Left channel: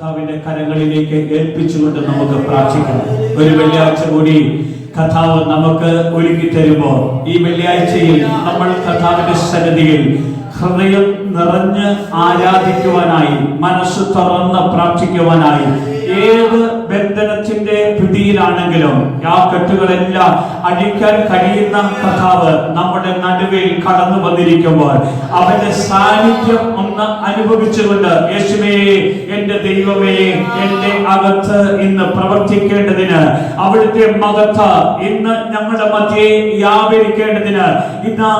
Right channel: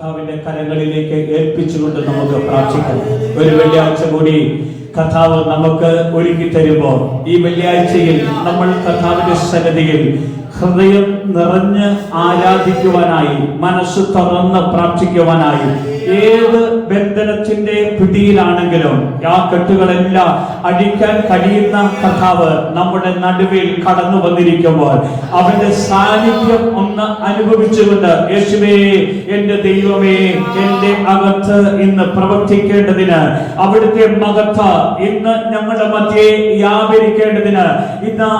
കർത്താവിന്റെ കരങ്ങളിലേക്ക് ഏൽപ്പിച്ചുകൊണ്ട് നമുക്ക് പ്രാർത്ഥിക്കാം. ഒരു വെള്ളിയാഴ്ച കൂടി കർത്താവ് നമുക്ക് ഒരുക്കി തരുമ്പോൾ ഈ വെള്ളിയാഴ്ചയിൽ നമ്മൾ കർത്താവിന്റെ സന്നിധിയിൽ ഹൃദയം നിറഞ്ഞ് ആരാധിക്കുവാനായി, മനസ്സ് തുറന്ന് പ്രാർത്ഥിക്കുവാനായി, ഏത് ബന്ധനത്തിന്റെ പിടിയിലാണെങ്കിലും ആ കെട്ടുകളെല്ലാം അടിക്കാൻ കഴിയുന്ന കർത്താവ് നമ്മുടെ നടുവിൽ കടന്നു വന്നിരിക്കുമ്പോൾ അവന്റെ സാന്നിധ്യം ഒന്ന് അനുഭവിച്ചുകൊണ്ട്, യേശുവേ എന്റെ ദൈവമേ, എന്റെ അകത്ത് ഇന്ന് പ്രവർത്തിക്കേണ്ടതിന്, അവിടുത്തെ മകത്ത് ഇന്ന് ഞങ്ങളുടെ മധ്യേ വ്യാപരിക്കേണ്ടതിന്, ഇതാ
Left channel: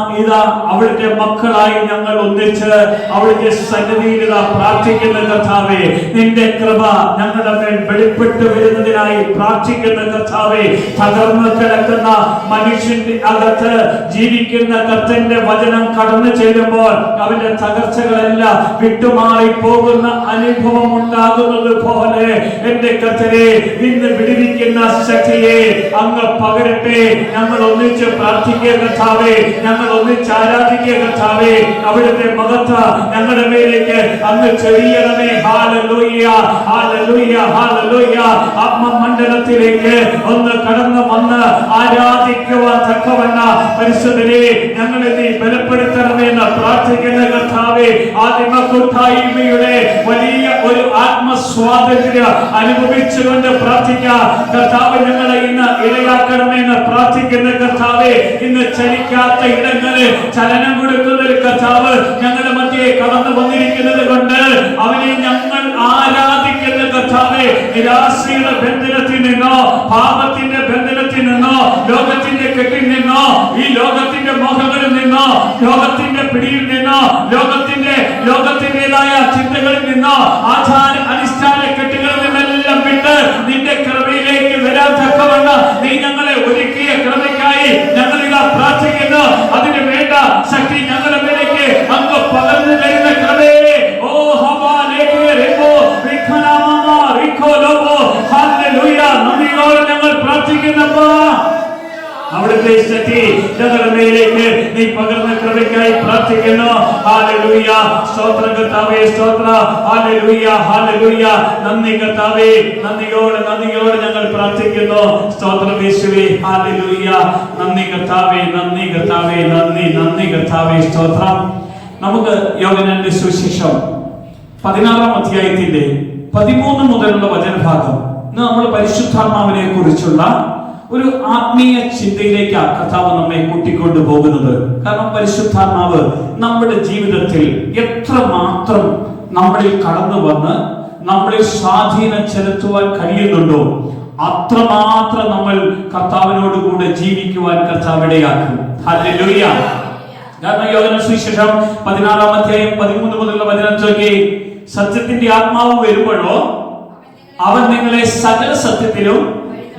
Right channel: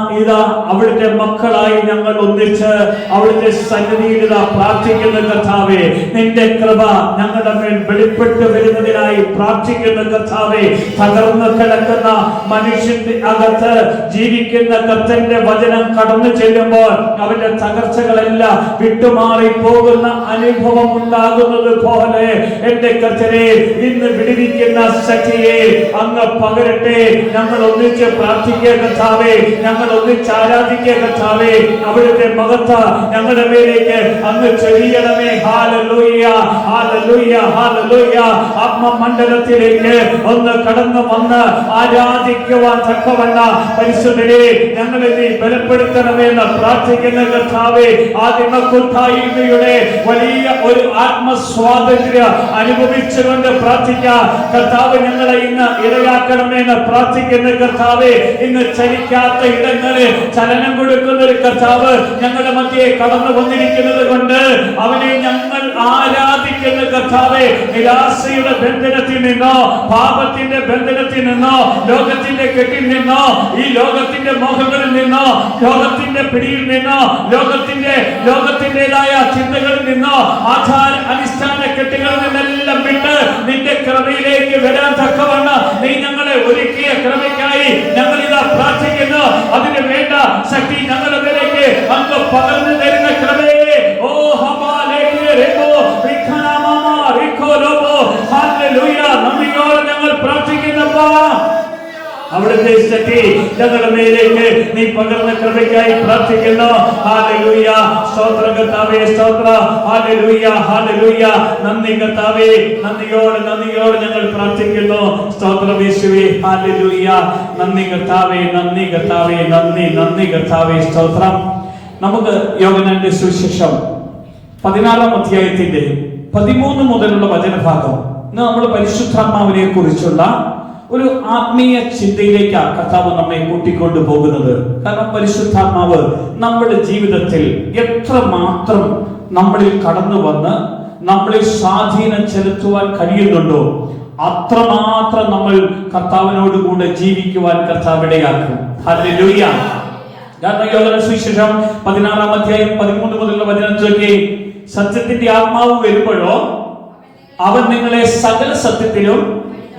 അവിടുത്തെ മക്കളായി ഞങ്ങൾ ഒന്നിച്ച് അവിടുത്തെ സന്നിധിയിൽ പ്രാർത്ഥിക്കുന്ന കർത്താവേ, നിന്റെ കൃപ ഞങ്ങളുടെ മേൽ വെളിപ്പെട്ട് വരുന്നതിനായി പ്രാർത്ഥിക്കുന്ന കർത്താവേ, തകർന്നു കിടക്കുന്ന മനുഷ്യന്റെ അകത്ത് ജീവിക്കുന്ന കർത്തന്റെ വചനം കടന്നു ചെല്ലുമ്പോൾ അവന്റെ തകർച്ചകളെല്ലാം വിട്ടുമാറി പോകുന്ന അനുഭവം ഉണ്ടാകുന്നത് പോലെ എന്റെ കർത്തരെ ഇന്ന് വിടുവിക്കുന്ന ശക്തിയെ അങ്ങ് പകരട്ടെ. ഞങ്ങൾ ഒന്നിച്ച് പ്രാർത്ഥിക്കുക കർത്താവേ, ഞങ്ങൾ ഒന്നിച്ച് ആരാധിക്കുക കർത്താവേ. അവിടുത്തെ മഹത്വ ഞങ്ങളുടെ മേലേക്ക് അങ്ങ് ചൊരിയണമേ. Hallelujah, hallelujah, hallelujah. ആത്മമണ്ഡലത്തിലേക്ക് ഒന്ന് കടന്നു വന്ന് ആരാധിക്കുവാൻ തക്കവണ്ണം പരിശുദ്ധരെ ഞങ്ങളെ നീ ബലപ്പെടുത്തണമെന്ന് പ്രാർത്ഥിക്കുന്ന കർത്താവേ, ആദിമകൂട്ടായ്മയുടെ വലിയ ഒരു ആത്മസ്വാതന്ത്ര്യം അനുഭവിച്ചുകൊണ്ട് പ്രാർത്ഥിക്കാം. കർത്താവ് ഞങ്ങളെ ഇന്ന് ഇടയാക്കണമെന്ന് പ്രാർത്ഥിക്കുന്ന കർത്താവേ, ഇന്ന് ചലിക്കാത്ത ഇടങ്ങളിൽ ചലനം കൊടുക്കുന്ന ഒരു കർത്താവ് ഞങ്ങളുടെ മധ്യേ കടന്നു വന്നിരിക്കുന്നത് കൊണ്ട് അവനെ ഞങ്ങൾ ആരാധിക്കുന്ന കർത്താവേ, നിരാശയുടെ ബന്ധനത്തിൽ നിന്നോ, പാപത്തിന്റെ ബന്ധനത്തിൽ നിന്നോ, ലോകത്തിന്റെ കെട്ടിൽ നിന്നോ, ഈ ലോകത്തിന്റെ മോഹങ്ങളിൽ നിന്നോ, ലോകത്തിന്റെ പിടിയിൽ നിന്നോ, ലോകത്തിന്റേതായ ചിന്തകളിൽ നിന്നോ, ആചാര അനുഷ്ഠാന കെട്ടുകളിൽ നിന്നെല്ലാം വിട്ട് നിന്റെ കൃപയിലേക്ക് വരാൻ തക്കവണ്ണം നീ ഞങ്ങളെ ഒരുക്കിയ കൃപയ്ക്കായി ഞങ്ങൾ ഇതാ പ്രാർത്ഥിക്കുന്നു. അതിന് വേണ്ട ശക്തി ഞങ്ങളുടെ മേലേക്ക് അങ്ങ് പകർന്നു തരുന്ന കൃപയെ ഓ ഞങ്ങൾ പ്രാർത്ഥിക്കുന്നപ്പോ അവിടുത്തെ ശക്തി ഞങ്ങളുടെ മേലേക്ക് നീ പകർന്ന കൃപയ്ക്കായി പ്രാർത്ഥിക്കുന്നു. ഹല്ലേലൂയ, സ്തോത്രം കർത്താവേ, സ്തോത്രം. Hallelujah, hallelujah. നന്ദി കർത്താവേ, നന്ദിയോടെ ഞങ്ങൾ പ്രാർത്ഥിക്കുന്നു. സ്തോത്രം യേശുവേ, ഹല്ലേലൂയ. നന്ദി കർത്താവേ, നന്ദി കർത്താവേ, നന്ദി കർത്താവേ, സ്തോത്രം. നമുക്ക് യോഹന്നാന്റെ സുവിശേഷം 16-ാം അധ്യായത്തിന്റെ 13 മുതലുള്ള വചനഭാഗം ഇന്ന് നമ്മൾ പരിശുദ്ധാത്മാവിനെ കുറിച്ചുള്ള ഒരു ആത്മീയ ചിന്തയിലേക്കാണ് കർത്താവ് നമ്മെ കൂട്ടിക്കൊണ്ടു പോകുന്നത്. കാരണം പരിശുദ്ധാത്മാവ് നമ്മുടെ ജീവിതത്തിൽ എത്രമാത്രം നമ്മളിൽ കടന്നു വന്ന് നമ്മളിൽ സ്വാധീനം ചെലുത്തുവാൻ കഴിയുന്നുണ്ടോ അത്രമാത്രം നമ്മൾ കർത്താവിനോട് കൂടെ ജീവിക്കുവാൻ കർത്താവ് ഇടയാക്കും. ഹല്ലേലൂയ. കാരണം യോഹന്നാന്റെ സുവിശേഷം 16-ാം അധ്യായം 13 മുതലുള്ള വചനം ചൊല്ലി, സത്യത്തിന്റെ ആത്മാവ് വരുമ്പോഴോ അവൻ നിങ്ങളെ സകല സത്യത്തിലും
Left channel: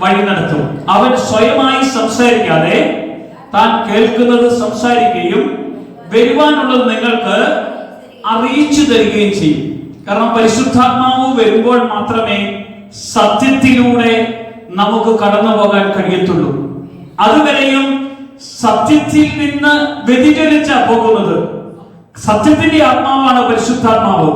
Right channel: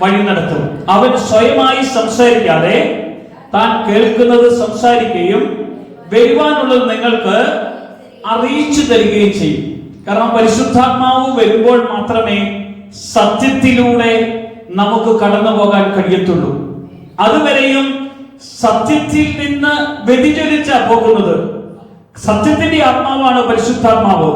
വഴി നടത്തും. അവൻ സ്വയമായി സംസാരിക്കാതെ താൻ കേൾക്കുന്നത് സംസാരിക്കുകയും വരുവാനുള്ളത് നിങ്ങൾക്ക് അറിയിച്ചു തരികയും ചെയ്യും. കാരണം പരിശുദ്ധാത്മാവ് വരുമ്പോൾ മാത്രമേ സത്യത്തിലൂടെ നമുക്ക് കടന്നു പോകാൻ കഴിയത്തുള്ളൂ. അതുവരെയും സത്യത്തിൽ നിന്ന് വ്യതിചലിച്ചാ പോകുന്നത്. സത്യത്തിന്റെ ആത്മാവാണ് പരിശുദ്ധാത്മാവ്.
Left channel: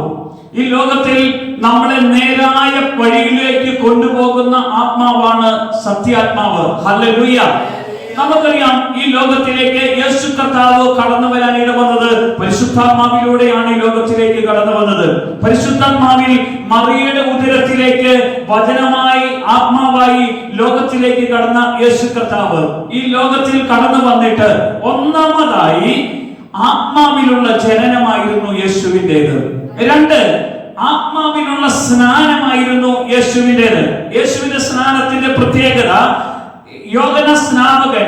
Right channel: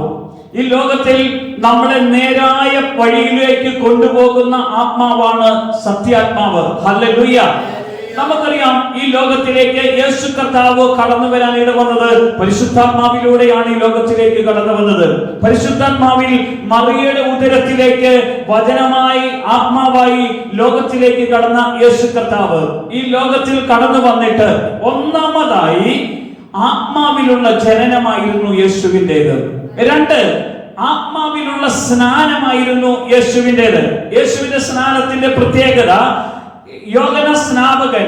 ഈ ലോകത്തിൽ നമ്മളെ നേരായ വഴിയിലേക്ക് കൊണ്ടുപോകുന്ന ആത്മാവാണ് സത്യാത്മാവ്. ഹല്ലേലൂയ. നമുക്കറിയാം ഈ ലോകത്തിലേക്ക് യേശു കർത്താവ് കടന്നു വരാൻ ഇടവന്നത് പരിശുദ്ധാത്മാവിലൂടെയാണ്. ഈ ലോകത്തിലേക്ക് കടന്നു വന്നത് പരിശുദ്ധാത്മാവിൽ മറിയയുടെ ഉദരത്തിലേക്ക് വചനമായി ആത്മാവായി ലോകത്തിലേക്ക് കടന്ന യേശു കർത്താവ് ഈ ലോകത്തിൽ കടന്നു വന്നിട്ട് ഒന്നാമതായി ആത്മാവിലുള്ള ജനനമായിരുന്നു യേശുവിൻ്റെത്. 2, ആത്മാവിനുള്ള സ്നാനമായിരുന്നു യേശുവിൻ്റെത്. യേശുവിന്റെ സ്നാനത്തിന്റെ പ്രത്യേകത, യോഹന്ന സ്നാപകൻ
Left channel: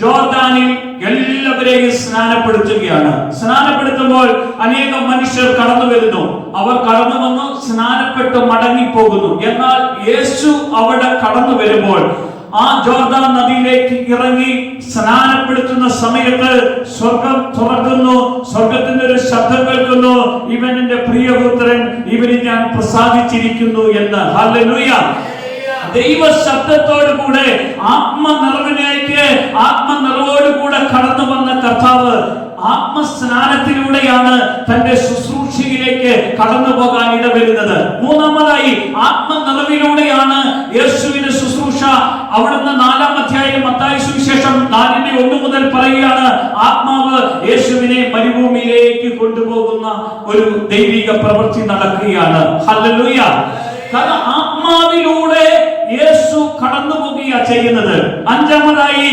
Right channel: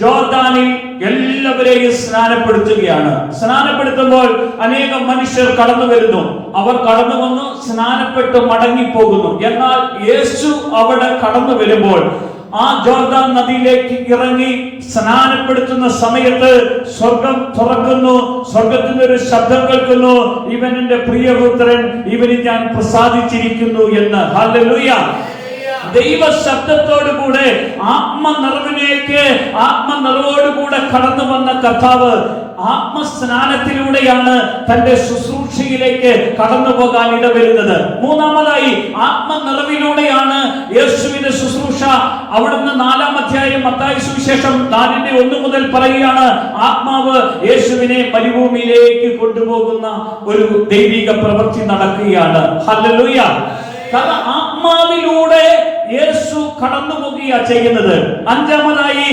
ജോർദാനിൽ എല്ലാവരെയും സ്നാനപ്പെടുത്തുകയാണ്. സ്നാനപ്പെടുത്തുമ്പോൾ അനേകം മനുഷ്യർ കടന്നു വരുന്നു. അവർ കടന്നു വന്ന് സ്നാനപ്പെട്ട് മടങ്ങിപ്പോകുന്നു. എന്നാൽ യേശു അവിടെ കടന്നു വരുമ്പോൾ ആ ജോർദാൻ നദിയിലേക്ക് ഇറങ്ങി സ്നാനപ്പെടുത്തുന്ന സമയത്ത് സ്വർഗം തുറക്കുന്നു. സ്വർഗത്തിന്റെ ഒരു ശബ്ദം കേൾക്കുന്നു, ഇവൻ എന്റെ പ്രിയപുത്രൻ, ഇവന് ഞാൻ പ്രസാദിച്ചിരിക്കുന്നു എന്ന്. ഹല്ലേലൂയ. ദൈവ ശബ്ദത്തോടുകൂടെ ആത്മനിറവിലേക്ക് ആത്മനിറവോടുകൂടെ കടന്നു വന്ന കർത്താവ് ആത്മസ്നാനത്തിലൂടെയാണ് തന്റെ ശുശ്രൂഷയിലേക്ക് കടന്നു പോകാൻ ഇടവരുന്നത്. മൂന്നാമതായി ആത്മനിറവിലൂടെയാണ് യേശുവിന്റെ ശുശ്രൂഷ. അവിടുന്ന് 4-ാം അധ്യായം മത്തായി സുവിശേഷം 4:1 മുതൽ പറയുകയാണ്, ആത്മാവ് യേശുവിനെ മരുഭൂമിയിലേക്ക് കൊണ്ടുപോകുന്ന ഒരു ദൈവിക പ്രവൃത്തി നടക്കുകയാണ്. ഹല്ലേലൂയ. കാരണം ആത്മാവിലൂടെ യേശു കടന്നു പോകുകയാണ് ചെയ്യുന്നത്. 5-ാമതായി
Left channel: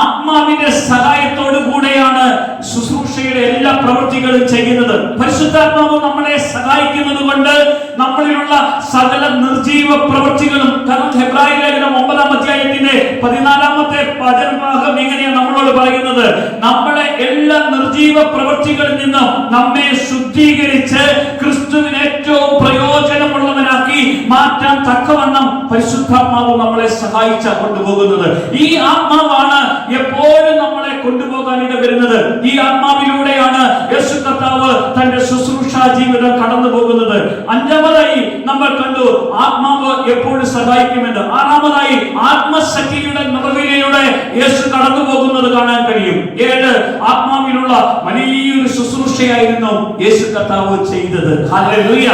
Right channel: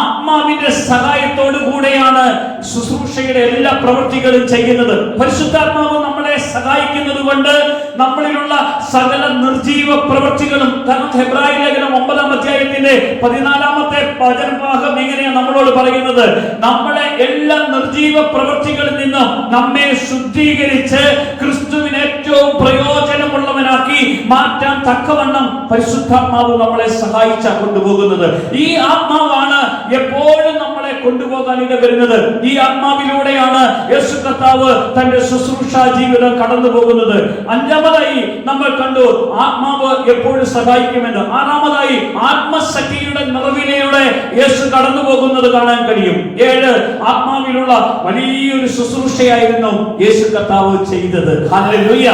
ആത്മാവിന്റെ സഹായത്തോടു കൂടെയാണ് ശുശ്രൂഷയുടെ എല്ലാ പ്രവൃത്തികളും ചെയ്യുന്നത്. പരിശുദ്ധാത്മാവ് നമ്മളെ സഹായിക്കുന്നത് കൊണ്ട് നമ്മളിലുള്ള സകല നിർജീവ പ്രവൃത്തികളും, കാരണം ഹെബ്രായ ലേഖനം 9-ാം അധ്യായത്തിന്റെ 14-ാമത്തെ വചനഭാഗം ഇങ്ങനെയാണ് നമ്മളോട് പറയുന്നത്, നമ്മളെ എല്ലാ നിർജീവ പ്രവൃത്തികളിൽ നിന്നും നമ്മെ ശുദ്ധീകരിച്ച് ക്രിസ്തുവിന് ഏറ്റവും പ്രയോജനമുള്ളവനാക്കി മാറ്റാൻ തക്കവണ്ണം പരിശുദ്ധാത്മാവ് നമ്മളെ സഹായിച്ച കൊണ്ടുപോകുന്നത്. ഈ ആത്മാവാണ് എപ്പോഴും നമ്മളെ കൊണ്ടുപോകാൻ ഇടവരുന്നത്. ഈ ആത്മാവിലൂടെയാണ് യേശു കർത്താവ് തന്റെ ശുശ്രൂഷാ ജീവിതം കടന്നു പോകുന്നത്. 5-ാമതായി നമ്മൾ കണ്ടു ആത്മാവ് എപ്പോഴും സഹായിക്കുമെന്ന്. 6-ാമതായി ആത്മശക്തിയുടെ നിറവിലൂടെ യേശു കടന്നു പോകുന്നത് കാണാൻ കഴിയും. 7 ആത്മാവിലുള്ള വലിയൊരു ശുശ്രൂഷയായിരുന്നു യേശു കർത്താവ് ചെയ്തത്. ഹല്ലേലൂയ.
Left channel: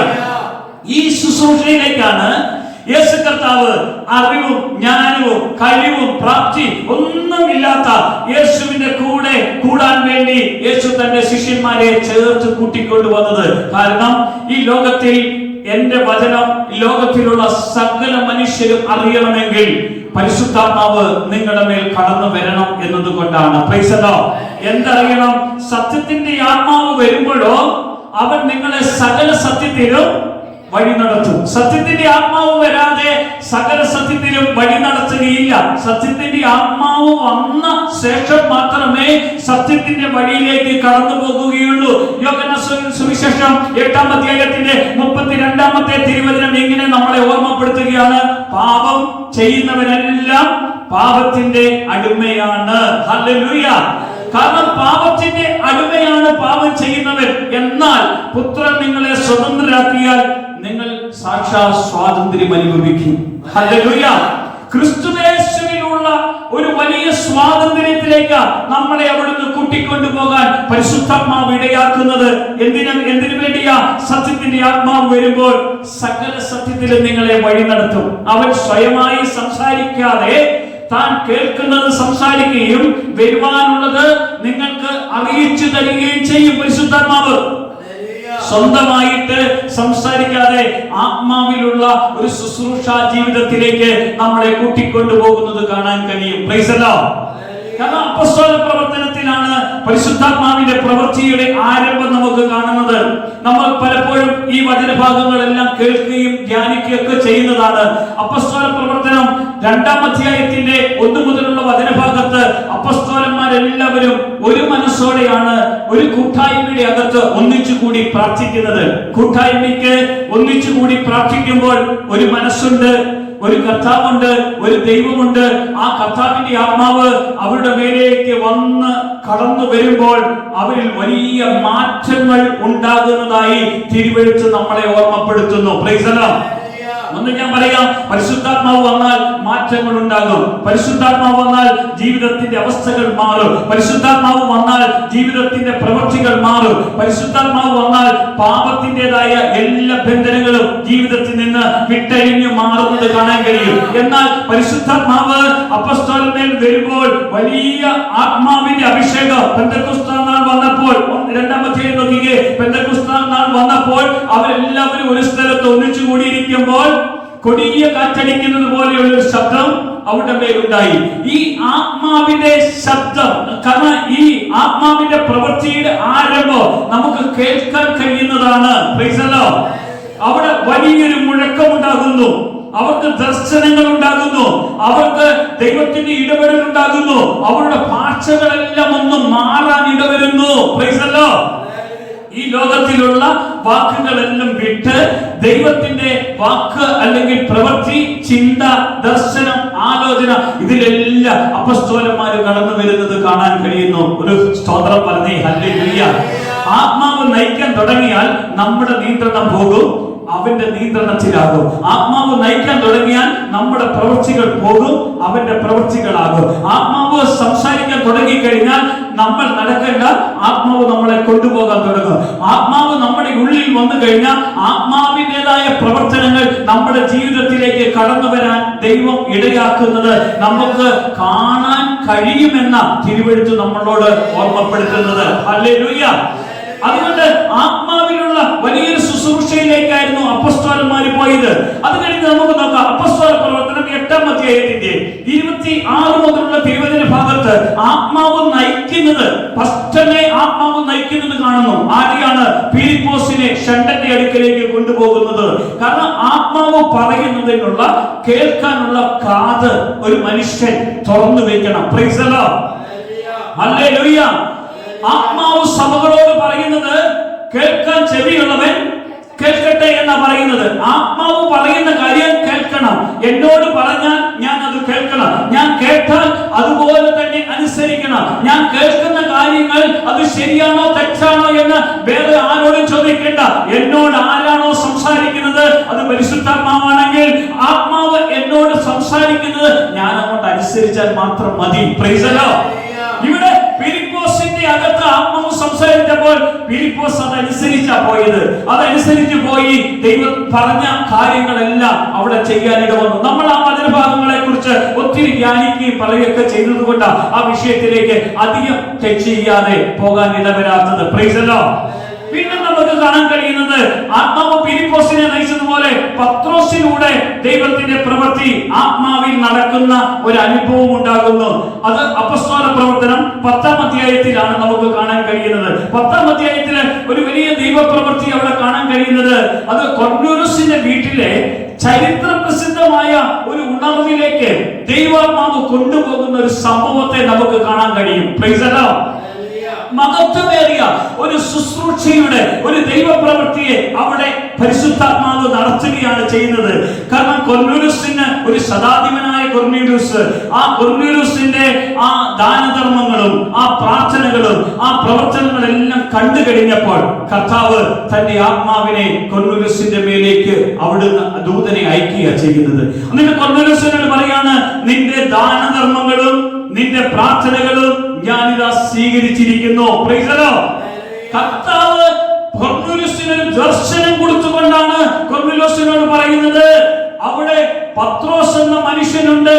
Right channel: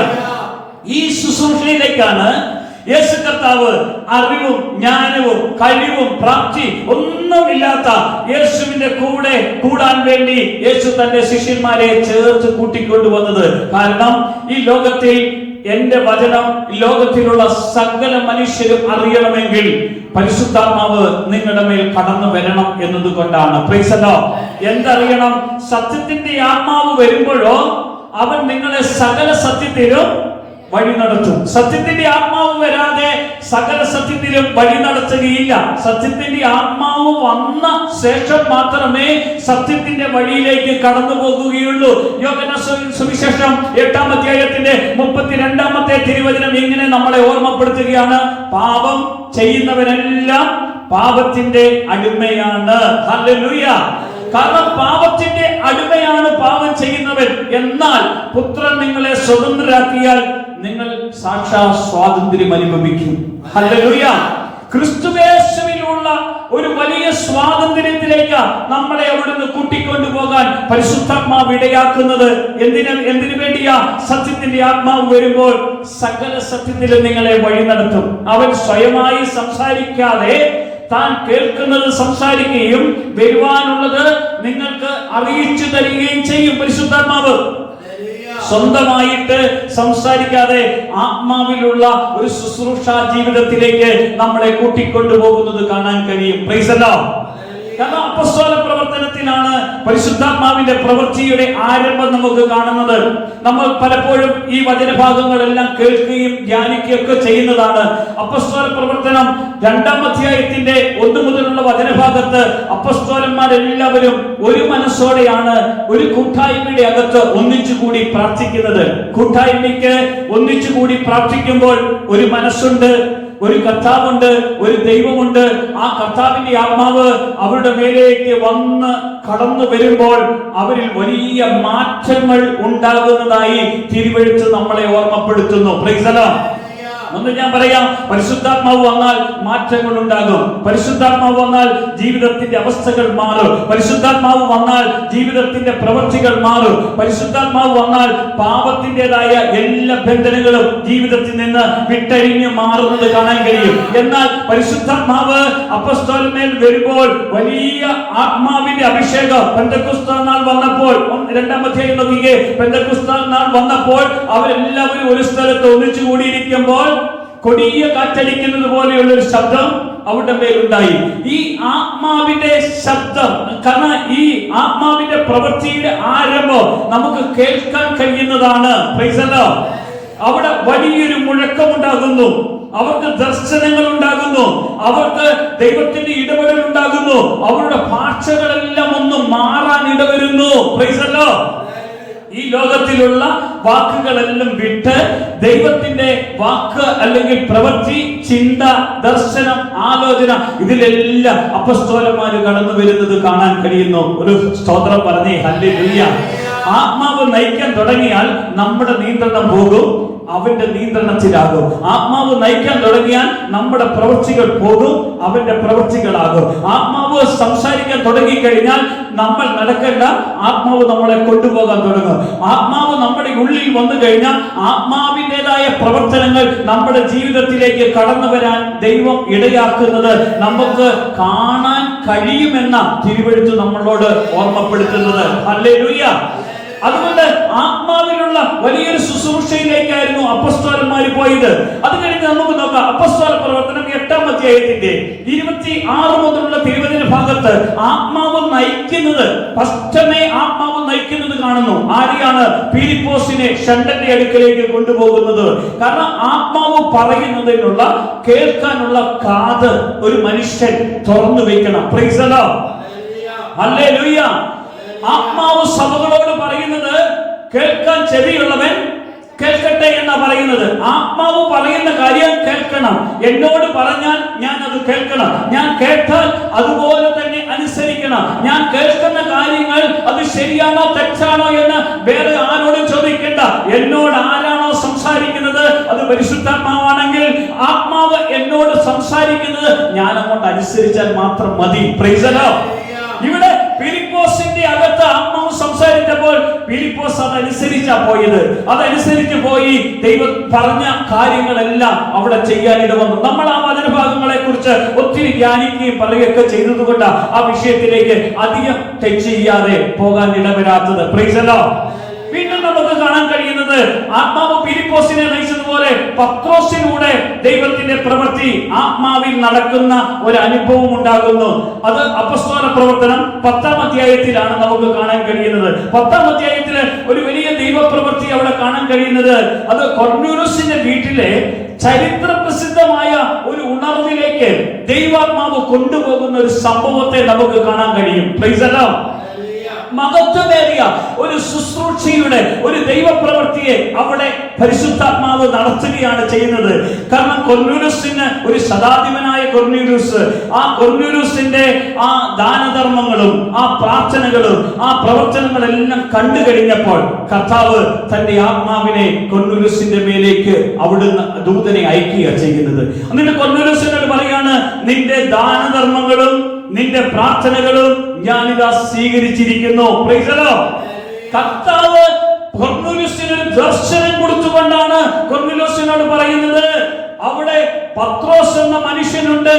ഈ ശുശ്രൂഷയിലേക്കാണ് യേശു കർത്താവ് അറിവും ജ്ഞാനവും കഴിവും പ്രാപ്തി ഒന്നുമില്ലാത്ത യേശുവിന്റെ കൂടെ കൂടാൻ വേണ്ടി യേശു തന്റെ ശിഷ്യന്മാരെ ചേർത്ത് കൂട്ടിക്കൊണ്ടുവന്നത്. കാരണം ഈ ലോകത്തിൽ എന്റെ വചനം ലോകത്തിലുള്ള സകല മനുഷ്യരും അറിയണമെങ്കിൽ പരിശുദ്ധാത്മാവ് നിങ്ങളുടെ മേൽ കടന്നു വരണം എന്നതുകൊണ്ടാണ്. Praise the Lord. എന്തറിയണം? സത്യത്തിന്റെ ആത്മാവ് വരുമ്പോഴോ അവൻ നിങ്ങളെ സകല സത്യത്തിലും വഴി നടത്തും. സത്യത്തിന്റെ ആത്മാവ് വരാതെ സകല സത്യത്തിലും വഴി നടത്തുകയില്ല. സത്യത്തിന്റെ ആത്മാവ് വന്ന ശേഷം മാത്രമേ സത്യത്തിന്റെ വഴിയിലേക്ക് കടന്നു പോകുകയുള്ളൂ. യോഹന്നാൻ സുവിശേഷം 8-ാം അധ്യായത്തിന്റെ 32-ാമത്തെ തിരുവചനം ഇങ്ങനെ നമ്മളെ ഓർമ്മപ്പെടുത്തുകയാണ്, പാപം ചെയ്യുന്നവനെല്ലാം പാപത്തിന്റെ അടിമയാണ്. ഹല്ലേലൂയ. കാരണം പാപത്തിന്റെ അടിമയാണ് പാപം ചെയ്യുന്നവൻ. എന്നാൽ പുത്രൻ നിങ്ങളെ സ്വതന്ത്രരാക്കിയാൽ നിങ്ങൾ സാക്ഷാൽ സ്വാതന്ത്ര്യം അനുഭവിക്കും. ഹല്ലേലൂയ. ക്രിസ്തുയേശുവിലുള്ള ഒരു വലിയ സ്വാതന്ത്ര്യത്തിലേക്ക് നമ്മളെ അവിടുന്ന് കൂട്ടിക്കൊണ്ടുപോകാൻ പരിശുദ്ധാത്മാവ് ഇടയാക്കുന്നത്. എന്തിനു വേണ്ടിയാ? സത്യത്തിന്റെ ആത്മാവ് വരുമ്പോൾ സകല സത്യത്തിലും നിങ്ങളെ വഴി നടത്തും. അവൻ സ്വയമായി സംസാരിക്കാതെ താൻ കേൾക്കുന്നത് സംസാരിക്കുകയും വരുവാനുള്ളത് നിങ്ങൾക്ക് അറിയിച്ചു തരികയും ചെയ്യും. പരിശുദ്ധാത്മാവ് സ്വന്തമായിട്ട് സംസാരിക്കാതെ ആത്മാവിലുള്ള ഒരു ശുശ്രൂഷ ജീവിതത്തിലേക്ക് നമ്മളെ കൂട്ടിക്കൊണ്ടുപോകുന്നത് കാണാൻ കഴിയും. Praise the Lord. കാരണം അപ്പോസ്തല പ്രവർത്തനത്തിലാണ് പരിശുദ്ധാത്മാവിന്റെ പ്രവൃത്തിയുടെ ആരംഭം നമുക്ക് കാണുന്നത്. നമ്മൾ പലപ്പോഴും ഈ വചനഭാഗങ്ങളെല്ലാം കേൾക്കുകയും ധ്യാനിക്കുകയും ഒക്കെ ചെയ്യുന്നതാണ്. അപ്പോസ്തല പ്രവർത്തനം 2-ാം അധ്യായത്തിന്റെ 1 മുതലുള്ള വചനഭാഗത്ത് അപ്പോസ്തലന്മാരെല്ലാവരും ഒരു മനസ്സോടെയാണ് ഒരു കൂട്ടായ്മയുടെ അകത്ത് ഒന്നിച്ചുകൂടി പ്രാർത്ഥിക്കുന്നത്. കൂട്ടായ്മയ്ക്ക് ഒന്നിച്ചുകൂടി പ്രാർത്ഥിക്കുമ്പോൾ ഒരു മനസ്സുണ്ട്, ഒരു കർത്താവുണ്ട്, ഒരു ദൈവമുണ്ട്. ആ കർത്താവിന്റെ ആത്മാവ് അവരുടെ മേലേക്ക് വന്ന് കടന്നു വരുമ്പോൾ അവരിൽ വലിയ മാറ്റങ്ങൾ ഉണ്ടാകുന്നതായി തിരുവെഴുത്ത് നമ്മളെ ഓർമ്മപ്പെടുത്തുന്നു. Price the Lord. ഒന്ന് ഞാൻ പറയാം, പരിശുദ്ധാത്മാവ് വന്നാൽ മാറ്റങ്ങൾ ഉണ്ടാകും. പരിശുദ്ധാത്മാവ് വന്നാൽ ജീവിതത്തിന്റെ അവസ്ഥകൾ മാറും. പരിശുദ്ധാത്മാവ് വന്നാൽ ജീവിതത്തിന്റെ പ്രവൃത്തികൾ മാറും. പരിശുദ്ധാത്മാവ് വന്നാൽ പാപത്തിൻ്റെതായ എല്ലാ ബന്ധനങ്ങളും ജീവിതത്തിൽ നിന്ന് വിട്ടരിഞ്ഞു മാറുന്നത് കാണാൻ കഴിയും. എന്നാൽ പരിശുദ്ധാത്മാവ് അപ്പോസ്തലന്മാരിൽ വരുമ്പോൾ വലിയ ആത്മാവിന്റെ അഭിഷേകം പെന്തക്കോസ്ത് നാൾ വന്നപ്പോൾ 2-ാം അധ്യായം നോക്കിക്കേ. പെന്തക്കോസ്ത് നാൾ വന്നപ്പോൾ അവരെല്ലാവരും ഒരു സ്ഥലത്ത് ഒന്നിച്ചു കൂടിയിരിക്കുമ്പോൾ കൊടിയ കാറ്റടിക്കുന്നത് പോലെയുള്ള ഒരു ശബ്ദം അവരുടെ മേലുണ്ടായി. ഈ ആത്മാവിന്റെ ശബ്ദം, കാരണം ഈ ആത്മാവിന്റെ പ്രവൃത്തിയുടെ ആരംഭം നമുക്ക് കേൾക്കാൻ കഴിയുന്നതാണ്. Price the Lord. അവിടെ വലിയൊരു മുഴക്കമുണ്ടാകുന്നു, അവർക്ക് ദർശനങ്ങൾ ഉണ്ടാകുന്നു, അവർക്ക് ദൈവത്തിന്റെ ഇടപെടൽ ഉണ്ടാകുന്നു, അവരുടെ ഭാഷകളെല്ലാം ഒന്ന് മാറാൻ ഇടവരുന്നു. Price the Lord. ഈ ലോകത്തിലുള്ള വാക്കുകളെല്ലാം വിട്ട് ദൈവത്തിന്റെ വാക്ക് അല്ലെങ്കിൽ പ്രവൃത്തി, ചിന്ത, ദർശനം, ആലോചന, ഇതിലെല്ലാം അപ്പോസ്തലന്മാര് കടന്നു വരുന്നത് കാണാൻ കഴിയുന്നു. ഒരു സ്തോത്രം പറഞ്ഞേ ഹല്ലേലൂയ. ആത്മാവ് നയിക്കാൻ തുടങ്ങിയാൽ നമ്മുടെ നിയന്ത്രണം പോകും, അവന്റെ നിയന്ത്രണത്തിലാകും. ആത്മാവ് നയിക്കാൻ തുടങ്ങിയാൽ നമ്മുടെ പ്രവൃത്തികൾ പോകും, അവന്റെ പ്രവൃത്തികളാകും. ആത്മാവ് ആത്മാവ് സംസാരിക്കാൻ തുടങ്ങിക്കഴിഞ്ഞാൽ നമ്മൾ നടക്കേണ്ട, ആത്മാവ് നമ്മളെ കൊണ്ടുപോകാൻ തുടങ്ങും. ആത്മാവ് നമ്മുടെ ഉള്ളിൽ വന്നു കഴിഞ്ഞാൽ ആത്മാവിൻ്റെതായ പ്രവർത്തനങ്ങൾ നമ്മുടെ ജീവിതത്തിലേക്ക് കടന്നു വരാൻ ദൈവം ഇടയാക്കുന്നത് നമുക്ക് കാണാൻ കഴിയുമെന്ന തിരുവെഴുത്ത് നമ്മളോട് ഓർമ്മപ്പെടുത്തുന്നത്. ഹല്ലേലൂയ. അതുകൊണ്ട് ആത്മാവിലുള്ള വലിയൊരു ശുശ്രൂഷയിലേക്കായിരുന്നു അപ്പോസ്തലന്മാർ പോയത്. അത് കഴിഞ്ഞ് നമുക്ക് നോക്കാം അപ്പോസ്തല പ്രവർത്തനം 8-ാം അധ്യായത്തിന്റെ 26 മുതലുള്ള തിരുവചന ഭാഗത്ത് ആത്മാവ് നയിക്കുന്നത്, ഫസ്റ്റനെ ആത്മാവ് നയിക്കുന്നത് കാണുന്നു. ആരെയാണ്? ഫിലിപ്പോസിനെ ഷണ്ടന്റെ അടുക്കലേക്ക് കൊണ്ടുപോകുന്നത്. കാരണം ആത്മാവ് പറയുന്നതിനുള്ള, കേൾക്കാനുള്ള കാത് ഒരു മനുഷ്യൻ തുറന്നു വെക്കണം. Price the Lord. ഹല്ലേലൂയ. ആത്മാവ് സഭകളോട് പറയുന്നത് കേൾക്കാൻ ചെവിയുള്ളവൻ കേൾക്കട്ടെ എന്നാ പറയുന്നത്. ആത്മാവ് പറയുന്ന കാര്യം കേൾക്കണം. എന്നോട് പറഞ്ഞാൽ ഞാൻ അത് കേൾക്കണം. ഞാൻ കേട്ടാൽ അതുപോലെ തന്നെ അനുസരിക്കണം. ഞാൻ കേൾക്കുന്ന കാര്യങ്ങൾ അത് ശരിയാണോ തെറ്റാണോ എന്ന് വേറെ ആരോടും ചോദിക്കേണ്ട. എന്നോട് ആരാണോ സംസാരിക്കുന്നത് അത് പരിശുദ്ധാത്മാവാണെങ്കിൽ ആത്മാവ് എന്നോട് സംസാരിക്കുന്നത് ഞാൻ അങ്ങോട്ട് അനുസരിച്ചാൽ മാത്രം മതി. Price the Lord. ഇവിടെ ഫിലിപ്പോസിന്റെ അകത്ത് ആത്മാവ് സംസാരിച്ചപ്പോൾ ഫിലിപ്പോസ് അതനുസരിച്ചാ പോയത്. അതനുസരിച്ച് പോയി ദൈവം പറഞ്ഞ കാര്യങ്ങളെല്ലാം അവിടെ ചെയ്യാനിട വന്നു. നമ്മൾ ആ വചനഭാഗങ്ങളെ കുറിച്ച് ഒത്തിരി ധ്യാനിക്കുകയും പറയുകയൊക്കെ ചെയ്തതുകൊണ്ട് ആ വിഷയത്തിലേക്ക് അധികം ടച്ച് ചെയ്യാതെ പോകാൻ ഇടവരാത്തത്. Price the Lord. വീണ്ടും നമുക്ക് കാണാൻ കഴിയുന്നത് ആത്മാവ് ഫിലിപ്പോസിനെ നയിച്ചതുപോലെ പത്രോസിലൂടെ ദൈവത്തിന്റെ പ്രവൃത്തി ആത്മാവിൽ നടക്കുന്ന ഒരു അനുഭവം ഉണ്ടാകുന്നു. അത് അപ്പോസ്തല പ്രവർത്തനം 10-ാം അധ്യായത്തിലാണ് നമുക്ക് കാണാൻ കഴിയുന്നത്. 10-ാം അധ്യായത്തിൽ ഒരു വലിയ ദൈവപ്രവൃത്തി അവിടെ കാണാൻ കഴിയുന്നത് അത് കൊർന്നേലിയോസിന്റെ വീട്ടിലെ ചരിത്ര പ്രസിദ്ധമായ ഒരു ഉണർവിലേക്ക് ദൈവാത്മാവ് കൊണ്ടുപോകുന്ന ഒരു സംഭവത്തെ നമുക്ക് കാണാൻ കഴിയും. Praise the Lord. മഹത്വമേറിയ ഒരു ശുശ്രൂഷയുടെ ഒരു ദൈവപ്രവൃത്തിയെ അവിടെ പരിശുദ്ധാത്മാവ് നടത്തുകയാണ് ചെയ്യുന്നത്. കാരണം കൊർന്നേലിയോസിന് ഒരു ശതാധിപനായ കൊർന്നേലിയോസ്, ആ കൊർന്നേലിയോസിന്റെ ആ ദാനധർമ്മങ്ങളും ആ പ്രാർത്ഥനകളും ആ പ്രവർത്തനങ്ങളെല്ലാം കണ്ടു കഴിഞ്ഞപ്പോൾ കർത്താവ് തന്റെ ആത്മാവിനെ കൊർന്നേലിയോസിന്റെ മേലേക്ക് അവിടുന്ന് ദൂതനെ അയക്കുക ചെയ്യുന്നത്. എന്നിട്ട് കൊർന്നേലിയോസിനോട് പറയാണ്, നിന്റെ ദാനധർമ്മങ്ങളും നിന്റെ പ്രാർത്ഥനകളും ഞാനിതാ സ്വീകരിച്ചിരിക്കുന്നു. Praise the Lord. കർത്താവ് കൊർന്നേലിയോസിന് ഒരു ദർശനം കൊടുത്തുകൊണ്ടാണ് കൊർന്നേലിയോസിനോട് പറയുന്നത്, അവിടെ പത്രോസ് എന്ന മനുഷ്യനുണ്ട്.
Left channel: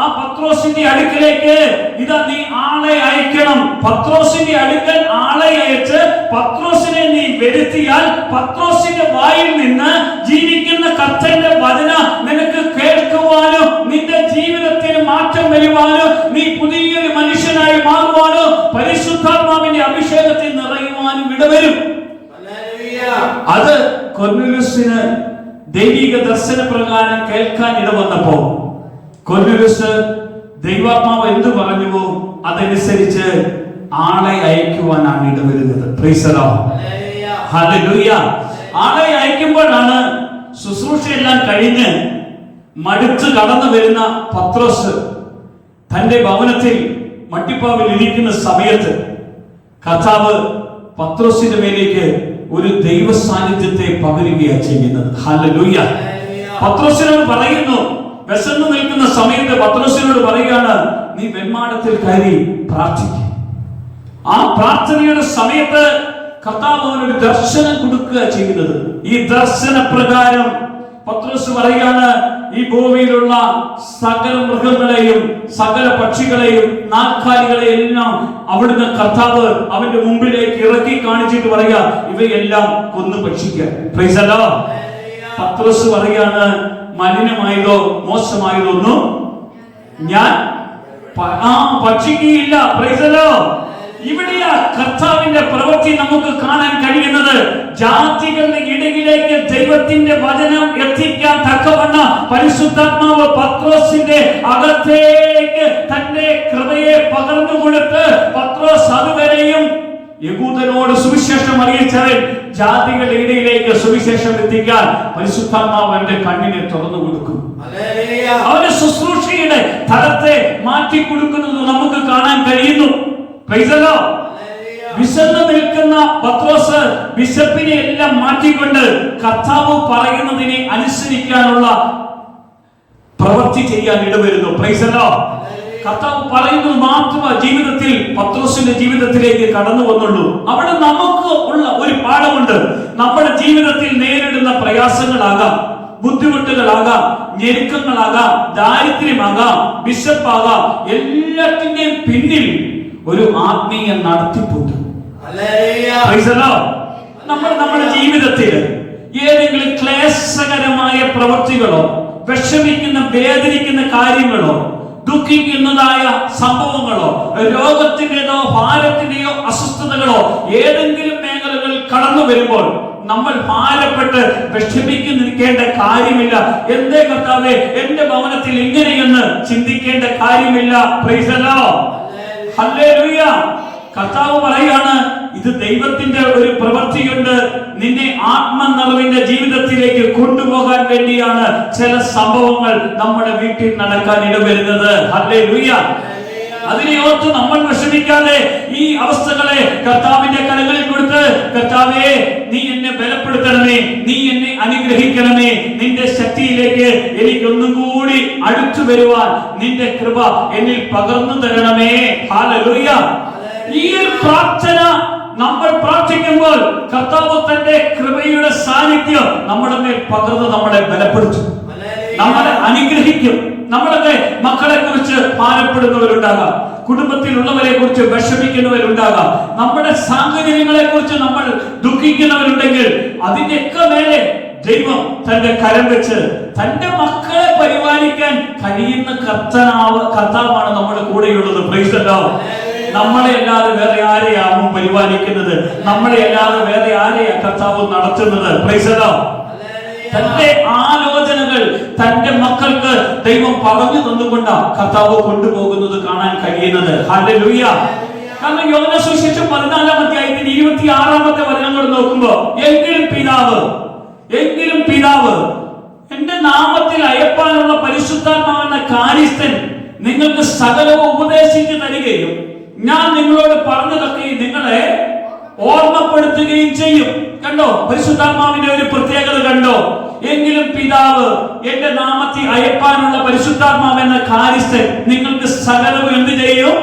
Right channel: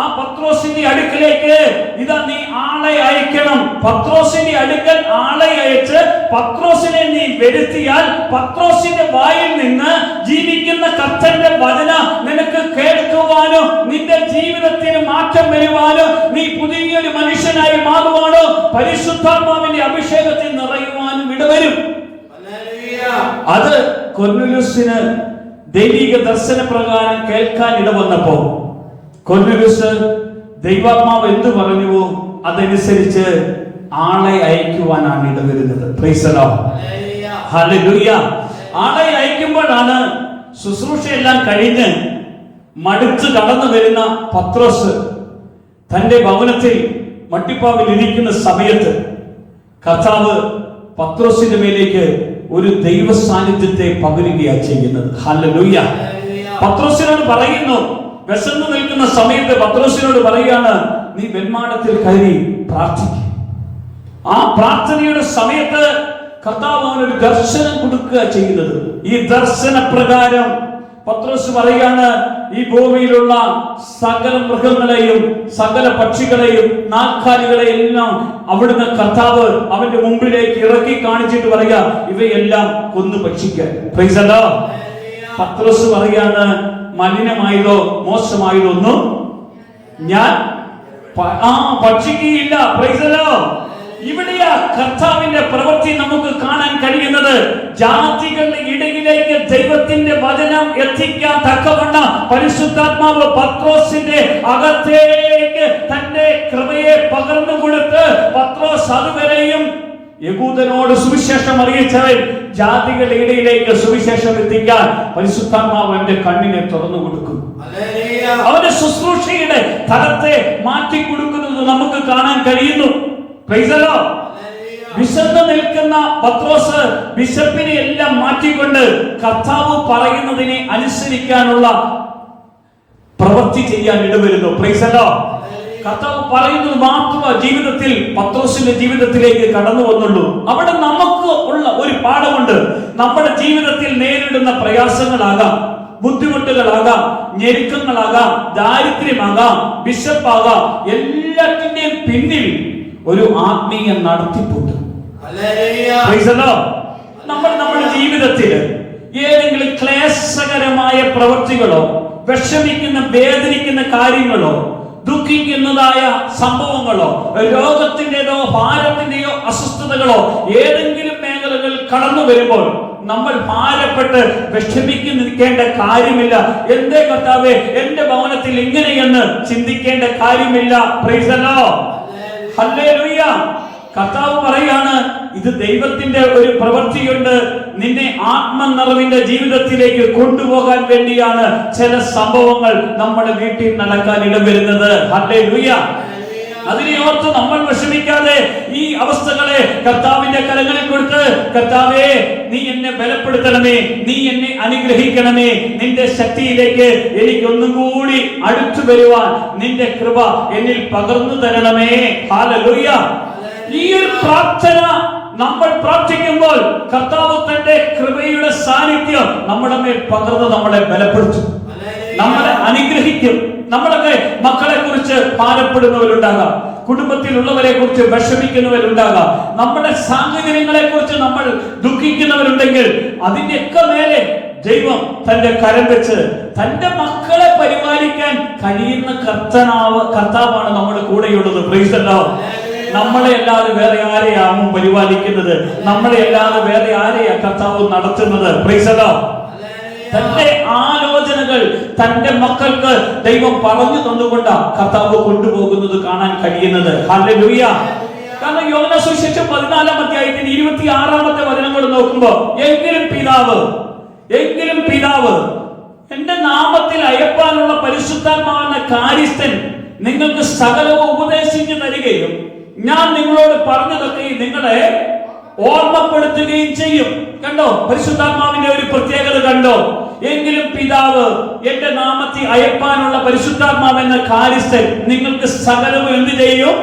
ആ പത്രോസിന്റെ അടുക്കലേക്ക് ഇതാ നീ ആളെ അയക്കണം. പത്രോസിന്റെ അടുക്കൽ ആളെ അയച്ച് പത്രോസിനെ നീ വരുത്തിയാൽ പത്രോസിന്റെ വായിൽ നിന്ന് ജീവിക്കുന്ന കർത്തന്റെ വചനം നിനക്ക് കേൾക്കുവാനോ നിന്റെ ജീവിതത്തിൽ മാറ്റം വരുവാനോ നീ പുതിയൊരു മനുഷ്യനായി മാറുവാനോ പരിശുദ്ധാത്മാവിന്റെ അഭിഷേകത്തിൽ നിറയുവാനും ഇടവരും. അത് കൊർന്നേലിയോസിന് ദൈവിക ദർശന പ്രകാരം കേൾക്കാൻ ഇടവന്നപ്പോ കൊർന്നേലിയോസ് ദൈവാത്മാവ് എന്തു പറഞ്ഞുവോ അതനുസരിച്ച് ആളെ അയക്കുവാനാണ് ഇടവരുന്നത്. Praise the Lord. ഹല്ലേലൂയ. ആളെ അയക്കുമ്പോഴാണ് ശുശ്രൂഷയെല്ലാം കഴിഞ്ഞ് മടുത്ത് കടന്നു വരുന്ന പത്രോസ് തന്റെ ഭവനത്തിൽ മട്ടിപ്പാവിൽ ഇരിക്കുന്ന സമയത്ത് കർത്താവ് പത്രോസിന്റെ മേലേക്ക് ഒരു ദൈവ സാന്നിധ്യത്തെ പകരുകയാണ് ചെയ്യുന്നത്. ഹല്ലേലൂയ. പത്രോസിനോട് പറയുന്നു, വിശന്നു നിൽക്കുന്ന സമയത്ത് പത്രോസിനോട് പറയുകയാണ്, നീ വെൺമാടത്തിൽ കയറി പ്രാർത്ഥിക്കും. ആ പ്രാർത്ഥനയുടെ സമയത്ത് കർത്താവ് അവനൊരു ദർശനം കൊടുക്കുക ചെയ്യുന്നത്. ഈ ദർശന പ്രകാരം പത്രോസ് പറയുകയാണ്, ഈ ഭൂമിയിലുള്ള സകല മൃഗങ്ങളെയും സകല പക്ഷികളെയും നാൽക്കാലികളെയും എല്ലാം അവിടുന്ന് കർത്താവ് അവന്റെ മുമ്പിലേക്ക് ഇറക്കി കാണിച്ചിട്ട് പറയുക, ഇവയെല്ലാം കൊന്നു ഭക്ഷിക്കാൻ. Price the Lord. പത്രോസ് പറയാണ്, മലിനമായതോ മോശമായതോ ഒന്നും ഞാൻ ഭക്ഷിക്കുകയില്ല. Price the Lord. ഇവിടെയാ കർത്താവിന്റെ പ്രവൃത്തി നമുക്ക് കാണാൻ കഴിയുന്നത്. ജാതികളുടെ ഇടയിലേക്ക് ദൈവത്തിന്റെ വചനം എത്തിക്കാൻ തക്കവണ്ണം പരിശുദ്ധാത്മാവ് പത്രോസിന്റെ അകത്തേക്ക് തന്റെ കൃപയെ പകർന്നു കൊടുത്ത് പത്രോസ് അതുവരെയും യഹൂദനോട് സുവിശേഷം അറിയിച്ചവൻ ജാതികളുടെ ഇടയിലേക്ക് സുവിശേഷം എത്തിക്കാൻ പരിശുദ്ധാത്മാവ് അവന്റെ കണ്ണിനെ തുറന്നു കൊടുക്കും. അവന്റെ ശുശ്രൂഷയുടെ തലത്തെ മാറ്റിക്കൊടുക്കുന്നത് നമുക്ക് കാണാൻ കഴിയുന്നു. Price the Lord. വിശന്നു നിൽക്കുന്ന പത്രോസ് വിശപ്പിനെ എല്ലാം മാറ്റിക്കൊണ്ട് കർത്താവ് പറയുന്നതിനെ അനുസരിക്കാനുള്ള പ്രവൃത്തി ചെയ്യാൻ ഇടവരുന്നു. Price the Lord. കർത്താവ് പറയുന്നത് മാത്രമേ ജീവിതത്തിൽ പത്രോസിന്റെ ജീവിതത്തിലേക്ക് കടന്നു വന്നുള്ളൂ. അവിടെ നമുക്ക് ഉള്ള ഒരു പാഠമുണ്ട്. നമ്മുടെ ജീവിതത്തിൽ നേരിടുന്ന പ്രയാസങ്ങളാകാം, ബുദ്ധിമുട്ടുകളാകാം, ഞെരുക്കങ്ങളാകാം, ദാരിദ്ര്യമാകാം, വിശപ്പാകാം, എല്ലാത്തിന്റെയും പിന്നിൽ ഒരു ആത്മീയ നടത്തിപ്പുണ്ട്. നമ്മുടെ ജീവിതത്തിൽ ഏതെങ്കിലും ക്ലേശകരമായ പ്രവൃത്തികളോ, വിഷമിക്കുന്ന വേദനിക്കുന്ന കാര്യങ്ങളോ, ദുഃഖിക്കുന്നതായ സംഭവങ്ങളോ, രോഗത്തിന്റെയോ ഭാരത്തിന്റെയോ അസ്വസ്ഥതകളോ ഏതെങ്കിലും മേഖലകളിൽ കടന്നു വരുമ്പോൾ നമ്മൾ ഭാരപ്പെട്ട് വിഷമിക്ക് നിൽക്കേണ്ട കാര്യമില്ല. എന്തേ കർത്താവേ എന്റെ ഭവനത്തിൽ ഇങ്ങനെയെന്ന് ചിന്തിക്കേണ്ട കാര്യമില്ല. Price the Lord, hallelujah. കർത്താവ് പറയാണ്, ഇത് ദൈവത്തിന്റെ ഒരു പ്രവൃത്തിയുണ്ട്. നിന്നെ ആത്മനിറവിന്റെ ജീവിതത്തിലേക്ക് കൊണ്ടുപോകാൻ വേണ്ടിയാണ് ചില സംഭവങ്ങൾ നമ്മുടെ വീട്ടിൽ നടക്കാൻ ഇടവരുന്നത്. ഹല്ലേലൂയ. അതിനെ ഓർത്ത് നമ്മൾ വിഷമിക്കാതെ ഈ അവസ്ഥകളെ കർത്താവിന്റെ കരങ്ങളിൽ കൊടുത്ത്, കർത്താവേ നീ എന്നെ ബലപ്പെടുത്തണമേ, നീ എന്നെ അനുഗ്രഹിക്കണമേ, നിന്റെ ശക്തിയിലേക്ക് എനിക്കൊന്നും കൂടി അടുത്തു വരുവാൻ നിന്റെ കൃപ എന്നിൽ പകർന്നു തരണമേ. ഹല്ലേലൂയ. ഈ ഒരു പ്രാർത്ഥന നമ്മൾ പ്രാർത്ഥിക്കുമ്പോൾ കർത്താവ് തന്റെ കൃപയുടെ സാന്നിധ്യം നമ്മുടെ മേൽ പകർന്ന് നമ്മളെ ബലപ്പെടുത്തും, നമ്മളെ അനുഗ്രഹിക്കും. നമ്മുടെ മക്കളെ കുറിച്ച് ഭാരപ്പെടുന്നവരുണ്ടാകാം, കുടുംബത്തിലുള്ളവരെ കുറിച്ച് വിഷമിക്കുന്നവരുണ്ടാകാം, നമ്മുടെ സാഹചര്യങ്ങളെ കുറിച്ച് നമ്മൾ ദുഃഖിക്കുന്നവരുണ്ടെങ്കിൽ അതിന്റെയൊക്കെ മേലെ ദൈവം തന്റെ കരം വെച്ച് തന്റെ മക്കളെ പരിപാലിക്കാൻ കഴിയുന്ന കർത്താവാണ് നമ്മുടെ കൂടെയുള്ളത്. Price the Lord. നമ്മളെ അല്ലാതെ വേറെ ആരെയാവും പരിപാലിക്കുന്നത്? നമ്മളെ അല്ലാതെ വേറെ ആരെയാ കർത്താവ് നടത്തുന്നത്? Price the Lord. തന്റെ ആലോചനകൾ തന്റെ മക്കൾക്ക് ദൈവം പറഞ്ഞു തന്നുകൊണ്ട് കർത്താവ് കൊണ്ടുപോകുന്നത് കാണാൻ കഴിയുന്നത്. ഹല്ലേലൂയ. കാരണം യോഹന്നാൻ സുവിശേഷം 14-ാം അധ്യായത്തിന്റെ 26-ാമത്തെ വചനങ്ങൾ നോക്കുമ്പോൾ, എങ്കിലും പിതാവ് എന്റെ നാമത്തിൽ അയപ്പാനുള്ള പരിശുദ്ധാത്മാവെന്ന കാര്യസ്ഥൻ നിങ്ങൾക്ക് സകലവും ഉപദേശിച്ചു തരികയും ഞാൻ നിങ്ങളോട് പറഞ്ഞതൊക്കെ നിങ്ങളെ ഓർമ്മപ്പെടുത്തുകയും ചെയ്യും. കണ്ടോ പരിശുദ്ധാത്മാവിന്റെ ഒരു പ്രത്യേകത കണ്ടോ? എങ്കിലും പിതാവ് എന്റെ നാമത്തിൽ അയപ്പാനുള്ള പരിശുദ്ധാത്മാവെന്ന കാര്യസ്ഥൻ നിങ്ങൾക്ക് സകലവും എന്ത് ചെയ്യും?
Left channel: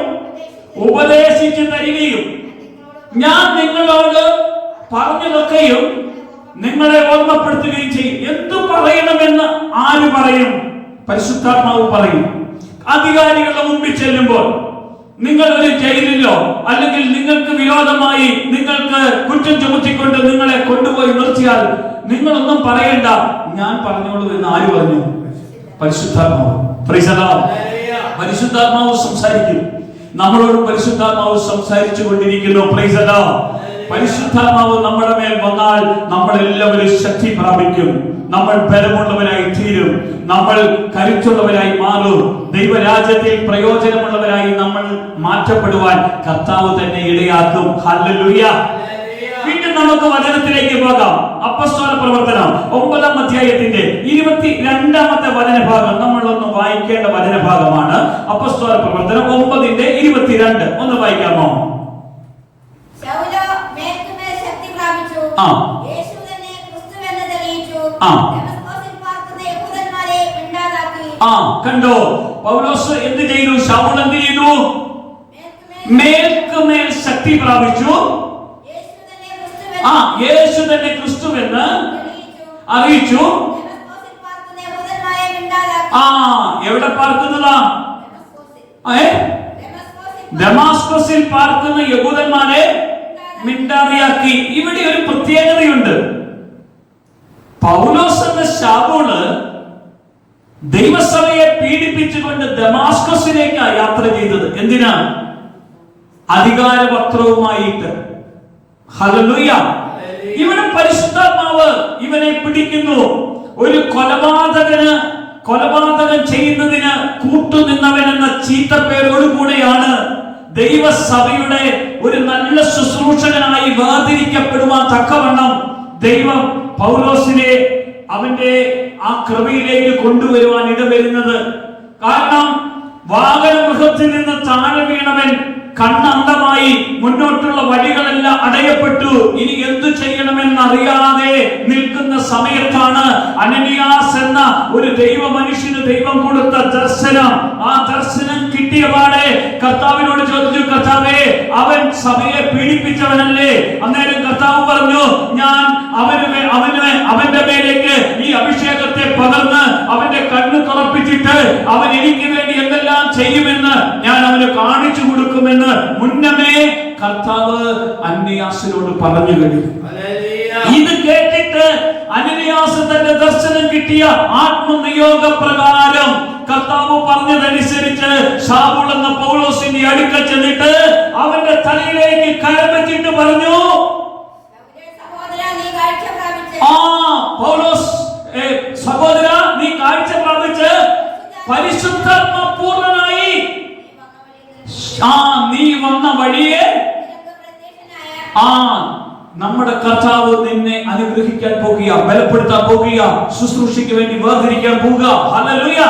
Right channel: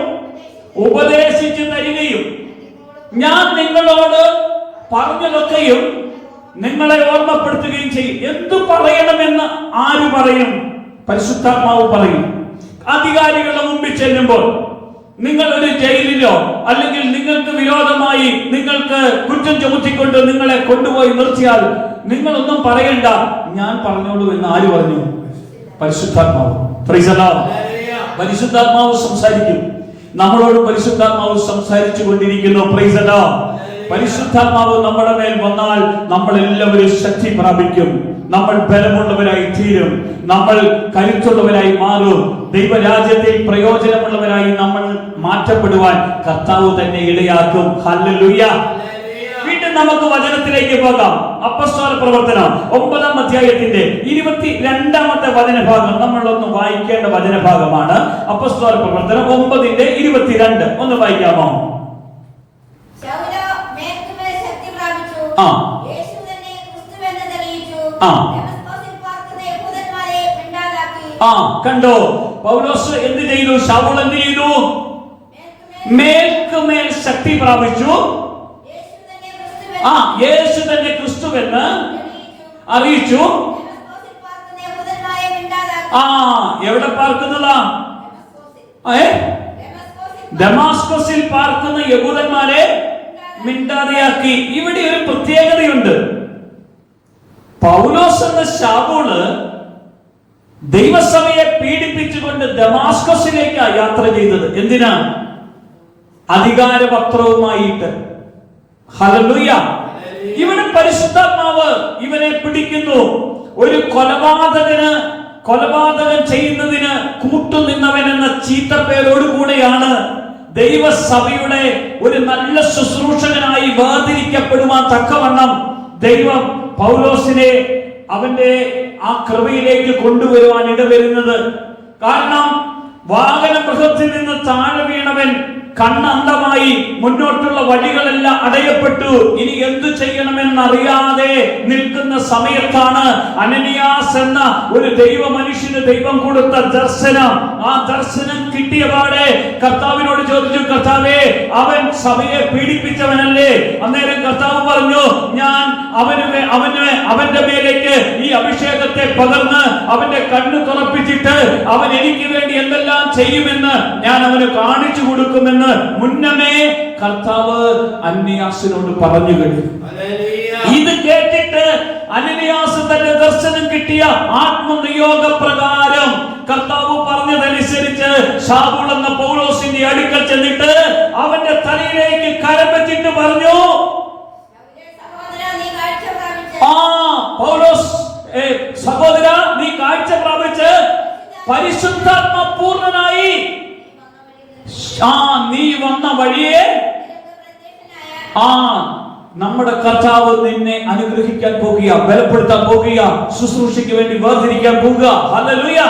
ഉപദേശിച്ചു തരികയും ഞാൻ നിങ്ങളോട് പറഞ്ഞതൊക്കെയും നിങ്ങളെ ഓർമ്മപ്പെടുത്തുകയും ചെയ്യും. എന്തു പറയണമെന്ന് ആര് പറയും? പരിശുദ്ധാത്മാവ് പറയും. അധികാരികളുടെ മുമ്പിൽ ചെല്ലുമ്പോൾ, നിങ്ങൾ ഒരു ജയിലിലോ അല്ലെങ്കിൽ നിങ്ങൾക്ക് വിരോധമായി നിങ്ങൾക്ക് കുറ്റം ചുമത്തിക്കൊണ്ട് നിങ്ങളെ കൊണ്ടുപോയി നിർത്തിയാൽ നിങ്ങളൊന്നും പറയണ്ട, ഞാൻ പറഞ്ഞോളൂ എന്ന് ആര് പറഞ്ഞു? പരിശുദ്ധാത്മാവ്. Price the Lord. പരിശുദ്ധാത്മാവ് സംസാരിക്കും. നമ്മളോട് പരിശുദ്ധാത്മാവ് സംസാരിച്ചു കൊണ്ടിരിക്കുന്നു. Price the Lord. പരിശുദ്ധാത്മാവ് നമ്മുടെ മേൽ വന്നാൽ നമ്മൾ എല്ലാവരും ശക്തി പ്രാപിക്കും. നമ്മൾ ബലമുള്ളവരായി തീരും. നമ്മൾ കരുത്തുള്ളവരായി മാറും. ദൈവരാജ്യത്തിൽ പ്രയോജനമുള്ളവരായി നമ്മൾ മാറ്റപ്പെടുവാൻ കർത്താവ് തന്നെ ഇടയാക്കും. ഹല്ലേലൂയ. വീണ്ടും നമുക്ക് വചനത്തിലേക്ക് പോകാം. അപ്പോസ്തല പ്രവർത്തനം 9-ാം അധ്യായത്തിന്റെ 22-ാമത്തെ വചനഭാഗം നമ്മളൊന്ന് വായിക്കേണ്ട വചനഭാഗമാണ്. അപ്പോസ്തല പ്രവർത്തനം 9:22 ഒന്ന് വായിക്കാമോ? കണ്ടോ, പൗലോസ് എന്ത് ചെയ്തു? ശൗൽ എന്ത് ചെയ്തു? മേൽക്കുമേൽ ശക്തി പ്രാപിച്ചു. യേശു തന്നെ ക്രിസ്തുവെന്ന് അറിയിച്ചു. എവിടെ പാർക്കുന്നതാ? ദമാസ്കസിൽ പാർക്കുന്ന യഹൂദന്മാരെ മിണ്ടാതെയാക്കി. ഇവിടെ ഒരു പ്രത്യേകതയുണ്ട്. പൗലോസ് എന്ന ശൗല് ദൈവസഭയെ പീഡിപ്പിച്ചുകൊണ്ട് ദമാസ്കസിലേക്ക് യാത്ര ചെയ്തത്. എന്തിനാ? അധികാരപത്രവുമായിട്ട്. ഹല്ലേലൂയ. ഇവിടെ പരിശുദ്ധാത്മാവ് ഇവനെ പിടിക്കുന്നു. ഒരു കൊലപാതകം ചെയ്യുന്നതിന് കൂട്ടുനിന്നവൻ എന്ന ചീത്തപ്പേരോടുകൂടെയാണ് ദൈവസഭയുടെ ഒരു നല്ല ശുശ്രൂഷകനായി വേർതിരിക്കപ്പെടുവാൻ തക്കവണ്ണം ദൈവം പൗലോസിനെ അവന്റെ ആ കൃപയിലേക്ക് കൊണ്ടുവരുവാൻ ഇടവരുന്നത്. കാരണം വാഹനമൃഗത്തിൽ നിന്ന് താഴെ വീണവൻ കണ്ണന്തമായി മുന്നോട്ടുള്ള വഴികളെല്ലാം അടയപ്പെട്ടു. ഇനി എന്തു ചെയ്യണമെന്നറിയാതെ നിൽക്കുന്ന സമയത്താണ് അനനിയാസ് എന്ന ഒരു ദൈവ മനുഷ്യന് ദൈവം കൊടുത്ത ദർശനം. ആ ദർശനം കിട്ടിയ പാടെ കർത്താവിനോട് ചോദിച്ചു, കർത്താവേ, അവൻ സഭയെ പീഡിപ്പിച്ചവനല്ലേ? അന്നേരം കർത്താവ് പറഞ്ഞു, ഞാൻ അവന്റെ മേലേക്ക് ഈ അഭിഷേകത്തെ പകർന്ന് അവന്റെ കണ്ണ് തുറപ്പിച്ചിട്ട് അവൻ എനിക്ക് വേണ്ടി എന്തെല്ലാം ചെയ്യുമെന്ന് ഞാൻ അവന് കാണിച്ചു കൊടുക്കുമെന്ന് മുന്നമേ കർത്താവ് അനനിയാസിനോട് പറഞ്ഞു കഴിഞ്ഞു. ഇത് കേട്ടിട്ട് അനനിയാസ് തന്റെ ദർശനം കിട്ടിയ ആത്മനിയോഗ പ്രകാരം കർത്താവ് പറഞ്ഞതനുസരിച്ച് ശൗൽ എന്ന പൗലോസിന്റെ അടുക്കൽ ചെന്നിട്ട് അവന്റെ തലയിലേക്ക് കരം വെച്ചിട്ട് പറഞ്ഞു, പൗലോസ്, സഹോദര, നീ കാഴ്ച പ്രാപിച്ച് പരിശുദ്ധാത്മ പൂർണ്ണനായി നീ വന്ന വഴിയെ നമ്മുടെ കർത്താവ് നിന്നെ അനുഗ്രഹിക്കാൻ പോകുക, ബലപ്പെടുത്താൻ പോകുക, ശുശ്രൂഷയ്ക്ക് വേണ്ടി വേർതിരിക്കാൻ പോകുക. ഹല്ലേലൂയ.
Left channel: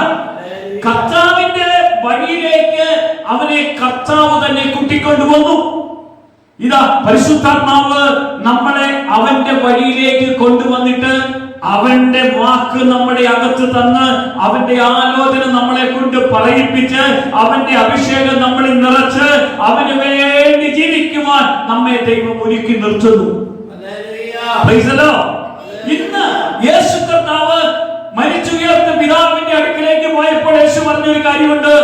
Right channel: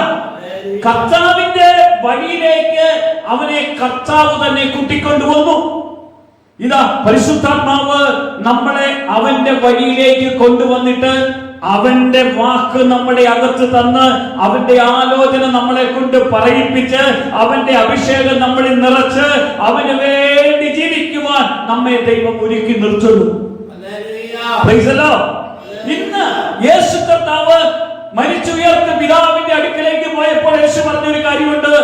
കർത്താവിന്റെ വഴിയിലേക്ക് അവനെ കർത്താവ് തന്നെ കൂട്ടിക്കൊണ്ടുവന്നു. ഇതാ പരിശുദ്ധാത്മാവ് നമ്മളെ അവന്റെ വഴിയിലേക്ക് കൊണ്ടുവന്നിട്ട് അവന്റെ വാക്ക് നമ്മുടെ അകത്ത് തന്ന് അവന്റെ ആലോചന നമ്മളെ കൊണ്ട് പറയിപ്പിച്ച് അവന്റെ അഭിഷേകം നമ്മളിൽ നിറച്ച് അവന് വേണ്ടി ജീവിക്കുവാൻ നമ്മെ ദൈവം ഒരുക്കി നിർത്തുന്നു. ഇന്ന് യേശു കർത്താവ് മരിച്ചുയർത്ത പിതാവിന്റെ അടുക്കലേക്ക് പോയപ്പോൾ യേശു പറഞ്ഞൊരു കാര്യമുണ്ട്,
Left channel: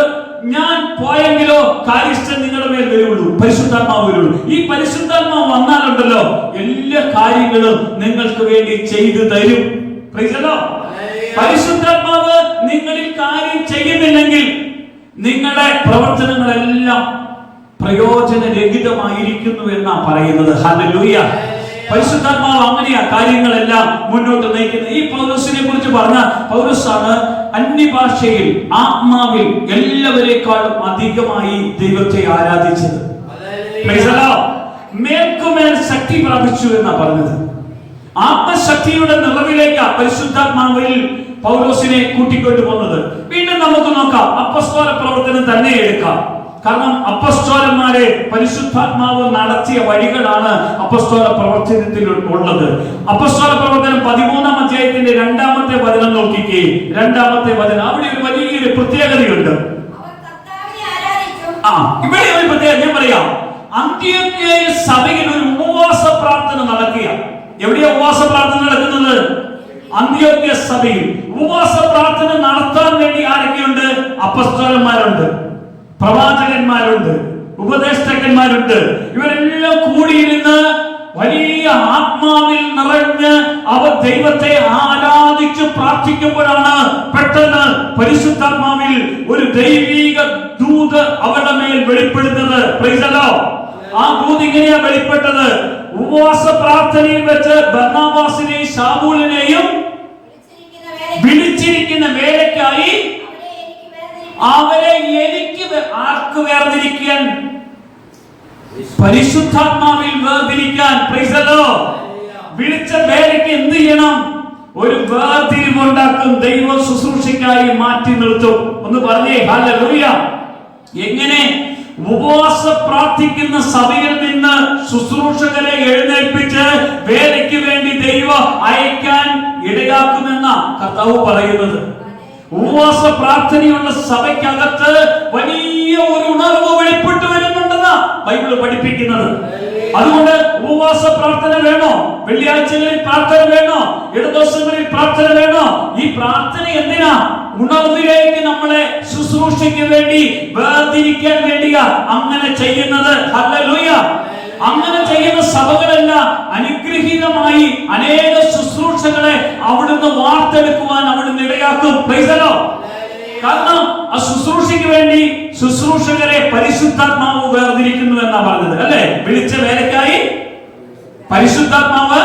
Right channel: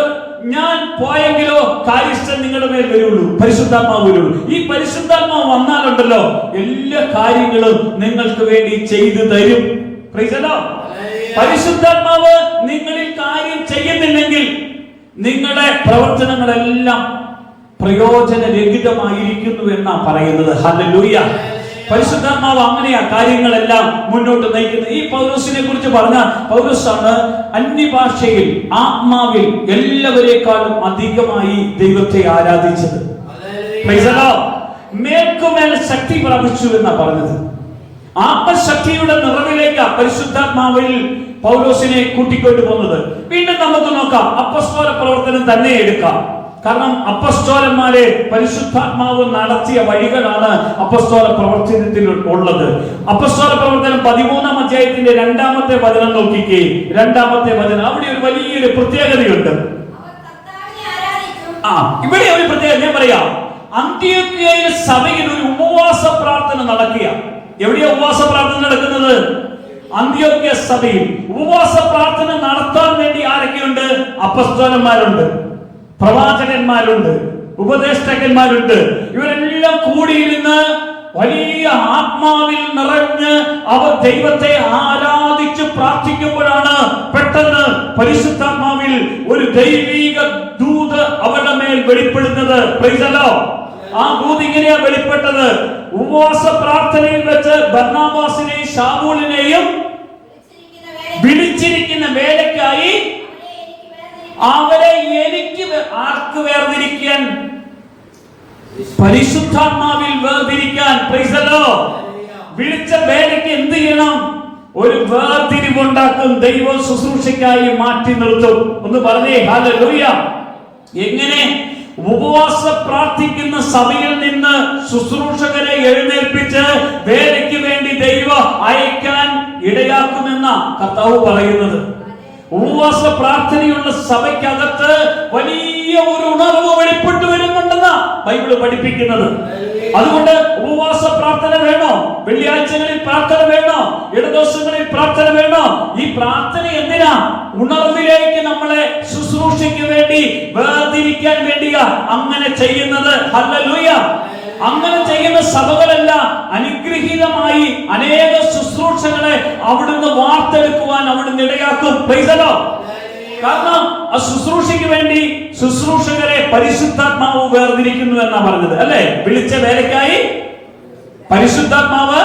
ഞാൻ പോയെങ്കിലോ കാര്യസ്ഥൻ നിങ്ങളുടെ മേൽ വരുള്ളൂ, പരിശുദ്ധാത്മാവ് വരുള്ളൂ. ഈ പരിശുദ്ധാത്മാവ് വന്നാലുണ്ടല്ലോ എല്ലാ കാര്യങ്ങളും നിങ്ങൾക്ക് വേണ്ടി ചെയ്തു തരും. പരിശുദ്ധാത്മാവ് നിങ്ങളിൽ കാര്യം ചെയ്യുന്നില്ലെങ്കിൽ നിങ്ങളുടെ പ്രവർത്തനങ്ങളെല്ലാം പ്രയോജനരഹിതമായിരിക്കുന്നു എന്നാ പറയുന്നത്. ഹല്ലേലൂയ. പരിശുദ്ധാത്മാവ് അങ്ങനെയാ കാര്യങ്ങളെല്ലാം മുന്നോട്ട് നയിക്കുന്നത്. ഈ പൗലോസിനെ കുറിച്ച് പറഞ്ഞ പൗലോസാണ് അന്യഭാഷയിൽ ആത്മാവിൽ എല്ലാവരെക്കാളും അധികമായി ദൈവത്തെ ആരാധിച്ചത്. മേൽക്കുമേൽ ശക്തി പ്രാപിച്ചു എന്നാ പറഞ്ഞത്. ആത്മശക്തിയുടെ നിറവിലേക്ക് പരിശുദ്ധാത്മാവിൽ പൗലോസിനെ കൂട്ടിക്കൊണ്ടു പോകുന്നത്. വീണ്ടും നമുക്ക് നോക്കാം, അപ്പോസ്തല പ്രവർത്തനം തന്നെ എടുക്കാം. കാരണം അപ്പോസ്തലന്മാരെ പരിശുദ്ധാത്മാവ് നടത്തിയ വഴികളാണ് അപ്പോസ്തല പ്രവർത്തനത്തിൽ ഉള്ളത്. അപ്പോസ്തല പ്രവർത്തനം 13-ാം അധ്യായത്തിന്റെ 2-ാമത്തെ വചനം നോക്കിക്കേ. 2-ാമത്തെ വചനം, അവിടെ ഒരു വലിയൊരു പ്രത്യേകതയുണ്ട്. ഇവിടെ ഒരു പ്രത്യേകത ഞാൻ പറയാം. അന്ത്യോക്യ സഭയിൽ ഒരു ഉപവാസ പ്രാർത്ഥന നടക്കുക. എവിടെയാ ഉപവാസ പ്രാർത്ഥന നടക്കുന്നത്? അന്ത്യോക്യ സഭയിൽ. ഉപവാസ പ്രാർത്ഥന നടത്താൻ വേണ്ടി ആരൊക്കെയുണ്ട്? അപ്പോസ്തലന്മാരുണ്ട്, പ്രവാചകന്മാരുണ്ട്, ഉപദേഷ്ടാക്കന്മാരുണ്ട്. ഇവരെല്ലാം കൂടിയിരുന്ന് വലിയ ആത്മാവിൽ നിറഞ്ഞ് അവർ ദൈവത്തെ ആരാധിച്ച് പ്രാർത്ഥിക്കുമ്പോഴാണ് പെട്ടെന്ന് പരിശുദ്ധാത്മാവിൽ ഒരു ദൈവിക ദൂത് അവരുടെ മേൽ വെളിപ്പെടുന്നത്. ആ ദൂത് ഇങ്ങനെയാ വെളിപ്പെട്ടത്. ഉപവാസ പ്രാർത്ഥനയിൽ വെച്ച് ബർന്നബാസിനെയും ശൗലിനെയും വിളിച്ചിരിക്കുന്ന വേലയ്ക്കായി അവരെ എനിക്ക് ആർക്ക് വേർതിരിക്കാൻ? പരിശുദ്ധാത്മാവിൽ വേർതിരിക്കാൻ. വിളിച്ച വേലയ്ക്ക് എന്ത് ചെയ്യണം? ഒരു വേർതിരിവുണ്ടാക്കും. ദൈവ ശുശ്രൂഷയ്ക്കായി മാറ്റി നിർത്തും. ഒന്ന് പറഞ്ഞേ ഹല്ലേലൂയ. എങ്ങനെ? ഉപവാസ പ്രാർത്ഥിക്കുന്ന സഭയിൽ നിന്ന് ശുശ്രൂഷകരെ എഴുന്നേൽപ്പിച്ച് വേലയ്ക്ക് വേണ്ടി ദൈവം അയക്കാൻ ഇടയാക്കുമെന്ന കർത്താവ് പറയുന്നത്. ഉപവാസ പ്രാർത്ഥനയുള്ള സഭയ്ക്കകത്ത് വലിയ ഒരു ഉണർവ് വെളിപ്പെട്ടു വരുന്നുണ്ടെന്നാ ബൈബിള് പഠിപ്പിക്കുന്നത്. അതുകൊണ്ട് ഉപവാസ പ്രാർത്ഥന വേണോ? വെള്ളിയാഴ്ചകളിൽ പ്രാർത്ഥന വേണോ? ഇടദിവസങ്ങളിൽ പ്രാർത്ഥന വേണോ? ഈ പ്രാർത്ഥന എന്തിനാ? ഉണർവിലേക്ക് നമ്മളെ ശുശ്രൂഷയ്ക്ക് വേണ്ടി വേർതിരിക്കാൻ വേണ്ടിയാ അങ്ങനെ ചെയ്യുന്നത്. ഹല്ലേലൂയ. അങ്ങനെ ചെയ്യുന്ന സഭകളെല്ലാം അനുഗ്രഹീതമായി അനേക ശുശ്രൂഷകളെ അവിടുന്ന് വാർത്തെടുക്കുവാൻ അവിടുന്ന് ഇടയാക്കും. കാരണം ആ ശുശ്രൂഷയ്ക്ക് വേണ്ടി ശുശ്രൂഷകരെ പരിശുദ്ധാത്മാവ് വേർതിരിക്കുന്നു എന്നാ പറഞ്ഞത് അല്ലേ? വിളിച്ച വേലയ്ക്കായി പരിശുദ്ധാത്മാവ്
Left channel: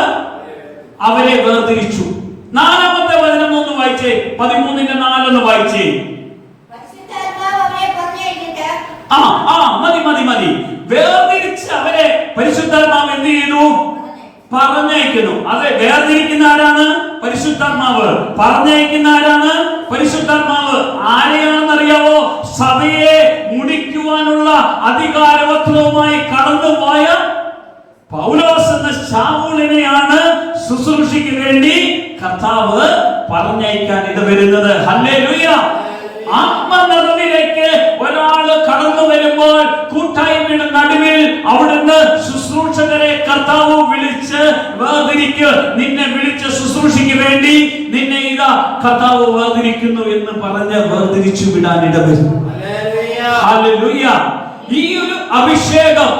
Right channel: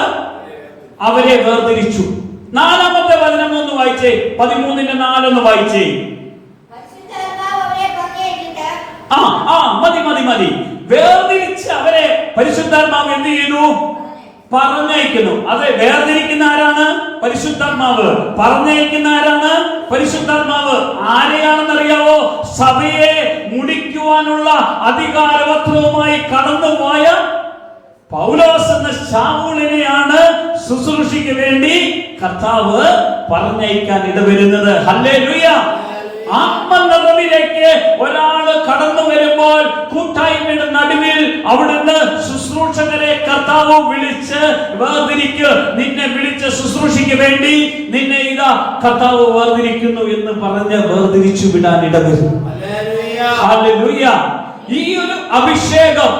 അവരെ വേർതിരിച്ചു. 4-ാമത്തെ വചനം ഒന്ന് വായിച്ചേ. 13-ന്റെ 4 വായിച്ചേ. മതി. വേർതിരിച്ച് അവരെ പരിശുദ്ധാത്മാവ് എന്ത് ചെയ്യുന്നു? പറഞ്ഞയക്കുന്നു. അതെ, വേർതിരിക്കുന്ന ആരാണ്? പരിശുദ്ധാത്മാവ്. പറഞ്ഞയക്കുന്ന ആരാണ്? പരിശുദ്ധാത്മാവ്. ആരെയാണെന്ന് അറിയാവോ? സഭയെ മുടിക്കുവാനുള്ള അധികാരവത്വവുമായി കടന്നുപോയ പൗലോസ് എന്ന ശൗലിനെയാണ് ശുശ്രൂഷയ്ക്ക് വേണ്ടി കർത്താവ് പറഞ്ഞയക്കാൻ ഇടവരുന്നത്. ഹല്ലേലൂയ. ആത്മനിറവിലേക്ക് ഒരാള് വരുമ്പോൾ കൂട്ടായ്മയുടെ നടുവിൽ അവിടുന്ന് ശുശ്രൂഷകരെ കർത്താവ് വിളിച്ച് വേർതിരിക്ക്, നിന്നെ വിളിച്ച ശുശ്രൂഷയ്ക്ക് വേണ്ടി നിന്നെ ഇതാ കർത്താവ് വേർതിരിക്കുന്നു എന്ന് പറഞ്ഞ് വേർതിരിച്ചു വിടാൻ ഇടവരും. ഹല്ലേലൂയ. ഈ ഒരു അഭിഷേകം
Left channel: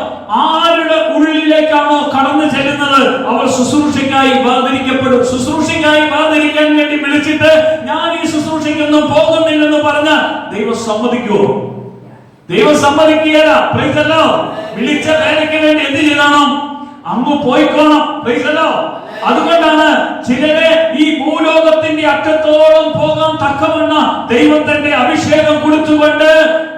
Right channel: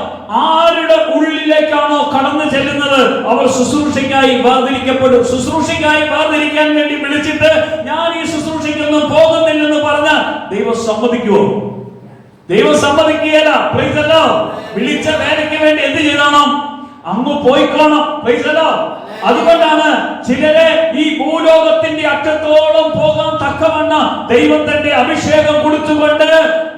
ആരുടെ ഉള്ളിലേക്കാണോ കടന്നു ചെല്ലുന്നത് അവർ ശുശ്രൂഷയ്ക്കായി വേർതിരിക്കപ്പെടും. ശുശ്രൂഷയ്ക്കായി വേർതിരിക്കാൻ വേണ്ടി വിളിച്ചിട്ട് ഞാൻ ഈ ശുശ്രൂഷയ്ക്കൊന്നും പോകുന്നില്ലെന്ന് പറഞ്ഞ ദൈവം സമ്മതിക്കുമോ? ദൈവം സമ്മതിക്കുകയില്ല. Price the Lord. വിളിച്ച വേലയ്ക്ക് വേണ്ടി എന്ത് ചെയ്യണം? അങ്ങ് പോയിക്കോണം. Price the Lord. അതുകൊണ്ടാണ് ചിലരെ ഈ ഭൂലോകത്തിന്റെ അറ്റത്തോളം പോകാൻ തക്കവണ്ണം ദൈവത്തിന്റെ അഭിഷേകം കൊടുത്തുകൊണ്ട്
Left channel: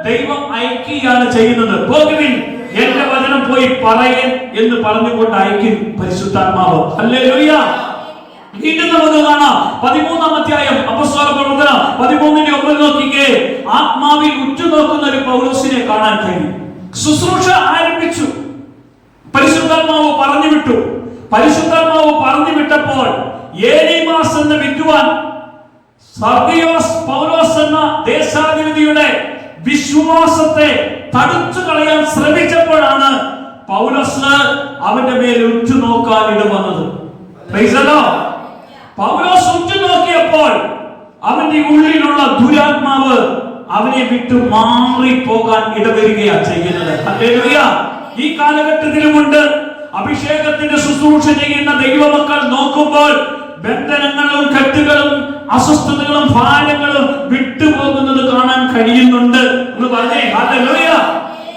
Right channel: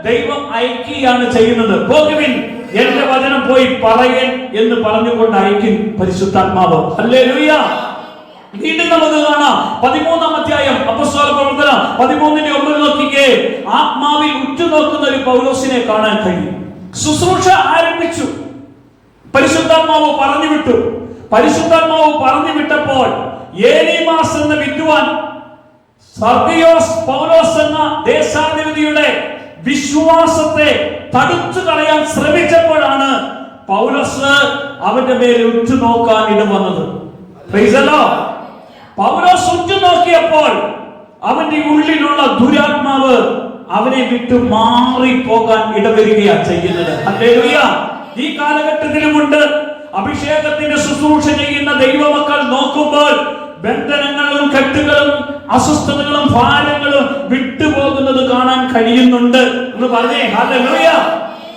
ദൈവം അയക്കുകയാണ് ചെയ്യുന്നത്. പോകുവിൻ, എന്റെ വചനം പോയി പറയൻ എന്ന് പറഞ്ഞുകൊണ്ട് അയക്കും പരിശുദ്ധാത്മാവ്. ഹല്ലേലൂയ. വീണ്ടും നമുക്ക് കാണാം 13-ാം അധ്യായം അപ്പോസ്തല പ്രവർത്തനം 13-ന്റെ 9 നോക്കിക്കേ. ആത്മാവിൽ ഉറ്റുനോക്കുന്ന ഒരു പൗലോസിനെ കാണാൻ കഴിയും. ശുശ്രൂഷ ആരംഭിച്ചു, പരിശുദ്ധാത്മാവ് പറഞ്ഞു വിട്ടു. പരിശുദ്ധാത്മാവ് പറഞ്ഞു വിട്ടപ്പോൾ ഏലീമാസ് എന്ന വിദ്വാൻ സർദിയോസ് പൗലോസ് എന്ന ദേശാധിപതിയുടെ വിശ്വാസത്തെ തടുത്തു കളയാൻ ശ്രമിച്ചപ്പോഴാണ് പൗലോസ് അവന്റെ മേൽ ഉറ്റുനോക്കാൻ ഇടവന്നത്. Praise the Lord. പൗലോസ് ഉറ്റുനോക്കിയപ്പോൾ അവന്റെ ഉള്ളിലുള്ള ദുരാത്മാവ് അവനെ വിട്ടു മാറിപ്പോകാൻ ഇടവരികയാണ് ചെയ്യുന്നത്. ഹല്ലേലൂയ. ഈ കാലഘട്ടത്തിലുമുണ്ട് അഭിഷേകത്തിന്റെ ശുശ്രൂഷ ചെയ്യുന്ന ദൈവമക്കൾ നോക്കുമ്പോൾ ബന്ധനങ്ങളും കെട്ടുകളും അസ്വസ്ഥതകളും ഭാരങ്ങളും വിട്ടുപോകുന്നത് കാണാൻ കഴിയുന്നുണ്ട് എന്ന് പറഞ്ഞേ. ഹല്ലേലൂയ.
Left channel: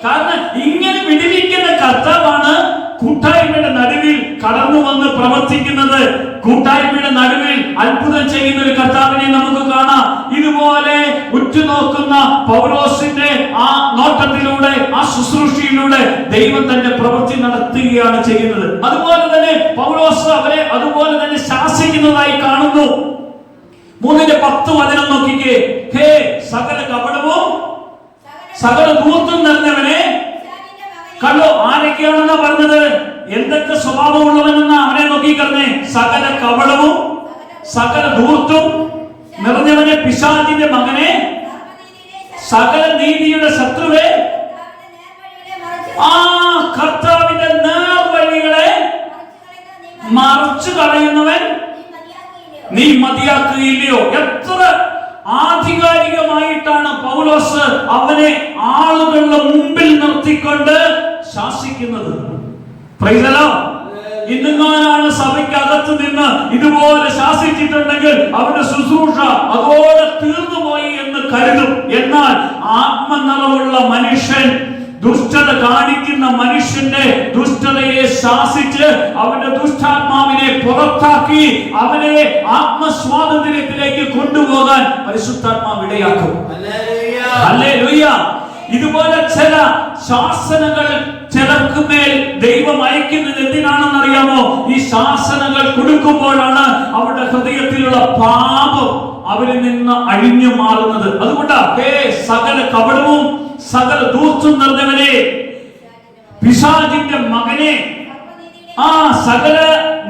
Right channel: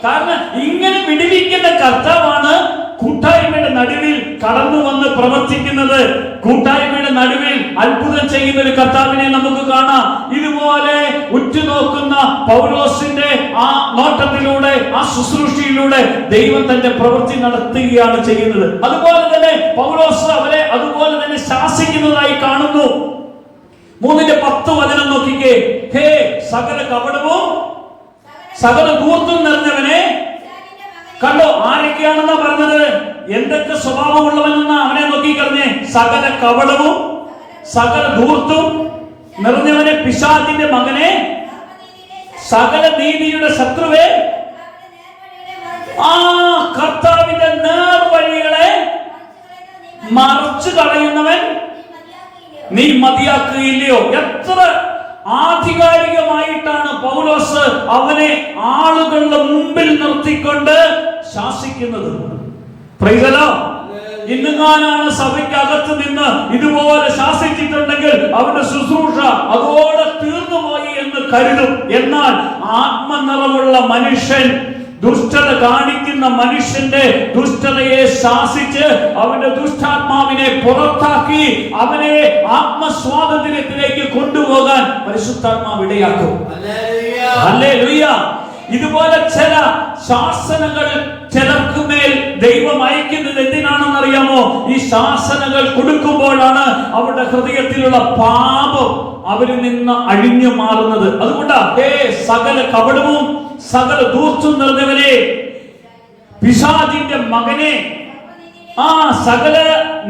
കാരണം ഇങ്ങനെ വിടുവിക്കുന്ന കർത്താവാണ് കൂട്ടായ്മയുടെ നടുവിൽ കടന്നു വന്ന് പ്രവർത്തിക്കുന്നത്. കൂട്ടായ്മയുടെ നടുവിൽ അത്ഭുതം ചെയ്യുന്ന ഒരു കർത്താവിനെ നമുക്ക് കാണാം. ഇതുപോലെ ഉറ്റുനോക്കുന്ന പൗലോസിന്റെ ആ നോട്ടത്തിലൂടെ, ആ ശുശ്രൂഷയിലൂടെ ദൈവം തന്റെ പ്രവൃത്തി നടത്തുകയാണ് ചെയ്യുന്നത്. അതുപോലെ തന്നെ പൗലോസ് അവരെ അതുപോലെ തന്നെ ശാസിക്കുന്നതായി കാണുന്നു. 3:10 വചനം നോക്കിക്കേ. ഹേ സകല കപടവും സകല ധൂർത്തും നിറഞ്ഞവനെ. കണ്ടോ ആരൊക്കെയാണെന്നാ പറഞ്ഞത്? എന്തൊക്കെ സ്വഭാവമുള്ളവനെന്നാ അവനെ നോക്കിക്കറിഞ്ഞേ. സകല കപടവും സകല ധൂർത്തും നിറഞ്ഞവനെ, പിശാചിന്റെ മകനെ, സകല നീതിയുടെ ശത്രുവേ, ആ കർത്താവിന്റെ നേർവഴികളെ മറിച്ചു കളയുന്നവൻ നീ മതിയാക്കുകയില്ലയോ? എത്ര ആധികാരികമായിട്ടാണ് പൗലോസ് അവനെ ആളുകളുടെ മുമ്പിൽ നിർത്തിക്കൊണ്ട് ശാസിക്കുന്നത്. Praise the Lord. ഇന്നുങ്ങാനാണ് സഭയ്ക്കകത്ത് നിന്ന് ഇതുപോലെ ശാസിച്ചിട്ടുണ്ടെങ്കിൽ അവരുടെ ശുശ്രൂഷ അതോടെ തീർന്നുപോയി എന്ന് കരുതും. എന്നാൽ ആത്മനിറവുള്ള മനുഷ്യൻ, ദുഷ്ടത കാണിക്കുന്ന മനുഷ്യന്റെ ദുഷ്ടതയെ ശാസിച്ച് അവന്റെ ദുഷ്ടാത്മാവിനെ പുറത്താക്കി അവനെ ആത്മസ്വാതന്ത്ര്യത്തിലേക്ക് കൊണ്ടുപോകാൻ പരിശുദ്ധാത്മാവ് ഇടയാക്കും. ഹല്ലേലൂയ. ഇതുപോലെ ചില ശാസനകൾ ചിലർക്ക് മേൽ ദൈവം അയക്കുന്നത് എന്തിനാണെന്ന് അറിയാമോ? ഈ ശാസനകൾ കൊടുക്കുമ്പോഴാണ് അവരുടെ ഹൃദയത്തിലുള്ള പാപം അവരിൽ നിന്ന് അഴിഞ്ഞു മാറുന്നത്. അതുകൊണ്ടാ ഹേ സകല കപടവും സകല ധൂർത്തും നിറഞ്ഞവനെ, പിശാചിന്റെ മകനെ, ആ സകല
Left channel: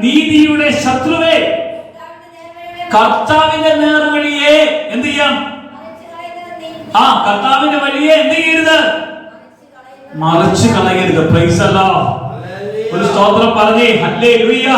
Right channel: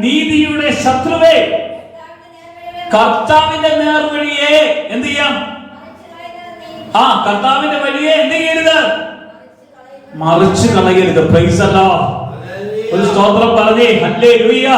നീതിയുടെ ശത്രുവേ, കർത്താവിന്റെ നേർവഴിയെ എന്ത് ചെയ്യാം? ആ കർത്താവിന്റെ വഴിയെ എന്ത് ചെയ്യരുത്? മറിച്ചു കളയരുത്. Price the Lord. ഒരു സ്തോത്രം പറഞ്ഞേ. ഹല്ലേലൂയ.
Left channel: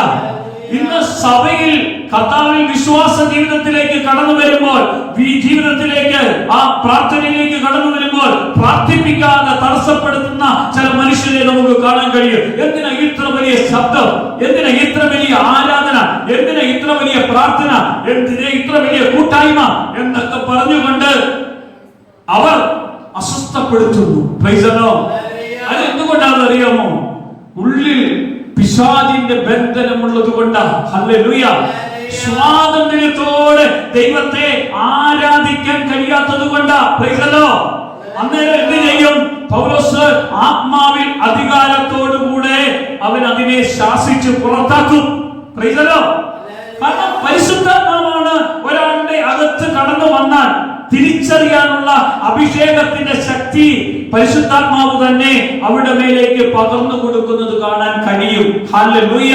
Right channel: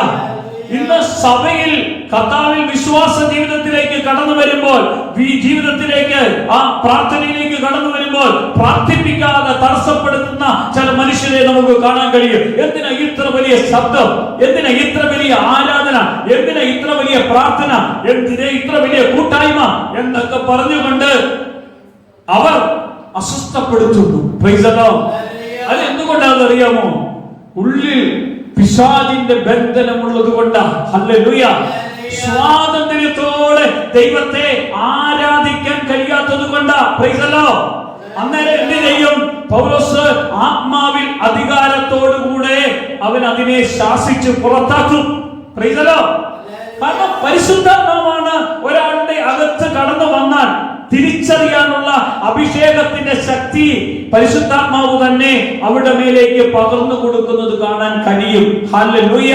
ഇന്ന് സഭയിൽ കർത്താവിൽ വിശ്വാസ ജീവിതത്തിലേക്ക് കടന്നു വരുമ്പോൾ, ഈ ജീവിതത്തിലേക്ക് ആ പ്രാർത്ഥനയിലേക്ക് കടന്നു വരുമ്പോൾ പ്രാർത്ഥിപ്പിക്കാതെ തടസ്സപ്പെടുത്തുന്ന ചില മനുഷ്യരെ നമുക്ക് കാണാൻ കഴിയും. എന്തിനാ ഇത്ര വലിയ ശബ്ദം? എന്തിനാ ഇത്ര വലിയ ആരാധന? എന്തിനാ ഇത്ര വലിയ പ്രാർത്ഥന? എന്തിനാ ഇത്ര വലിയ കൂട്ടായ്മ എന്നൊക്കെ പറഞ്ഞുകൊണ്ട് അവർ അസ്വസ്ഥപ്പെടുത്തുന്നു. Praise the Lord. അത് എന്തുകൊണ്ടാണെന്ന് അറിയാമോ? ഉള്ളിൽ പിശാചിന്റെ ബന്ധനമുള്ളത് കൊണ്ടാണ്. ഹല്ലേലൂയ. സ്വാതന്ത്ര്യത്തോടെ ദൈവത്തെ ആരാധിക്കാൻ കഴിയാത്തത് കൊണ്ടാണ്. Price the Lord. അന്നേരം എന്ത് ചെയ്യും? പൗലോസ് ആത്മാവിൽ അധികാരത്തോടുകൂടെ അവൻ അതിനെ ശാസിച്ച് പുറത്താക്കും. Praise the Lord. കാരണം പരിശുദ്ധാത്മാവാണ് ഒരാളുടെ അകത്ത് കടന്നു വന്നാൽ തിരിച്ചറിയാനുള്ള അഭിഷേകത്തിന്റെ ശക്തി പരിശുദ്ധാത്മാവ് തന്നെ അവരുടെ മേലേക്ക് പകർന്നു കൊടുക്കുന്നത് കാണാൻ കഴിയും. ഹല്ലേലൂയ.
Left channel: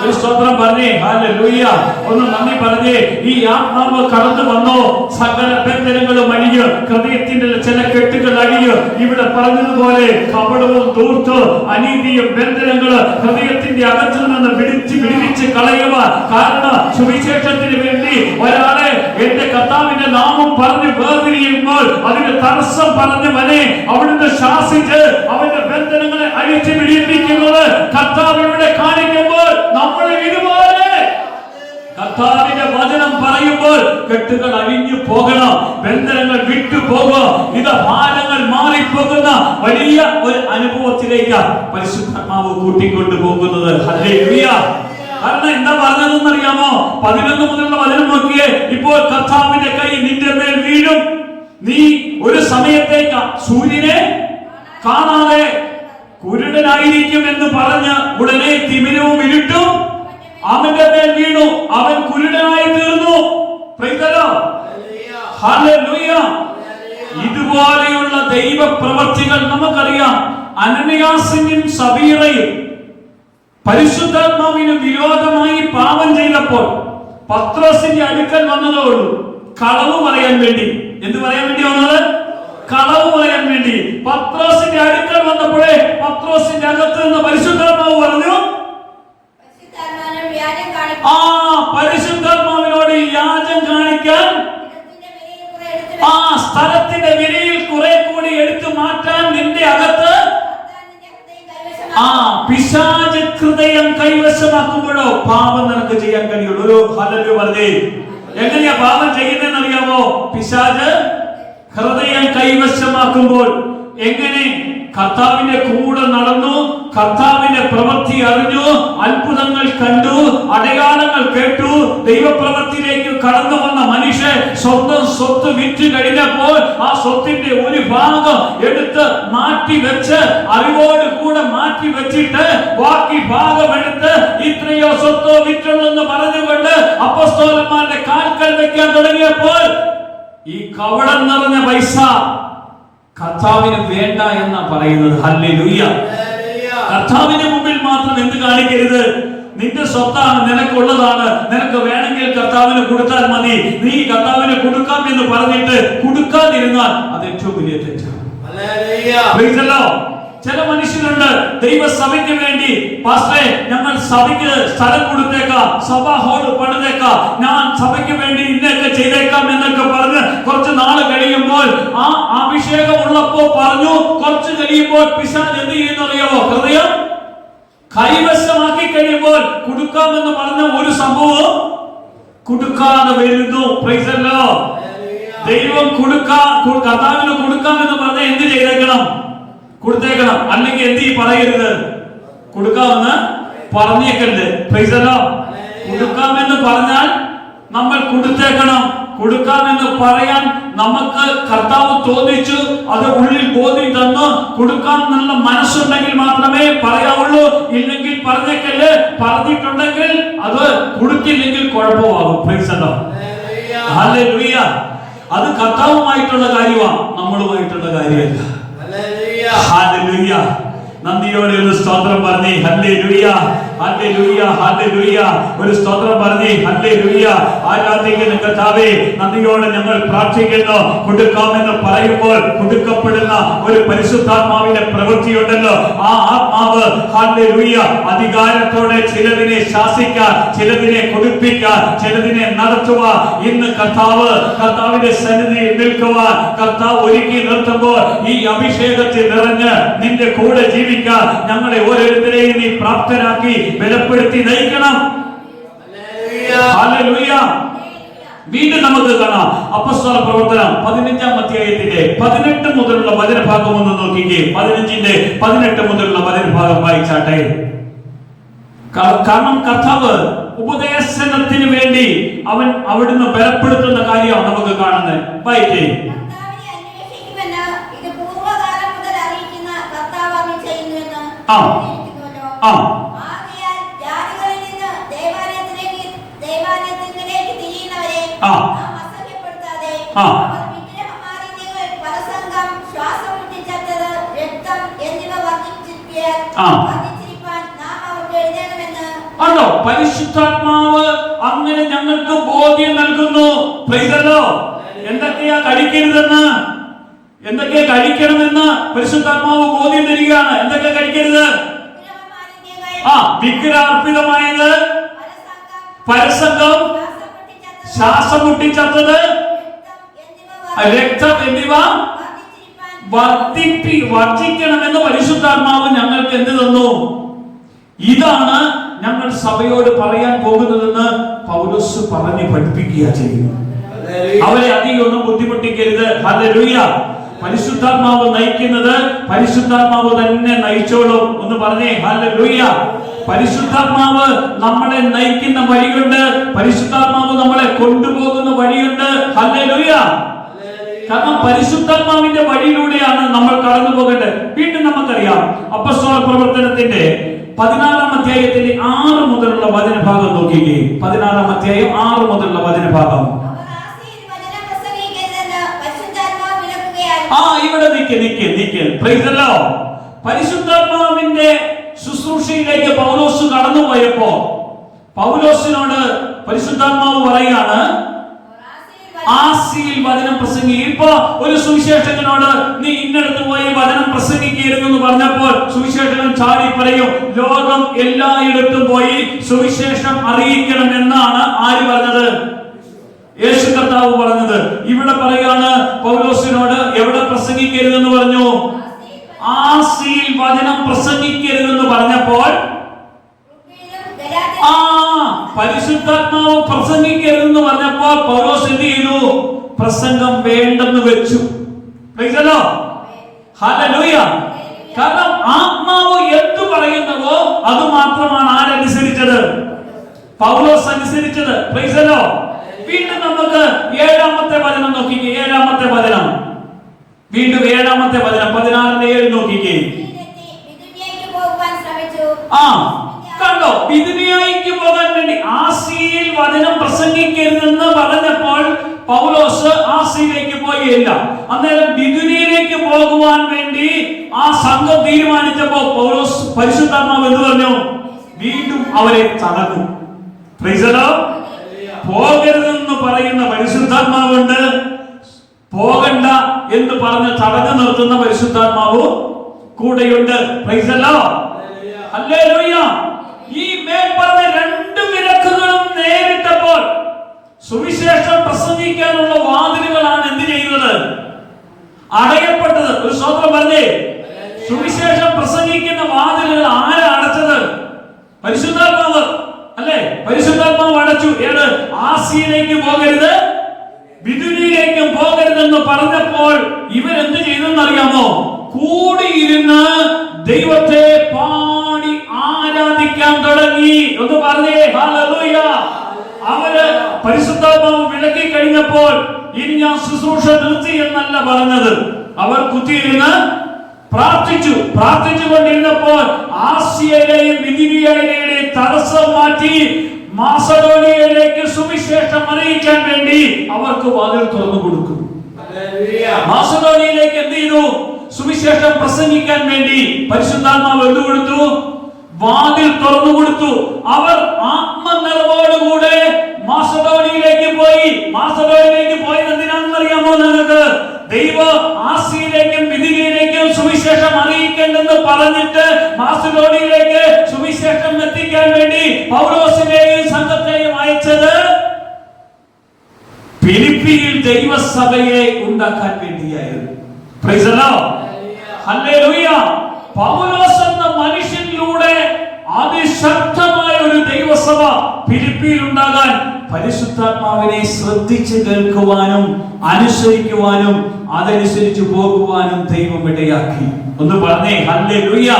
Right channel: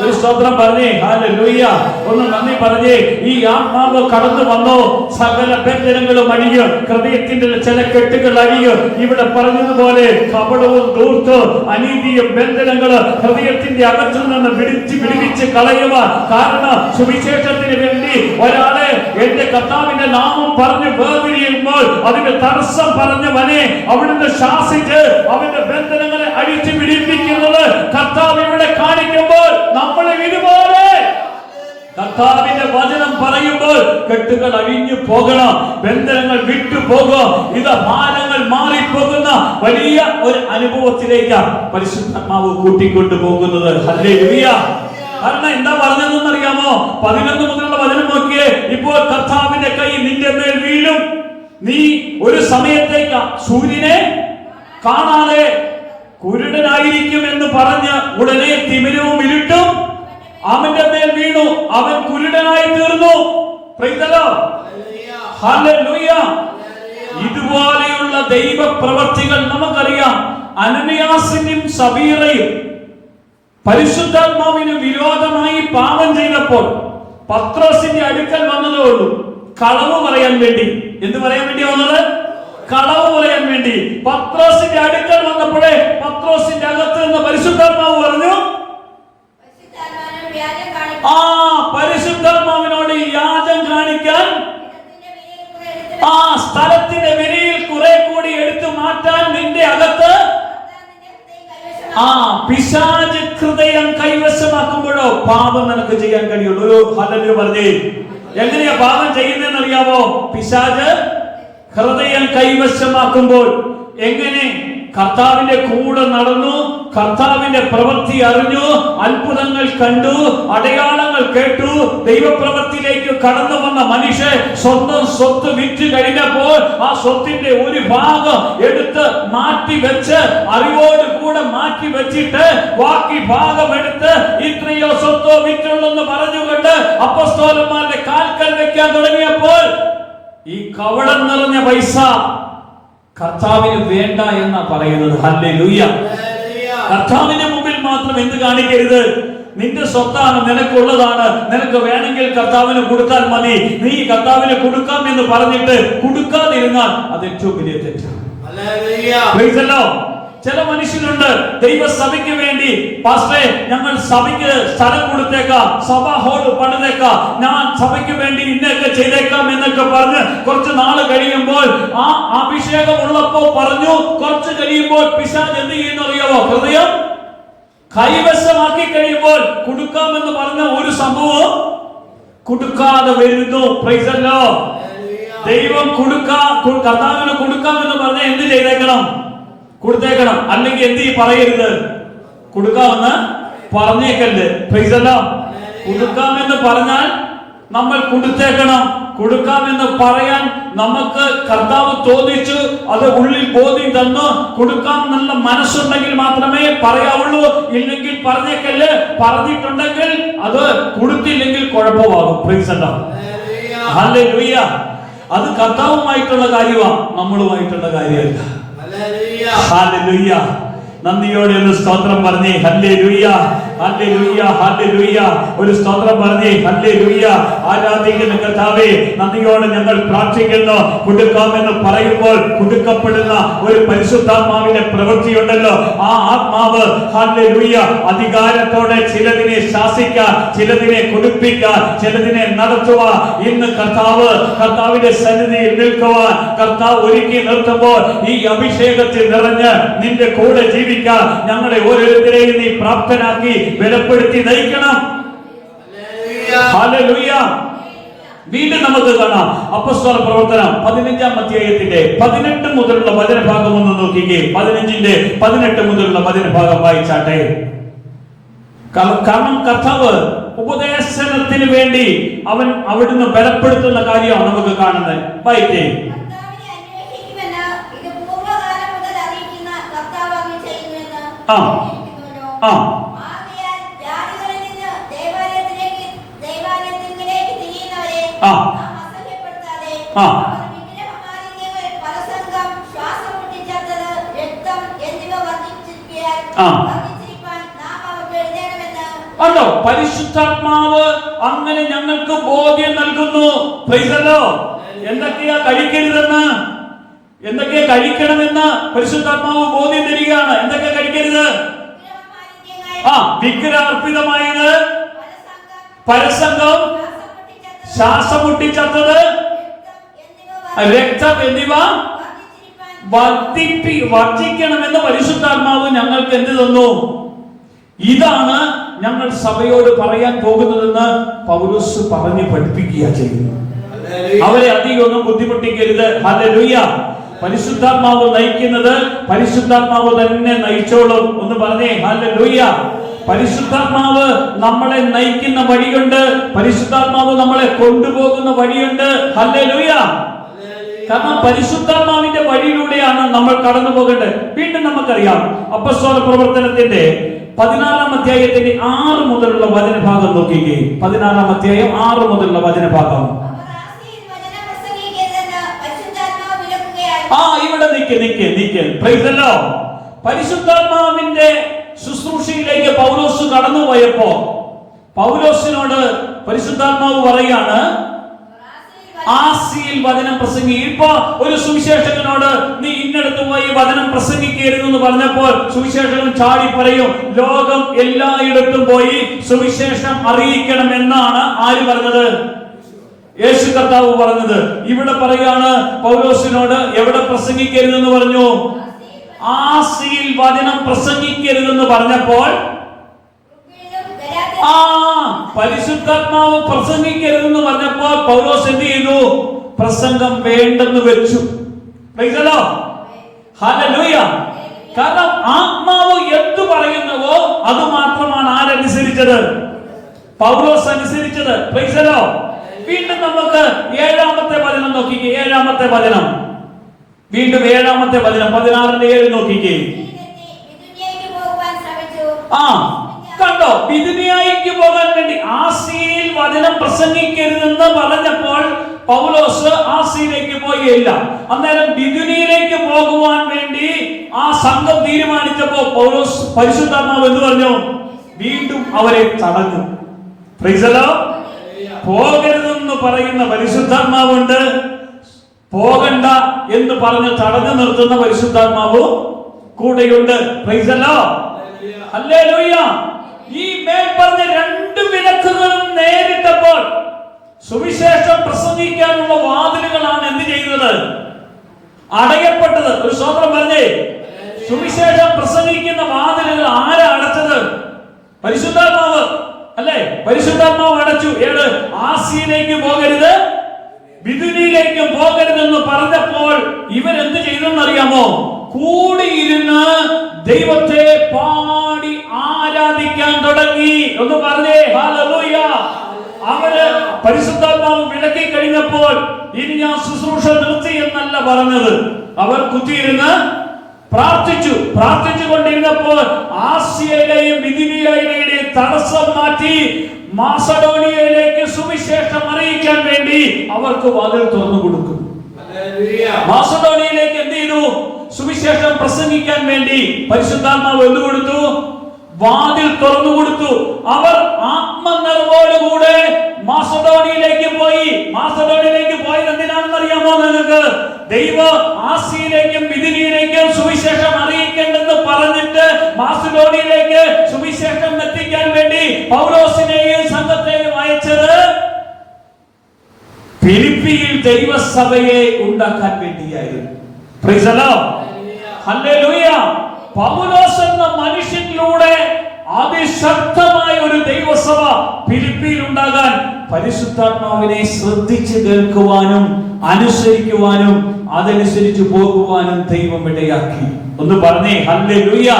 ഒരു സ്തോത്രം പറഞ്ഞേ, ഹല്ലേലൂയ. ഒന്ന് നന്ദി പറഞ്ഞേ. ഈ ആത്മാവ് കടന്നു വന്നോ, സകല ബന്ധനങ്ങളും അഴിഞ്ഞ്, ഹൃദയത്തിന്റെ ചില കെട്ടുകൾ അഴിഞ്ഞ്, ഇവിടെ പറഞ്ഞതുപോലെ കപടവും ധൂർത്ത് അനീതിയും ബന്ധനങ്ങള് ഹൃദയത്തിന്റെ അകത്തു നിന്ന് വിടുവിച്ച് കളയുക. കാരണം സുവിശേഷത്തിന് വേണ്ടി ഒരാളെ എന്റെ കർത്താവിന്റെ നാമം പറഞ്ഞ് വേർപിരിയുമ്പോൾ അതിന്റെ തടസ്സം പറഞ്ഞവനെ അവിടുന്ന് ശാസിച്ച് അവന്റെ ബന്ധനങ്ങളെ അഴിച്ചു വിടിപ്പിക്കുന്നത് കർത്താവിലൂടെ കാണിക്കുമ്പോൾ നമ്മൾ ഇതുപോലെ കർത്താവിന്റെ വചനം പറയുമ്പോൾ കെട്ടുകൾ അഴിഞ്ഞു പോകണം, ബന്ധനങ്ങൾ വിട്ടു പോകും. ഇത് ഭാരങ്ങൾ മാറിപ്പോകുന്ന വലിയ ഒരു അനുഭവത്തിലേക്ക് പരിശുദ്ധാത്മാവ് കൂട്ടിക്കൊണ്ടു പോകുന്നത്. ഹല്ലേലൂയ. കാരണം എന്താ പറഞ്ഞതെന്ന് അറിയാമോ? 11 മുതലുള്ള വചനം നോക്കിയേ. ഇപ്പോൾ കർത്താവിന്റെ കൈ നിന്റെ മേൽ വീഴും, നീ ഒരു സമയത്തേക്ക് സൂര്യനെ കാണാതെ കുരുടനായിരിക്കും എന്ന് പറഞ്ഞ് ഉടനെ തിമിരവും ഇരുട്ടും അവന്റെ മേൽ വീണു, അവൻ കുരുടനായി തീർന്നു. ഹല്ലേലൂയ. ഇതുപോലെയുള്ള ദൈവ പ്രവർത്തികൾ നമുക്കറിയാം. അനനിയാസിനും സബീറയും പരിശുദ്ധാത്മാവിന് വിരോധമായി പാപം ചെയ്തപ്പോൾ പത്രോസിന്റെ അടുക്കൽ വന്നതേ ഉള്ളൂ കളവ് പറയാൻ വേണ്ടി. എന്ത് പറയാൻ വേണ്ടി വന്നത്? കളവ് പറയാൻ വേണ്ടി. പത്രോസിന്റെ അടുക്കൽ വന്നപ്പോഴേ പത്രോസിന്റെ അകത്ത് നിന്ന് പരിശുദ്ധാത്മാവ് പറഞ്ഞു, ആ പരിശുദ്ധാത്മാവിനോട് വ്യാജം കാണിക്കാൻ ആ സ്ഥലത്തിന്റെ വിരിയിൽ കുറെ കൂടി എടുത്തു മാറ്റാൻ നിന്റെ അകത്ത് ആ പിശാച് ഹൃദയം കൈവശമാക്കുമ്പോഴോ പാപം നിനക്ക് ചെയ്യാൻ കഴിയുള്ളൂ. ഹല്ലേലൂയ പറഞ്ഞേ. എങ്ങനെയാ പാപം ചെയ്യുന്നതെന്ന് അറിയാമോ? പിശാച് ഹൃദയം കൈവശമാക്കുമ്പോൾ. എങ്ങനെ? കർത്താവിന്റെ കൂടെ നടന്നു, കർത്താവിന്റെ പ്രവൃത്തി അറിഞ്ഞു, അത്ഭുതങ്ങൾ കണ്ടു, അടയാളങ്ങൾ കേട്ടു, ദൈവപ്രവൃത്തിയിലേക്ക് കടന്നു വന്ന മനുഷ്യൻ സ്വന്തം സ്വത്ത് വിറ്റ് കഴിഞ്ഞപ്പോൾ ആ സ്വത്തിന്റെ ഒരു ഭാഗം എടുത്ത് മാറ്റി വെച്ച് അറിവോട് കൂടെ മാറ്റി വെച്ചിട്ട് ബാക്കി ഭാഗം എടുത്ത് ഇത്രയോ സ്വത്തോ വിറ്റുള്ളെന്ന് പറഞ്ഞുകൊണ്ട് അപ്പോസ്തലന്മാരുടെ കാൽക്കൽ വെക്കാൻ തുടങ്ങിയപ്പോൾ ഈ കവടം നിറഞ്ഞ പൈസ കർത്താവിന് വേണ്ട എന്നാ പറയുന്നത്. ഹല്ലേലൂയ. കർത്താവിന്റെ മുമ്പിൽ മാത്രം എന്ത് കാണിക്കരുത്? നിന്റെ സ്വത്താണ്, നിനക്കുള്ളതാണ്, നിനക്ക് വേണമെങ്കിൽ കർത്താവിന് കൊടുത്താൽ മതി, നീ കർത്താവിന് കൊടുക്കാം എന്ന് പറഞ്ഞിട്ട് കൊടുക്കാതിരുന്നാൽ അത് ഏറ്റവും വലിയ തെറ്റാണ്. ചില മനുഷ്യരുണ്ട് ദൈവസഭയ്ക്ക് വേണ്ടി, പാസ്റ്ററെ ഞങ്ങൾ സഭയ്ക്ക് സ്ഥലം കൊടുത്തേക്കാം, സഭാ ഹോൾ പണിതേക്കാം, ഞാൻ സഭയ്ക്ക് വേണ്ടി ഇന്നൊക്കെ ചെയ്തേക്കാം എന്നൊക്കെ പറഞ്ഞ് കുറച്ച് നാള് കഴിയുമ്പോൾ ആ അഭിഷേകം ഉള്ളപ്പോ പറഞ്ഞു, കുറച്ച് കഴിയുമ്പോൾ പിശാച് എന്ത് ചെയ്യുന്നറിയാമോ? ഹൃദയം കൈവശമാക്കി കഴിയുമ്പോൾ കൊടുക്കാമെന്ന് പറഞ്ഞ ഒരു സംഭവം കൊടുക്കാതെ വരുന്നു. Price the Lord. ദൈവം കർത്താവിന് കൊടുക്കാമെന്ന് പറഞ്ഞ എന്ത് ചെയ്തേക്കണം? കൊടുത്തേക്കണം. അല്ലെങ്കിൽ എന്ത് പറയരുത്? കൊടുക്കാമെന്ന് പറഞ്ഞേക്കരുത്. Price the Lord. കൊടുക്കാമെന്ന് പറഞ്ഞാൽ നമ്മൾ കൊടുത്തേക്കണം. കൊടുക്കാമെന്ന് പറയാൻ നമുക്ക് കർത്താവ് തോന്നിച്ചു, അത് ഉള്ളിൽ ബോധ്യം തന്നു. കൊടുക്കാമെന്നുള്ള മനസ്സുണ്ടെങ്കിൽ മാത്രമേ പറയാവുള്ളൂ. ഇല്ലെങ്കിൽ പറഞ്ഞേക്കല്ല്. പറഞ്ഞിട്ടുണ്ടെങ്കിൽ അത് കൊടുത്തില്ലെങ്കിൽ കുഴപ്പമാകും. Praise the Lord. ഹല്ലേലൂയ. അത് കർത്താവുമായിട്ടുള്ള കാര്യമാണ്, നമ്മളുമായിട്ടുള്ള കാര്യമല്ല. ഹല്ലേലൂയ. നന്ദിയോടെ ഒരു സ്തോത്രം പറഞ്ഞേ. Hallelujah, hallelujah, hallelujah. ഒരു സ്തോത്രം പറഞ്ഞേ. ഹല്ലേലൂയ. ആരാധിക്കുന്ന കർത്താവേ, നന്ദിയോടെ ഞങ്ങൾ പ്രാർത്ഥിക്കുന്നു. കൊടുക്കാമെന്ന് പറയുമ്പോൾ കൊടുക്കപ്പെടുന്ന ഒരു പരിശുദ്ധാത്മാവിന്റെ പ്രവൃത്തിയുണ്ടല്ലോ. ആ ആത്മാവ് ഹല്ലേലൂയ അധികാരത്തോടെ ചിലതിനെ ശാസിക്കാൻ, ചിലതിനെ കൊടുപ്പിക്കാൻ, ചിലതിനെ നടത്തുവാൻ ഇന്ന് കർത്താവിന്റെ സന്നിധിയിൽ നിൽക്കുവാൻ കർത്താവ് ഒരുക്കി നിർത്തുമ്പോൾ ഈ അഭിഷേകത്തിൽ നിറഞ്ഞ് നിന്റെ കൂടെ ജീവിക്കാൻ ഞങ്ങളെ ഓരോരുത്തരെയും നീ പ്രാപ്തരാക്കി ബലപ്പെടുത്തി നയിക്കണം. ഹല്ലേലൂയ. വീണ്ടും നമുക്ക് കാണാം അപ്പോസ്തല പ്രവർത്തനം 15-ാം അധ്യായത്തിന്റെ 18 മുതലുള്ള വചനഭാഗം ഒന്ന് നോക്കിക്കേ. 15-ന്റെ 18 മുതലുള്ള വചനഭാഗം വായിച്ചാട്ടെ. കാരണം കർത്താവ് ഉപദേശത്തിന് വേണ്ടി അവിടുന്ന് ബലപ്പെടുത്തുന്ന കാര്യമാണ് നമുക്ക് കാണുന്നത്. വായിക്കേ. ആണോ? പരിശുദ്ധാത്മാവ് അങ്ങനെ ഞങ്ങൾക്ക് ബോധ്യം നൽകുന്നു. Price the Lord. എന്തൊക്കെയാ കഴിക്കരുതെന്ന്, എന്തൊക്കെയാ കഴിക്കണമെന്ന് പരിശുദ്ധാത്മാവ് ബോധ്യം തരികയാണ്. എന്തൊക്കെ കഴിക്കരുത്? വിഗ്രഹാർപ്പിതമായത്, പരസംഗം, ശ്വാസം മുട്ടിച്ചത്തത്, രക്തം എന്നിവ വർജിക്കണമെന്ന് പരിശുദ്ധാത്മാവ് ഞങ്ങൾക്ക് എന്ത് തന്നു? ഇതാണ് ഞങ്ങൾ സഭയോട് പറയാൻ പോകുന്നതെന്ന് പൗലോസ് പറഞ്ഞ് പഠിപ്പിക്കുക ചെയ്യുന്നു. അവരെ അധികം ഒന്നും ബുദ്ധിമുട്ടിക്കരുത്. ഹല്ലേലൂയ. പരിശുദ്ധാത്മാവ് നയിക്കുന്നത് പരിശുദ്ധാത്മാവ് തന്നെ നയിച്ചോളും. ഒന്ന് പറഞ്ഞേ ഹല്ലേലൂയ. പരിശുദ്ധാത്മാവ് നമ്മളെ നയിക്കുന്ന വഴിയുണ്ട്, പരിശുദ്ധാത്മാവ് നമ്മളെ കൊണ്ടുപോകുന്ന വഴിയുണ്ട്. ഹല്ലേലൂയ. കാരണം പരിശുദ്ധാത്മാവിന്റെ വഴിയിലൂടെയാണ് നമ്മൾ കടന്നു പോകേണ്ടത്. വീണ്ടും നമുക്കറിയാം അപ്പോസ്തല പ്രവർത്തനത്തിന്റെ 14-ാം അധ്യായത്തിന്റെ 6 മുതലുള്ള വചനഭാഗം നോക്കിക്കേ. 14-ാം അധ്യായം 6 മുതലുള്ള വചനഭാഗം. ഇവിടെ നിക്ക്. Price the Lord. പരിശുദ്ധാത്മാവിന്റെ ശുശ്രൂഷയിലേക്ക് പൗലോസ് കടന്നുപോയപ്പോ പൗലോസിനോട് പരിശുദ്ധാത്മാവ് പറയാണ്, ആസിയിൽ വചനം പ്രസംഗിക്കുക. ഇപ്പൊ ഒരു സുവിശേഷകനോട് നീ ഇന്നടത്ത് പോയി വചനം പ്രസംഗിക്കരുതെന്ന് പറഞ്ഞപ്പോൾ സുവിശേഷകൻ ചാടി പറയും, ലോകം എല്ലായിടത്തും പോയി സുവിശേഷം അറിയിക്കണം എന്നാണ് ആര് പറഞ്ഞത്? യേശു കർത്താവ് പറഞ്ഞത്. ഇവിടെ പറയാണ് പൗലോസിനോട് എവിടെ പ്രസംഗിക്കരുതെന്ന് പറഞ്ഞു? ആസിയിൽ വചനം പ്രസംഗിക്കരുതെന്ന് പറഞ്ഞപ്പോൾ പരിശുദ്ധാത്മാവ് പ്രസംഗിക്കരുതെന്ന് പറഞ്ഞപ്പോൾ പൗലോസ് എന്ത് ചെയ്തു? പ്രസംഗം വേണ്ടെന്ന് വെച്ചു. ഹല്ലേലൂയ. കാരണം ആത്മാവ് എന്തു പറയുന്നതോ അത് മാത്രമാണ് ആരനുസരിച്ചത്? പൗലോസ് അനുസരിച്ചത്. Praise the Lord. വീണ്ടും നമുക്ക് 7-ാമത്തെ വചനം നോക്കിക്കേ. 7-ാമത്തെ വചനം, വീണ്ടും 7-ാമത്തെ വചനം 16-7 നോക്കിക്കേ. കണ്ടോ? ബിഥുനിയയ്ക്ക് പോകാൻ വേണ്ടി ആസിയിൽ വചനം പ്രസംഗിക്കരുതെന്ന് പറഞ്ഞപ്പോൾ പൗലോസ് ആസിയിലേക്ക് പോയില്ല. അന്നേരം ബിഥുനിയയിലേക്ക് പോകുവാൻ വേണ്ടി ആ സംഘം തീരുമാനിച്ചപ്പോൾ പൗലോസ് പരിശുദ്ധാത്മാവ് എന്ന് പറഞ്ഞു? വീണ്ടും അവരെ തടഞ്ഞു. Price the Lord. പോകരുതെന്ന് പറയുന്ന പരിശുദ്ധാത്മാവുണ്ട്, പോകണ്ട എന്ന് പറഞ്ഞ് തടഞ്ഞു നിർത്തുന്ന പരിശുദ്ധാത്മാവ് കൂടെയുണ്ട്. Price the Lord. ഹല്ലേലൂയ. ഈ മേൽപ്പറഞ്ഞ 2 വിലക്കുകളും നേരിട്ടപ്പോൾ സുവിശേഷം പ്രസംഗിക്കാനുള്ള വാതിലുകളാണ് എന്ത് ചെയ്യുന്നത്? അടയപ്പെട്ടത്. ഒരു സ്വന്തം പറഞ്ഞേ. സുവിശേഷം പ്രസംഗിക്കുന്ന വാതിലുകൾ ആരാ അടച്ചത്? പരിശുദ്ധാത്മാവ് അല്ലേ? പരിശുദ്ധാത്മാവ് അടച്ചു. ഏത്? ആസിയിലേക്ക് പോകരുത്, ബിഥുനിയയിലേക്ക് പോകരുതെന്ന് പറഞ്ഞപ്പോൾ ഇവരെന്ത് ചെയ്തെന്നറിയാമോ? കൂടിയിരുന്ന് ദൈവത്തെ പാടി ആരാധിക്കാൻ തുടങ്ങി. ഒന്ന് പറഞ്ഞേ ഹല്ലേലൂയ. അവര് പരിശുദ്ധാത്മാവ് വിലക്കി കഴിഞ്ഞപ്പോൾ ഇനി ഞാൻ ശുശ്രൂഷ നിർത്തി എന്നല്ല പറഞ്ഞത്. അവർ കുത്തിയിരുന്ന് പ്രാർത്ഥിച്ചു കൊണ്ടിരുന്നപ്പോൾ ആസിയയിലെയും ബിഥുനിയയിലെയും തടസ്സം മാറ്റി മാസഡോണിയയിലേക്ക് സുവിശേഷം അറിയിക്കാൻ വേണ്ടി അവർക്ക് വാതിൽ തുറന്നു കൊടുത്തു. മാസഡോണിയയിലേക്ക് എന്ത് ചെയ്തു? സുവിശേഷം പ്രസംഗിക്കാൻ വേണ്ടി പരിശുദ്ധാത്മാവ് എന്ത് കൊടുത്തു? വാതിൽ തുറന്നു കൊടുത്തു. അവർ ആത്മനിറവോടുകൂടെ മാസഡോണിയയിലേക്ക് പോയി. മാസഡോണിയയിലേക്ക് പോയത് എന്തിനാണെന്ന് അറിയാമോ നിങ്ങൾക്ക്? ദൈവ ആസിയിലേക്കും ബിഥുനിയയിലേക്കും സുവിശേഷം അറിയിക്കേണ്ടെന്ന് പറഞ്ഞിട്ട് മാസഡോണിയയിലേക്ക് സുവിശേഷം എത്തിക്കാൻ വേണ്ടി പൗലോസിനെയും സംഘത്തെയും അയച്ചത് ഫിലിപ്പിയിൽ ദൈവസഭയെ ഉണ്ടാക്കാൻ വേണ്ടിയായിരുന്നു. Price the Lord. ഹല്ലേലൂയ. പൗലോസ് എന്ന മനുഷ്യനിലൂടെ അതിശക്തമായ ഒരു ദൈവസഭ ഫിലിപ്പിയിൽ ഉണ്ടാകാൻ പരിശുദ്ധാത്മാവിനെ ശ്രദ്ധിച്ചു കേൾക്കുവാനും അനുസരിക്കുവാനും അതനുസരിച്ച് പോകുവാനും ദൈവം ഇടയാക്കി. ഒന്ന് പറഞ്ഞേ ഹല്ലേലൂയ.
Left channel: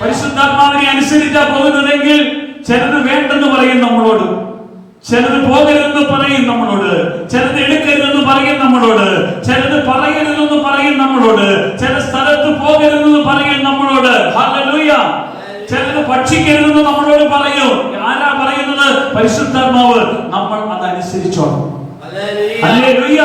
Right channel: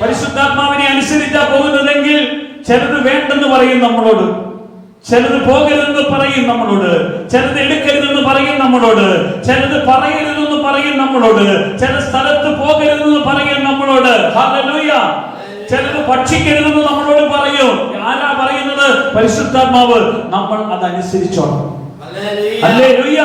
പരിശുദ്ധാത്മാവിനെ അനുസരിച്ചാ പോകുന്നതെങ്കിൽ ചിലത് വേണ്ടെന്ന് പറയും നമ്മളോട്, ചിലത് പോകരുതെന്ന് പറയും നമ്മളോട്, ചിലത് എടുക്കരുതെന്ന് പറയും നമ്മളോട്, ചിലത് പറയരുതെന്ന് പറയും നമ്മളോട്, ചില സ്ഥലത്ത് പോകരുതെന്ന് പറയും നമ്മളോട്. ഹല്ലേലൂയ. ചിലത് ഭക്ഷിക്കരുതെന്ന് നമ്മളോട് പറയും. ആരാ പറയുന്നത്? പരിശുദ്ധാത്മാവ്. നമ്മൾ അതനുസരിച്ചോണം. ഹല്ലേലൂയ.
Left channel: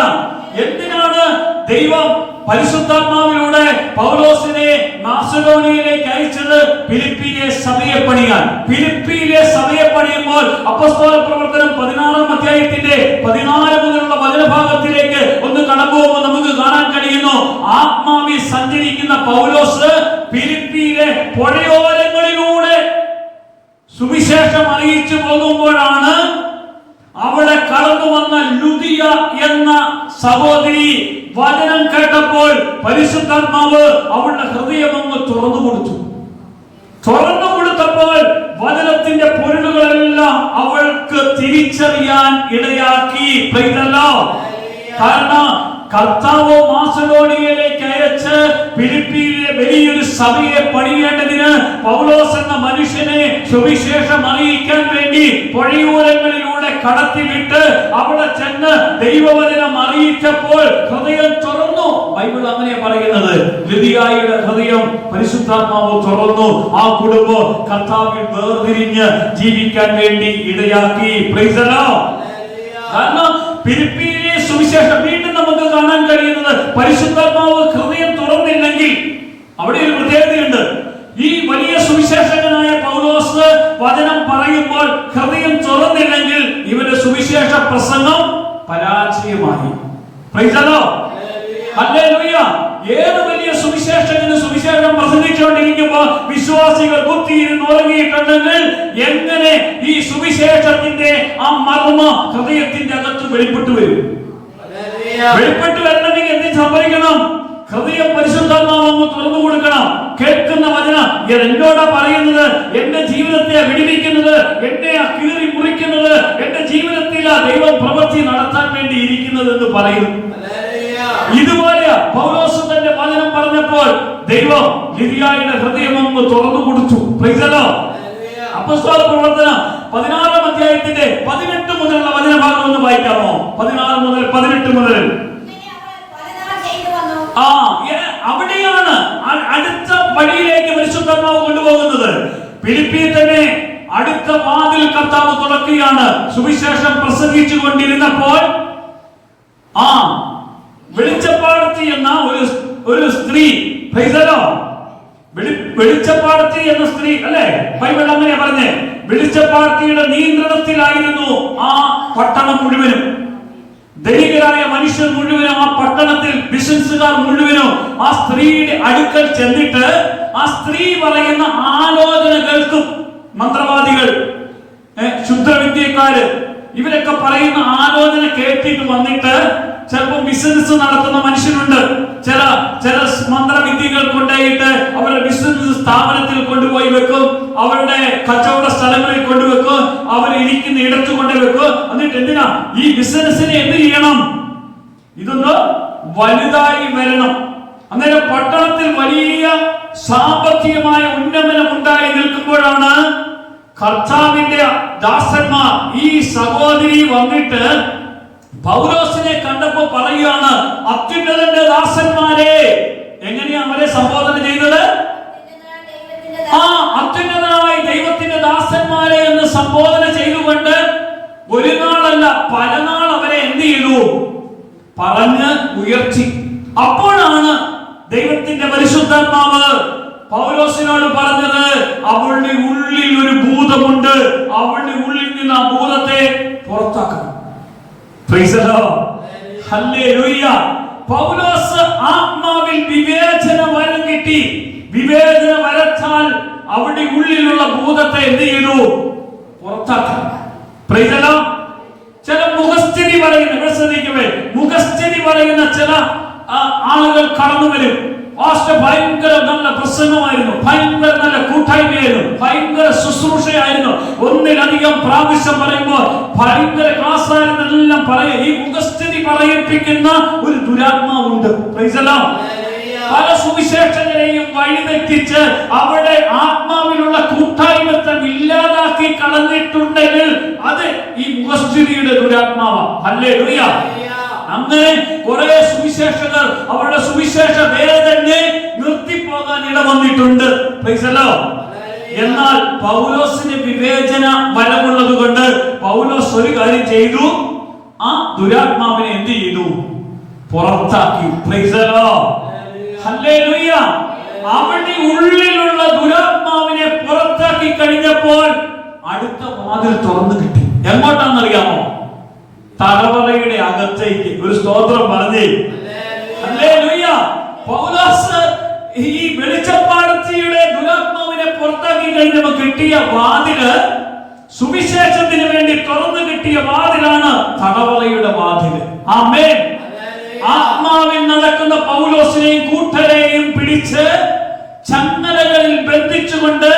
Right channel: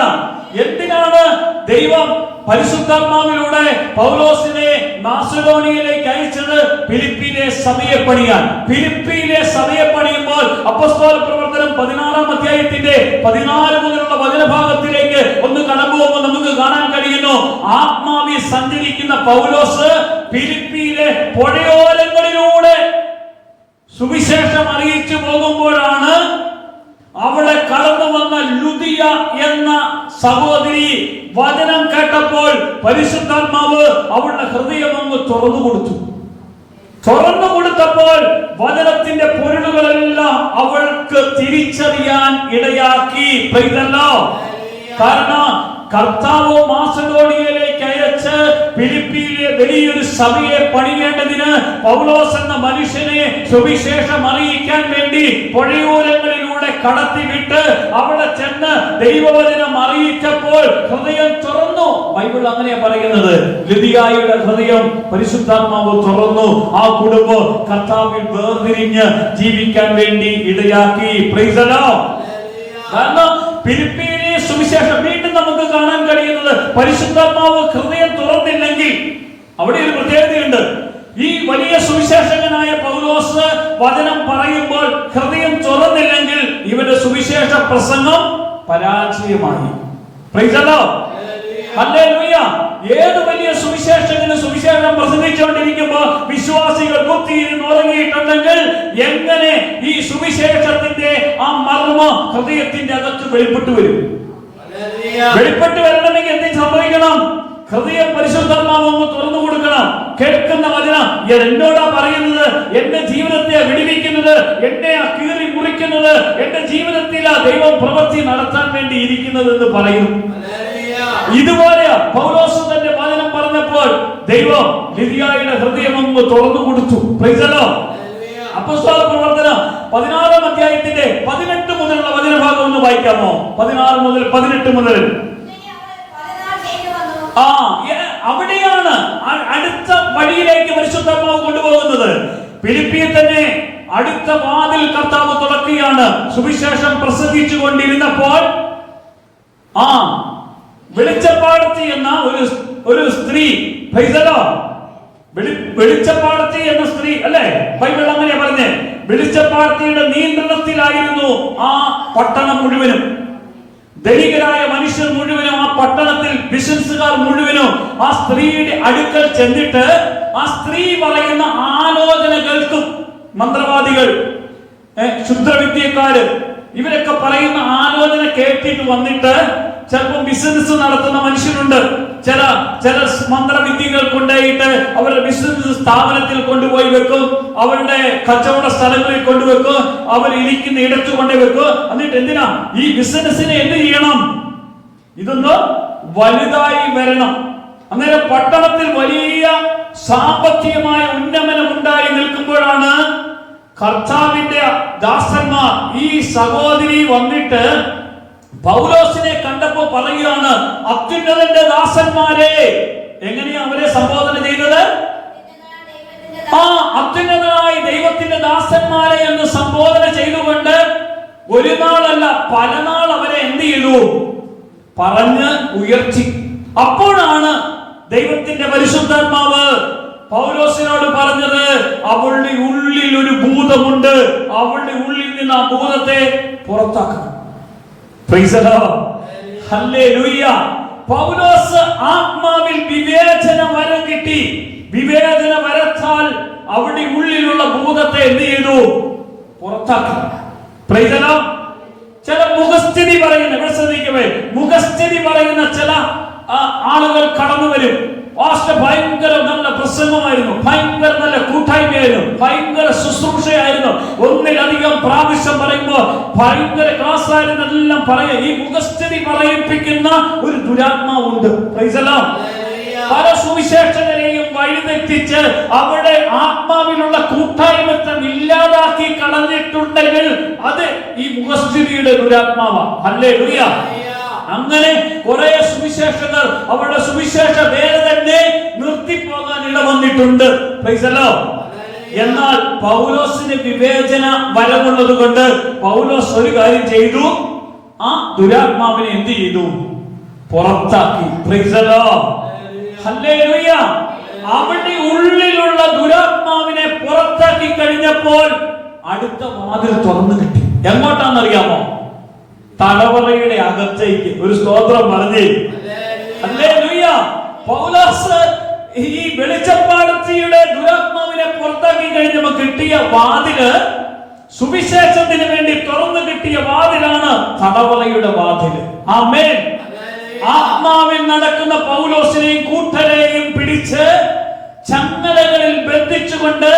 എന്തിനാണ് ദൈവം പരിശുദ്ധാത്മാവിലൂടെ പൗലോസിനെ മാസിഡോണിയയിലേക്ക് അയച്ചത് ഫിലിപ്പിയിലെ സഭയെ പണിയാൻ. ഫിലിപ്പിയിലെ സഭയെ പണിയുമ്പോൾ അപ്പോസ്തല പ്രവർത്തനം 16-ാം അധ്യായത്തിന്റെ 14 മുതലുള്ള വചനഭാഗത്തിലേക്ക് ഒന്ന് കടക്കുമ്പോൾ നമുക്ക് കാണാൻ കഴിയുന്നു. ആത്മാവിൽ സഞ്ചരിക്കുന്ന പൗലോസ് ഫിലിപ്പിയിലെ പുഴയോരങ്ങളിലൂടെ സുവിശേഷം അറിയിച്ചു പോകുമ്പോഴാണ് അവിടെ കടന്നു വന്ന ലുദിയ എന്ന സഹോദരി വചനം കേട്ടപ്പോൾ പരിശുദ്ധാത്മാവ് അവളുടെ ഹൃദയം അങ്ങ് തുറന്നു കൊടുത്തു. തുറന്നു കൊടുത്തപ്പോൾ വചനത്തിന്റെ പൊരുളുകളെല്ലാം അവൾക്ക് തിരിച്ചറിയാൻ ഇടയാക്കി. കാരണം കർത്താവ് മാസിഡോണിയയിലേക്ക് അയച്ച് ഫിലിപ്പിയിലെ വലിയൊരു സഭയെ പണിയേണ്ടതിന് പൗലോസ് എന്ന മനുഷ്യനെ സുവിശേഷം അറിയിക്കാൻ വേണ്ടി പുഴയോരങ്ങളിലൂടെ കടത്തിവിട്ട് അവിടെ ചെന്ന് ദൈവവചനം അറിയിച്ചപ്പോൾ ഹൃദയം തുറന്നു. ബൈബിൾ അങ്ങനെ പറയുന്നത്. ലുദിയായുടെ ഹൃദയം പരിശുദ്ധാത്മാവ് തുറന്നു. ആ കുടുംബം കർത്താവിൽ വേർതിരിഞ്ഞ് ജീവിക്കാൻ വേണ്ടി ഇടയാക്കി. Price the Lord. കാരണം ഫിലിപ്പിയിലെ സുവിശേഷം വീണ്ടും നമുക്ക് കാണാൻ കഴിയുന്നത് പരിശുദ്ധാത്മാവ് ഹൃദയം തുറന്നില്ലെങ്കിൽ അവിടെ ഒരു പ്രത്യേകതയുണ്ട്. ഈ വലിയ സുവിശേഷകനായ പൗലോസ് വചനം പറയുമ്പോൾ ഹൃദയം തുറന്നില്ലെങ്കിൽ ഇവന്റെ സുവിശേഷ പ്രസംഗം പരാജയമായി. Praise the Lord. ഹല്ലേലൂയ. ഏത് വലിയ സുവിശേഷകന് സുവിശേഷം പ്രസംഗിച്ചുകൊണ്ടിരിക്കുമ്പോൾ വിശ്വാസികൾ കുത്തിയിരുന്ന് ഉറങ്ങിയിട്ടുണ്ടെങ്കിൽ എങ്ങനെ ഈ സുവിശേഷത്തിന്റെ ആ മർമ്മം ഹൃദയത്തിന്റെ അകത്ത് വെളിപ്പെട്ടു വരും? വെളിപ്പെട്ട് വരണമെങ്കിൽ എന്ത് സംഭവിക്കണം? ഹൃദയം പരിശുദ്ധാത്മാവ് തുറന്നു കൊടുക്കണം. കേൾക്കുന്ന വചനം എന്നോടാ പറയുന്നത്, എന്റെ ജീവിതത്തെ വിടുവിക്കുന്നത്, എന്നെ കീറി മുറിക്കുന്നത്, എന്റെ ജീവിതത്തിൽ ആ ദൈവം പ്രവൃത്തി നടത്താൻ വേണ്ടി ഇരിക്കുന്നത് എന്ന് പറയും. ഇതുപോലെ പൗലോസ് തന്റെ വചനം പറഞ്ഞപ്പോൾ ദൈവം ലുദിയായുടെ ഹൃദയം തുറന്നു കൊടുത്തു. Price the Lord. അപ്പോസ്തല പ്രവർത്തനം 16-ാം അധ്യായത്തിന്റെ 18 മുതലുള്ള വചനഭാഗം ഒന്ന് വായിക്കാമോ? 16 മുതൽ 18 മുതൽ. അവിടെയാണ് അടുത്ത വഴിയിലേക്ക് പരിശുദ്ധാത്മാവ് കൊണ്ടുപോകുന്നത്. ഫിലിപ്പിയിൽ തന്നെ അടുത്ത വാതിൽ കർത്താവ് തുറക്കുകയാണ്. സുവിശേഷം പ്രസംഗിച്ചു കൊണ്ടിരുന്നപ്പോൾ വെളിച്ചപ്പാടത്തി എന്ന ഒരു സ്ത്രീ, വെളിച്ചപ്പാടത്തി എന്ന സ്ത്രീ അല്ലെ, ബൈബിൾ അങ്ങനെ പറഞ്ഞേ. വെളിച്ചപ്പാടത്തിയുടെ നിയന്ത്രണത്തിലായിരുന്നു ആ പട്ടണം മുഴുവനും. ധനികരായ മനുഷ്യർ മുഴുവനും ആ പട്ടണത്തിൽ ബിസിനസ്സുകാർ മുഴുവനും ആ സ്ത്രീയുടെ അടുക്കൽ ചെന്നിട്ട് ആ സ്ത്രീ പറയുന്ന ആലോചന കേൾക്കും. മന്ത്രവാദികൾ, ക്ഷുദ്രവിദ്യക്കാര്, ഇവരൊക്കെ പറയുന്ന ആലോചന കേട്ടിട്ട് വന്നിട്ട് ചിലപ്പോൾ ബിസിനസ് നടത്തുന്ന മനുഷ്യരുണ്ട്. ചില മന്ത്രവിദ്യകൾ കൊണ്ടുപോയിട്ട് അവരുടെ ബിസിനസ് സ്ഥാപനത്തിൽ കൊണ്ടുപോയി വെക്കും, അവരുടെ കച്ചവട സ്ഥലങ്ങളിൽ കൊണ്ടുവെക്കും, അവർ ഇരിക്കുന്ന ഇടത്ത് കൊണ്ടുവെക്കും. എന്നിട്ട് എന്തിനാ ഈ ബിസിനസിനെ എന്ത് ചെയ്യണം? ഇതൊന്ന് വലുതായി വരണം. അങ്ങനെ പട്ടണത്തിൽ വലിയ സാമ്പത്തികമായ ഉന്നമനം ഉണ്ടായി നിൽക്കുമ്പോഴാണ് കർത്താവിന്റെ ദാസന്മാർ ഈ സഹോദരി വന്നിട്ട് പൗലോസിനെ കണ്ടപ്പോ പറയുകയാണ്, അത്യുന്നതന്റെ ദാസന്മാരെ. എങ്ങനെയാ അവരെ സംബോധന ചെയ്തത്? അത്യുന്നതനായ ദൈവത്തിന്റെ ദാസന്മാരെ എന്ന് സംബോധന ചെയ്തുകൊണ്ട് ഒരു നാളല്ല പല നാൾ അവരെ എന്ത് ചെയ്തു? പറഞ്ഞ് ഉയർത്തി. അപ്പോഴാണ് ദൈവത്തിന്റെ പരിശുദ്ധാത്മാവ് പൗലോസിനോട് പറഞ്ഞത്, അവളുടെ ഉള്ളിൽ ഒരു ഭൂതമുണ്ട്, അവളുടെ ഉള്ളിൽ നിന്ന് ആ ഭൂതത്തെ പുറത്താക്കണം. Praise the Lord. ഹല്ലേലൂയ. പൗലോസ് ആത്മാവിൽ വിവേചന വരം കിട്ടി. വിവേചന വരത്താൽ അവരുടെ ഉള്ളിലുള്ള ഭൂതത്തെ എന്ത് ചെയ്തു? പുറത്താക്കണം. Praise the Lord. ചില മുഖസ്ഥിതി പറയുന്ന ചില ആളുകൾ കടന്നു വരും. ഭയങ്കര നല്ല പ്രസംഗമായിരുന്നു, ഭയങ്കര നല്ല കൂട്ടായ്മയായിരുന്നു, ഭയങ്കര ശുശ്രൂഷയായിരുന്നു, ഒന്നിലധികം പ്രാവശ്യം പറയുമ്പോ ഭയങ്കര ക്ലാസ് ആയിരുന്നു എല്ലാം പറയാം. ഈ മുഖസ്ഥിതി പറയിപ്പിക്കുന്ന ഒരു ദുരാത്മാവുണ്ട്. Price the Lord. പല സുവിശേഷകരെയും വഴിതെറ്റിച്ച് അവിടെ ആത്മാവിലുള്ള കൂട്ടായ്മത്തെ ഇല്ലാതാക്കി കളഞ്ഞിട്ടുണ്ടെങ്കിൽ അത് ഈ മുഖസ്ഥിതിയുടെ ദുരാത്മാവാണ്. ഹല്ലേലൂയ. അങ്ങനെ കുറെ സുവിശേഷകർ അവരുടെ സുവിശേഷ വേദനെ നിർത്തിപ്പോകാൻ ഇടവന്നിട്ടുണ്ട്. Praise the Lord. എന്നാൽ പൗലോസിന് വിവേചന വരമുള്ളത് കൊണ്ട് പൗലോസ് ഒരു കാര്യം ചെയ്തു, ആ ദുരാത്മാവിനെ എന്ത് ചെയ്തു? പുറത്താക്കി. Price the Lord. ഹല്ലേലൂയ. അവന്റെ ഉള്ളിലുള്ള ദുരാത്മാവിനെ പുറത്താക്കി കഴിഞ്ഞപ്പോൾ അടുത്ത വാതിൽ തുറന്നു കിട്ടി. എങ്ങോട്ടാണെന്നറിയാമോ? തലവറയുടെ അകത്തേക്ക്. ഒരു സ്തോത്രം പറഞ്ഞേ. ഹല്ലേലൂയ. പൗലോസ് ഈ വെളിച്ചപ്പാടത്തിയുടെ ദുരാത്മാവിനെ പുറത്താക്കി കഴിഞ്ഞപ്പോൾ കിട്ടിയ വാതില്, സുവിശേഷത്തിന് വേണ്ടി തുറന്നു കിട്ടിയ വാതിലാണ് തടവറയുടെ വാതില്. ആമേൻ. ആത്മാവിൽ നടക്കുന്ന പൗലോസിനെയും കൂട്ടരെയും പിടിച്ച് ചങ്ങലകളിൽ ബന്ധിച്ചുകൊണ്ട്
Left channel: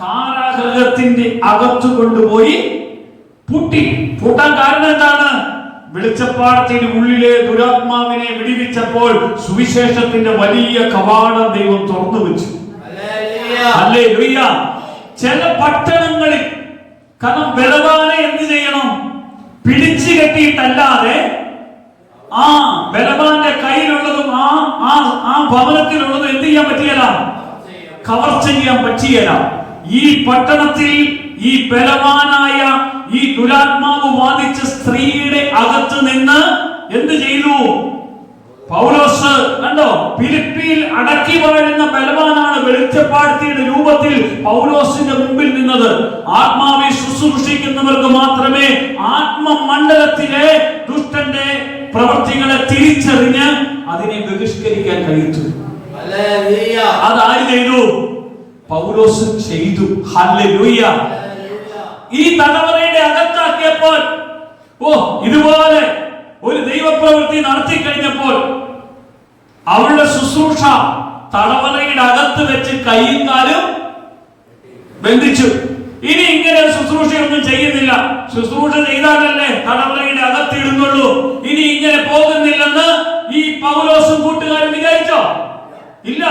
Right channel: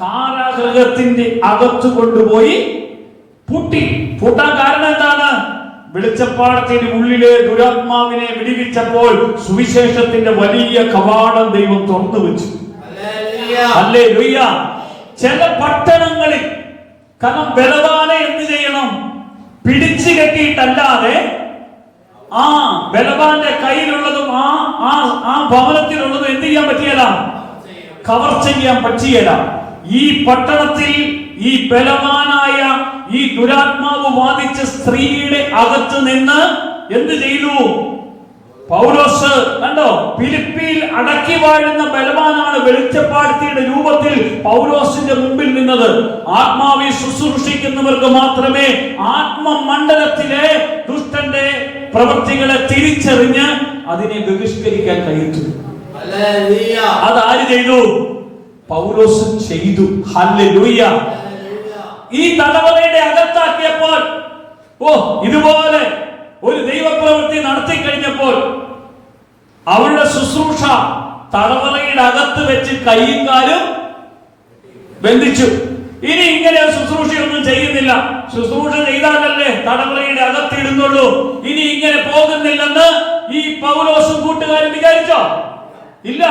കാരാഗൃഹത്തിന്റെ അകത്തു കൊണ്ടുപോയി പൂട്ടി. പൂട്ടാൻ കാരണം എന്താണ്? വെളിച്ചപ്പാടത്തിന് ഉള്ളിലെ ദുരാത്മാവിനെ വിടുവിച്ചപ്പോൾ സുവിശേഷത്തിന്റെ വലിയ കവാടം ദൈവം തുറന്നു വെച്ചു. ഹല്ലേലൂയ. ചില പട്ടണങ്ങളിൽ കാരണം ബലവാനെ എന്ത് ചെയ്യണം? പിടിച്ചു കെട്ടിയിട്ടല്ലാതെ ആ ബലവാന്റെ കയ്യിലുള്ളതും ആ ഭവനത്തിലുള്ളതും എന്ത് ചെയ്യാൻ പറ്റിയല്ല? കവർച്ച ചെയ്യാൻ പറ്റിയല്ല. ഈ പട്ടണത്തിൽ ഈ ബലവാനായ ഈ ദുരാത്മാവ് ബാധിച്ച സ്ത്രീയുടെ അകത്ത് നിന്ന് എന്ത് ചെയ്തു? പൗലോസ് കണ്ടോ, ഫിലിപ്പിയിൽ അടക്കി വാഴുന്ന ബലവാനാണ് വെളിച്ചപ്പാടത്തിയുടെ രൂപത്തിൽ പൗലോസിന്റെ മുമ്പിൽ നിന്നത്. ആത്മാവിൽ ശുശ്രൂഷിക്കുന്നവർക്ക് മാത്രമേ ആത്മമണ്ഡലത്തിലെ ദുഷ്ടന്റെ പ്രവൃത്തികളെ തിരിച്ചറിഞ്ഞ് അതിനെ ബഹിഷ്കരിക്കാൻ കഴിയൂ. അതാര് ചെയ്തു? പൗലോസ് ചെയ്തു. ഹല്ലേലൂയ. ഈ തടവറയുടെ അകത്താക്കിയപ്പോൾ ഇതുപോലെ ഒരു ദൈവപ്രവൃത്തി നടത്തി കഴിഞ്ഞപ്പോൾ അവളുടെ ശുശ്രൂഷ തടവറയുടെ അകത്ത് വെച്ച് കൈയും കാലും ബന്ധിച്ചു. ഇനി ഇങ്ങനെ ശുശ്രൂഷയൊന്നും ചെയ്യുന്നില്ല. ശുശ്രൂഷ ചെയ്താലല്ലേ തടവറയുടെ അകത്തിടുന്നുള്ളൂ. ഇനി ഇങ്ങനെ പോകുന്നില്ലെന്ന് ഈ പൗലോസും കൂട്ടുകാരും വിചാരിച്ചോ? ഇല്ല.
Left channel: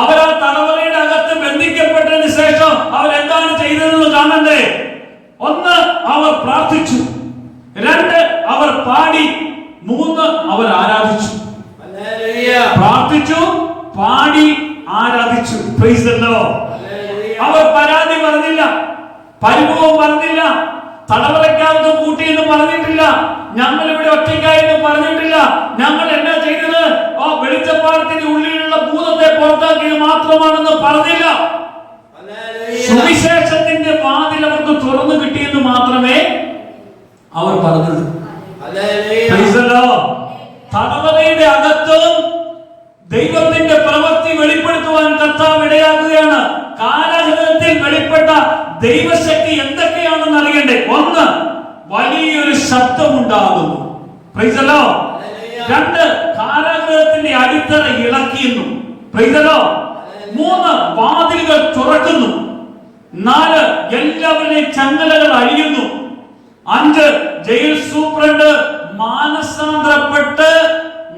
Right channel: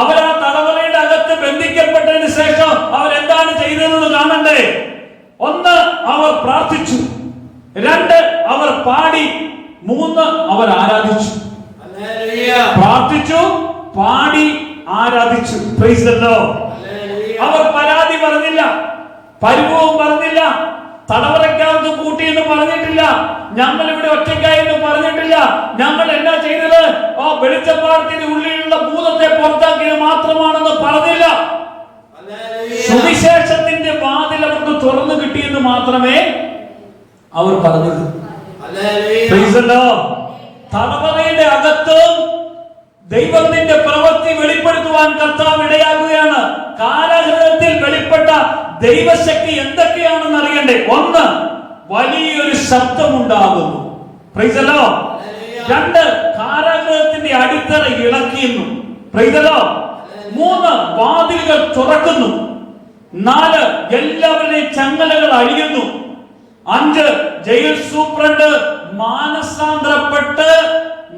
അവരാ തടവറയുടെ അകത്ത് ബന്ധിക്കപ്പെട്ടതിന് ശേഷം അവരെന്താണ് ചെയ്തതെന്ന് കാണണ്ടേ? ഒന്ന്, അവർ പ്രാർത്ഥിച്ചു. രണ്ട്, അവർ പാടി. മൂന്ന്, അവർ ആരാധിച്ചു. പ്രാർത്ഥിച്ചു, പാടി, ആരാധിച്ചു. Price the Lord. അവർ പരാതി പറഞ്ഞില്ല, പരിഭവം പറഞ്ഞില്ല, തടവറയ്ക്കകത്ത് കൂട്ടിയെന്ന് പറഞ്ഞിട്ടില്ല, ഞങ്ങൾ ഇവിടെ ഒറ്റയ്ക്കായെന്ന് പറഞ്ഞിട്ടില്ല. ഞങ്ങൾ എന്താ ചെയ്തത്? വെളിച്ചപ്പാടത്തിന്റെ ഉള്ളിലുള്ള ഭൂതത്തെ പുറത്താക്കിയത് മാത്രമാണെന്ന് പറഞ്ഞില്ല. സുവിശേഷത്തിന്റെ വാതിൽ അവർക്ക് തുറന്നു കിട്ടിയെന്ന് മാത്രമേ അവർ പറഞ്ഞത്. തടവറയുടെ അകത്ത് ദൈവത്തിന്റെ പ്രവൃത്തി വെളിപ്പെടുത്തുവാൻ കർത്താവ് ഇടയാകുകയാണ്. കാരാഗൃഹത്തിൽ വെളിപ്പെട്ട ദൈവശക്തി എന്തൊക്കെയാണെന്ന് അറിയണ്ടേ? ഒന്ന്, വലിയൊരു ശബ്ദമുണ്ടാകുന്നു. Price the Lord. രണ്ട്, കാരാഗൃഹത്തിന്റെ അടിത്തറ ഇളക്കിയുന്നു. Price the Lord. മൂന്ന്, വാതിലുകൾ തുറക്കുന്നു. നാല്, എല്ലാവരുടെയും ചങ്ങലകൾ അഴിയുന്നു. അഞ്ച്, ജയിൽ സൂപ്രണ്ട് മാനസാന്തരപ്പെട്ട്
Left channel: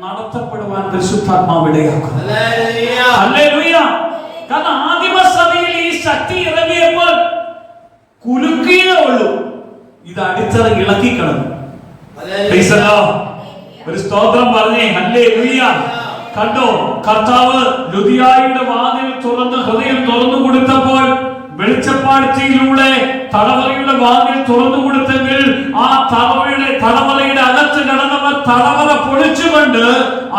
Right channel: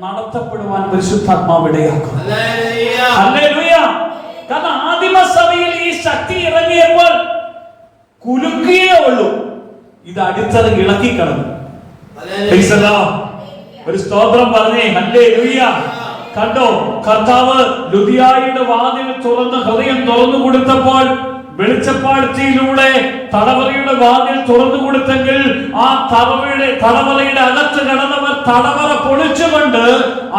നടത്തപ്പെടുവാൻ പരിശുദ്ധാത്മാവ് ഇടയാക്കും. ഹല്ലേലൂയ. കാരണം ആദിമസഭയിൽ ഈ ശക്തി ഇറങ്ങിയപ്പോൾ കുലുക്കിയേ ഉള്ളൂ, ഇത് അടിത്തറ ഇളക്കി കളഞ്ഞു. ഒരു സ്തോത്രം പറഞ്ഞേ. ഹല്ലേലൂയ. കണ്ടോ, കർത്താവ് ലുദിയായുടെ വാതിൽ തുറന്ന് ഹൃദയം തുറന്നു കൊടുത്തപ്പോൾ വെളിച്ചപ്പാടത്തിലൂടെ തടവറയുടെ വാതിൽ തുറന്നു കൊടുത്തെങ്കിൽ ആ തടവറയുടെ അകത്ത് കിടന്നവർ തടവറ പൊളിച്ചുകൊണ്ട്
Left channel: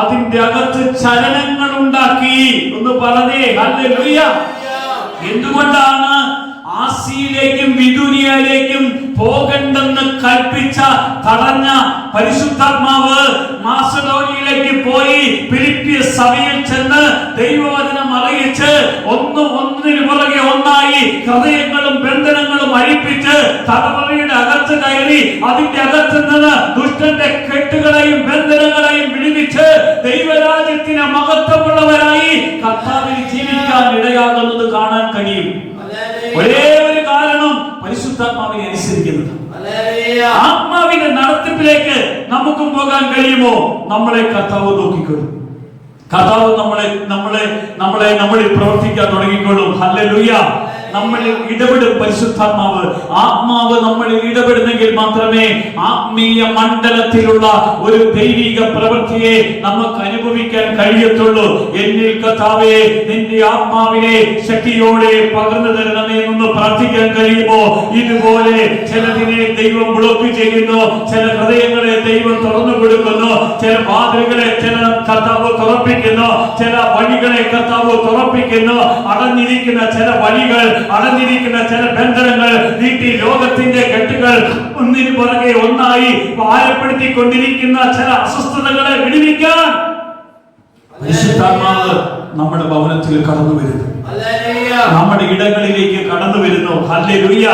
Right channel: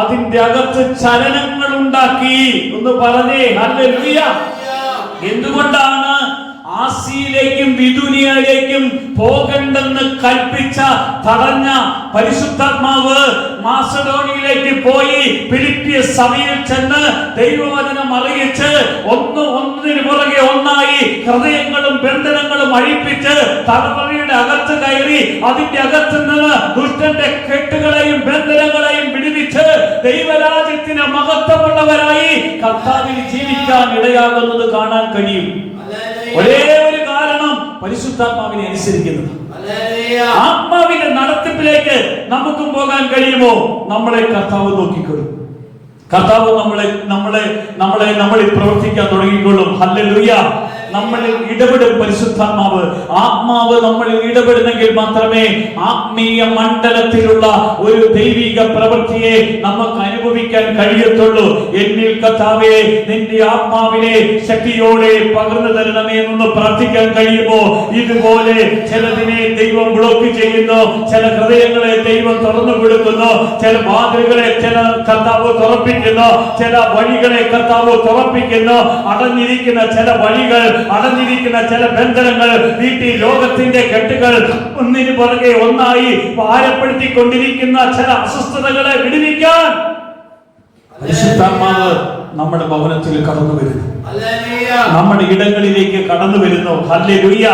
അതിന്റെ അകത്ത് ചലനങ്ങൾ ഉണ്ടാക്കി. ഒന്ന് പറഞ്ഞേ ഹല്ലേലൂയ. എന്തുകൊണ്ടാണ് ആസിയിലേക്കും ബിദുനിയയിലേക്കും പോകണ്ടെന്ന് കൽപ്പിച്ച തടഞ്ഞ പരിശുദ്ധാത്മാവ് മാസഡോണിയയിലേക്ക് പോയി ഫിലിപ്പിയ സഭയിൽ ചെന്ന് ദൈവവചനം അറിയിച്ച് ഒന്നിനു പുറകെ ഒന്നായി ഹൃദയങ്ങളും ബന്ധനങ്ങളും അഴിപ്പിച്ച് തലമുറയുടെ അകത്ത് കയറി അതിന്റെ അകത്ത് നിന്ന് ദുഷ്ടന്റെ കെട്ടുകളെയും ബന്ധനങ്ങളെയും വിടുവിച്ച് ദൈവരാജ്യത്തിന് മഹത്വമുള്ളവരായി കർത്താവിൽ ജീവിക്കാൻ ഇടയാകുന്നത് കാണാൻ കഴിയും. ഒരേ ഒരു കാരണം, പരിശുദ്ധാത്മാവിനെ അനുസരിക്കുന്നത്. ആത്മാവിന്റെ നടത്തിപ്പിലേക്ക് നമുക്കും പോകാൻ കഴിയുമോ? നമ്മളെ കർത്താവ് നോക്കിക്കൊള്ളും. കർത്താവ് നമ്മളിൽ പ്രവർത്തിക്കാൻ തുടങ്ങിക്കൊള്ളും. ഹല്ലേലൂയ. നമ്മളിൽ ഇടപെടും പരിശുദ്ധാത്മാവ്. ആത്മാവ് നമ്മളിൽ ഇടപെടുന്നെങ്കിൽ മാത്രമേ ആത്മീയ മണ്ഡലത്തിലുള്ള ഒരു ദൈവിക പ്രവൃത്തിയെ നമുക്ക് അനുഭവിക്കാൻ കഴിയത്തുള്ളൂ. എന്നിൽ കർത്താവേ നിന്റെ ആത്മാവിനെ ശക്തിയോടെ പകർന്നു തരണമേ എന്ന് പ്രാർത്ഥിക്കാൻ കഴിയുമോ? ഇതുപോലെ ചിലതിനെ ദൈവം ബ്ലോക്ക് ചെയ്യുന്നു, ചില ഹൃദയങ്ങളെ ദൈവം തുറന്നു കൊടുക്കുന്നു, ചില വാതിലുകളെ ചില കർത്താവ് തുറപ്പിക്കുന്നു, ചില വഴികളെ കർത്താവ് തുറപ്പിക്കുന്നു. അടഞ്ഞിരിക്കുന്ന ചില വഴികൾ, അടഞ്ഞിരിക്കുന്ന ചില ബന്ധനങ്ങൾ, വീട്ടിൽ ലോകത്തിന്റെ കെട്ടുകൾ ഒന്നിനു പുറകെ ഒന്നായി ഭാരപ്പെടുത്തിക്കൊണ്ടിരിക്കുന്ന ചില അസ്വസ്ഥതകളെ വിടുവിക്കാൻ പരിശുദ്ധാത്മാവ് നമ്മുടെ ഭവനത്തിൽ കടന്നു വരുന്നു, നമ്മുടെ ഇടങ്ങളിലേക്ക് കടന്നു വരുന്നു. ഹല്ലേലൂയ.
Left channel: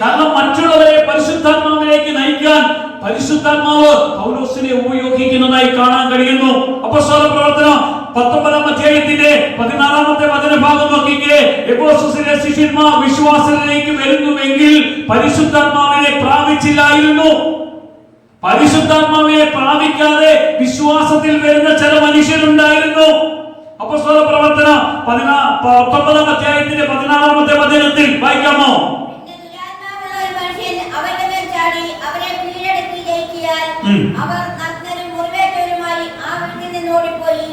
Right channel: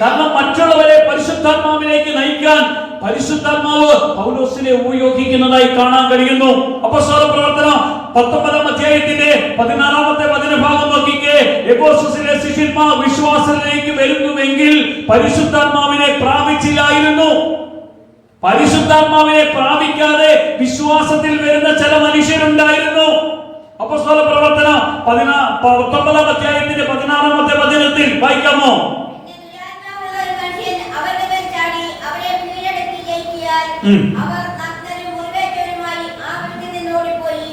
കാരണം മറ്റുള്ളവരെ പരിശുദ്ധാത്മാവിലേക്ക് നയിക്കാൻ പരിശുദ്ധാത്മാവ് പൗലോസിനെ ഉപയോഗിക്കുന്നതായി കാണാൻ കഴിയുന്നു. അപ്പോസ്തല പ്രവർത്തനം 19-ാം അധ്യായത്തിന്റെ 16-ാമത്തെ വചനഭാഗം നോക്കിക്കേ. എഫെസോസിലെ ശിഷ്യന്മാർ വിശ്വാസത്തിലേക്ക് വരുന്നുവെങ്കിൽ പരിശുദ്ധാത്മാവിനെ പ്രാപിച്ചില്ലായിരുന്നു. പരിശുദ്ധാത്മാവിനെ പ്രാപിക്കാതെ വിശ്വാസത്തിൽ വരുന്ന ചില മനുഷ്യരുണ്ടായിരുന്നു. അപ്പോസ്തല പ്രവർത്തനം 19-ാം അധ്യായത്തിന്റെ 16-ാമത്തെ വചനത്തിൽ വായിക്കാമോ? അവർ നഗ്നരും മുറിവേറ്റവരുമായി ആ വീട്ടിൽ നിന്ന് ഓടിപ്പോയി.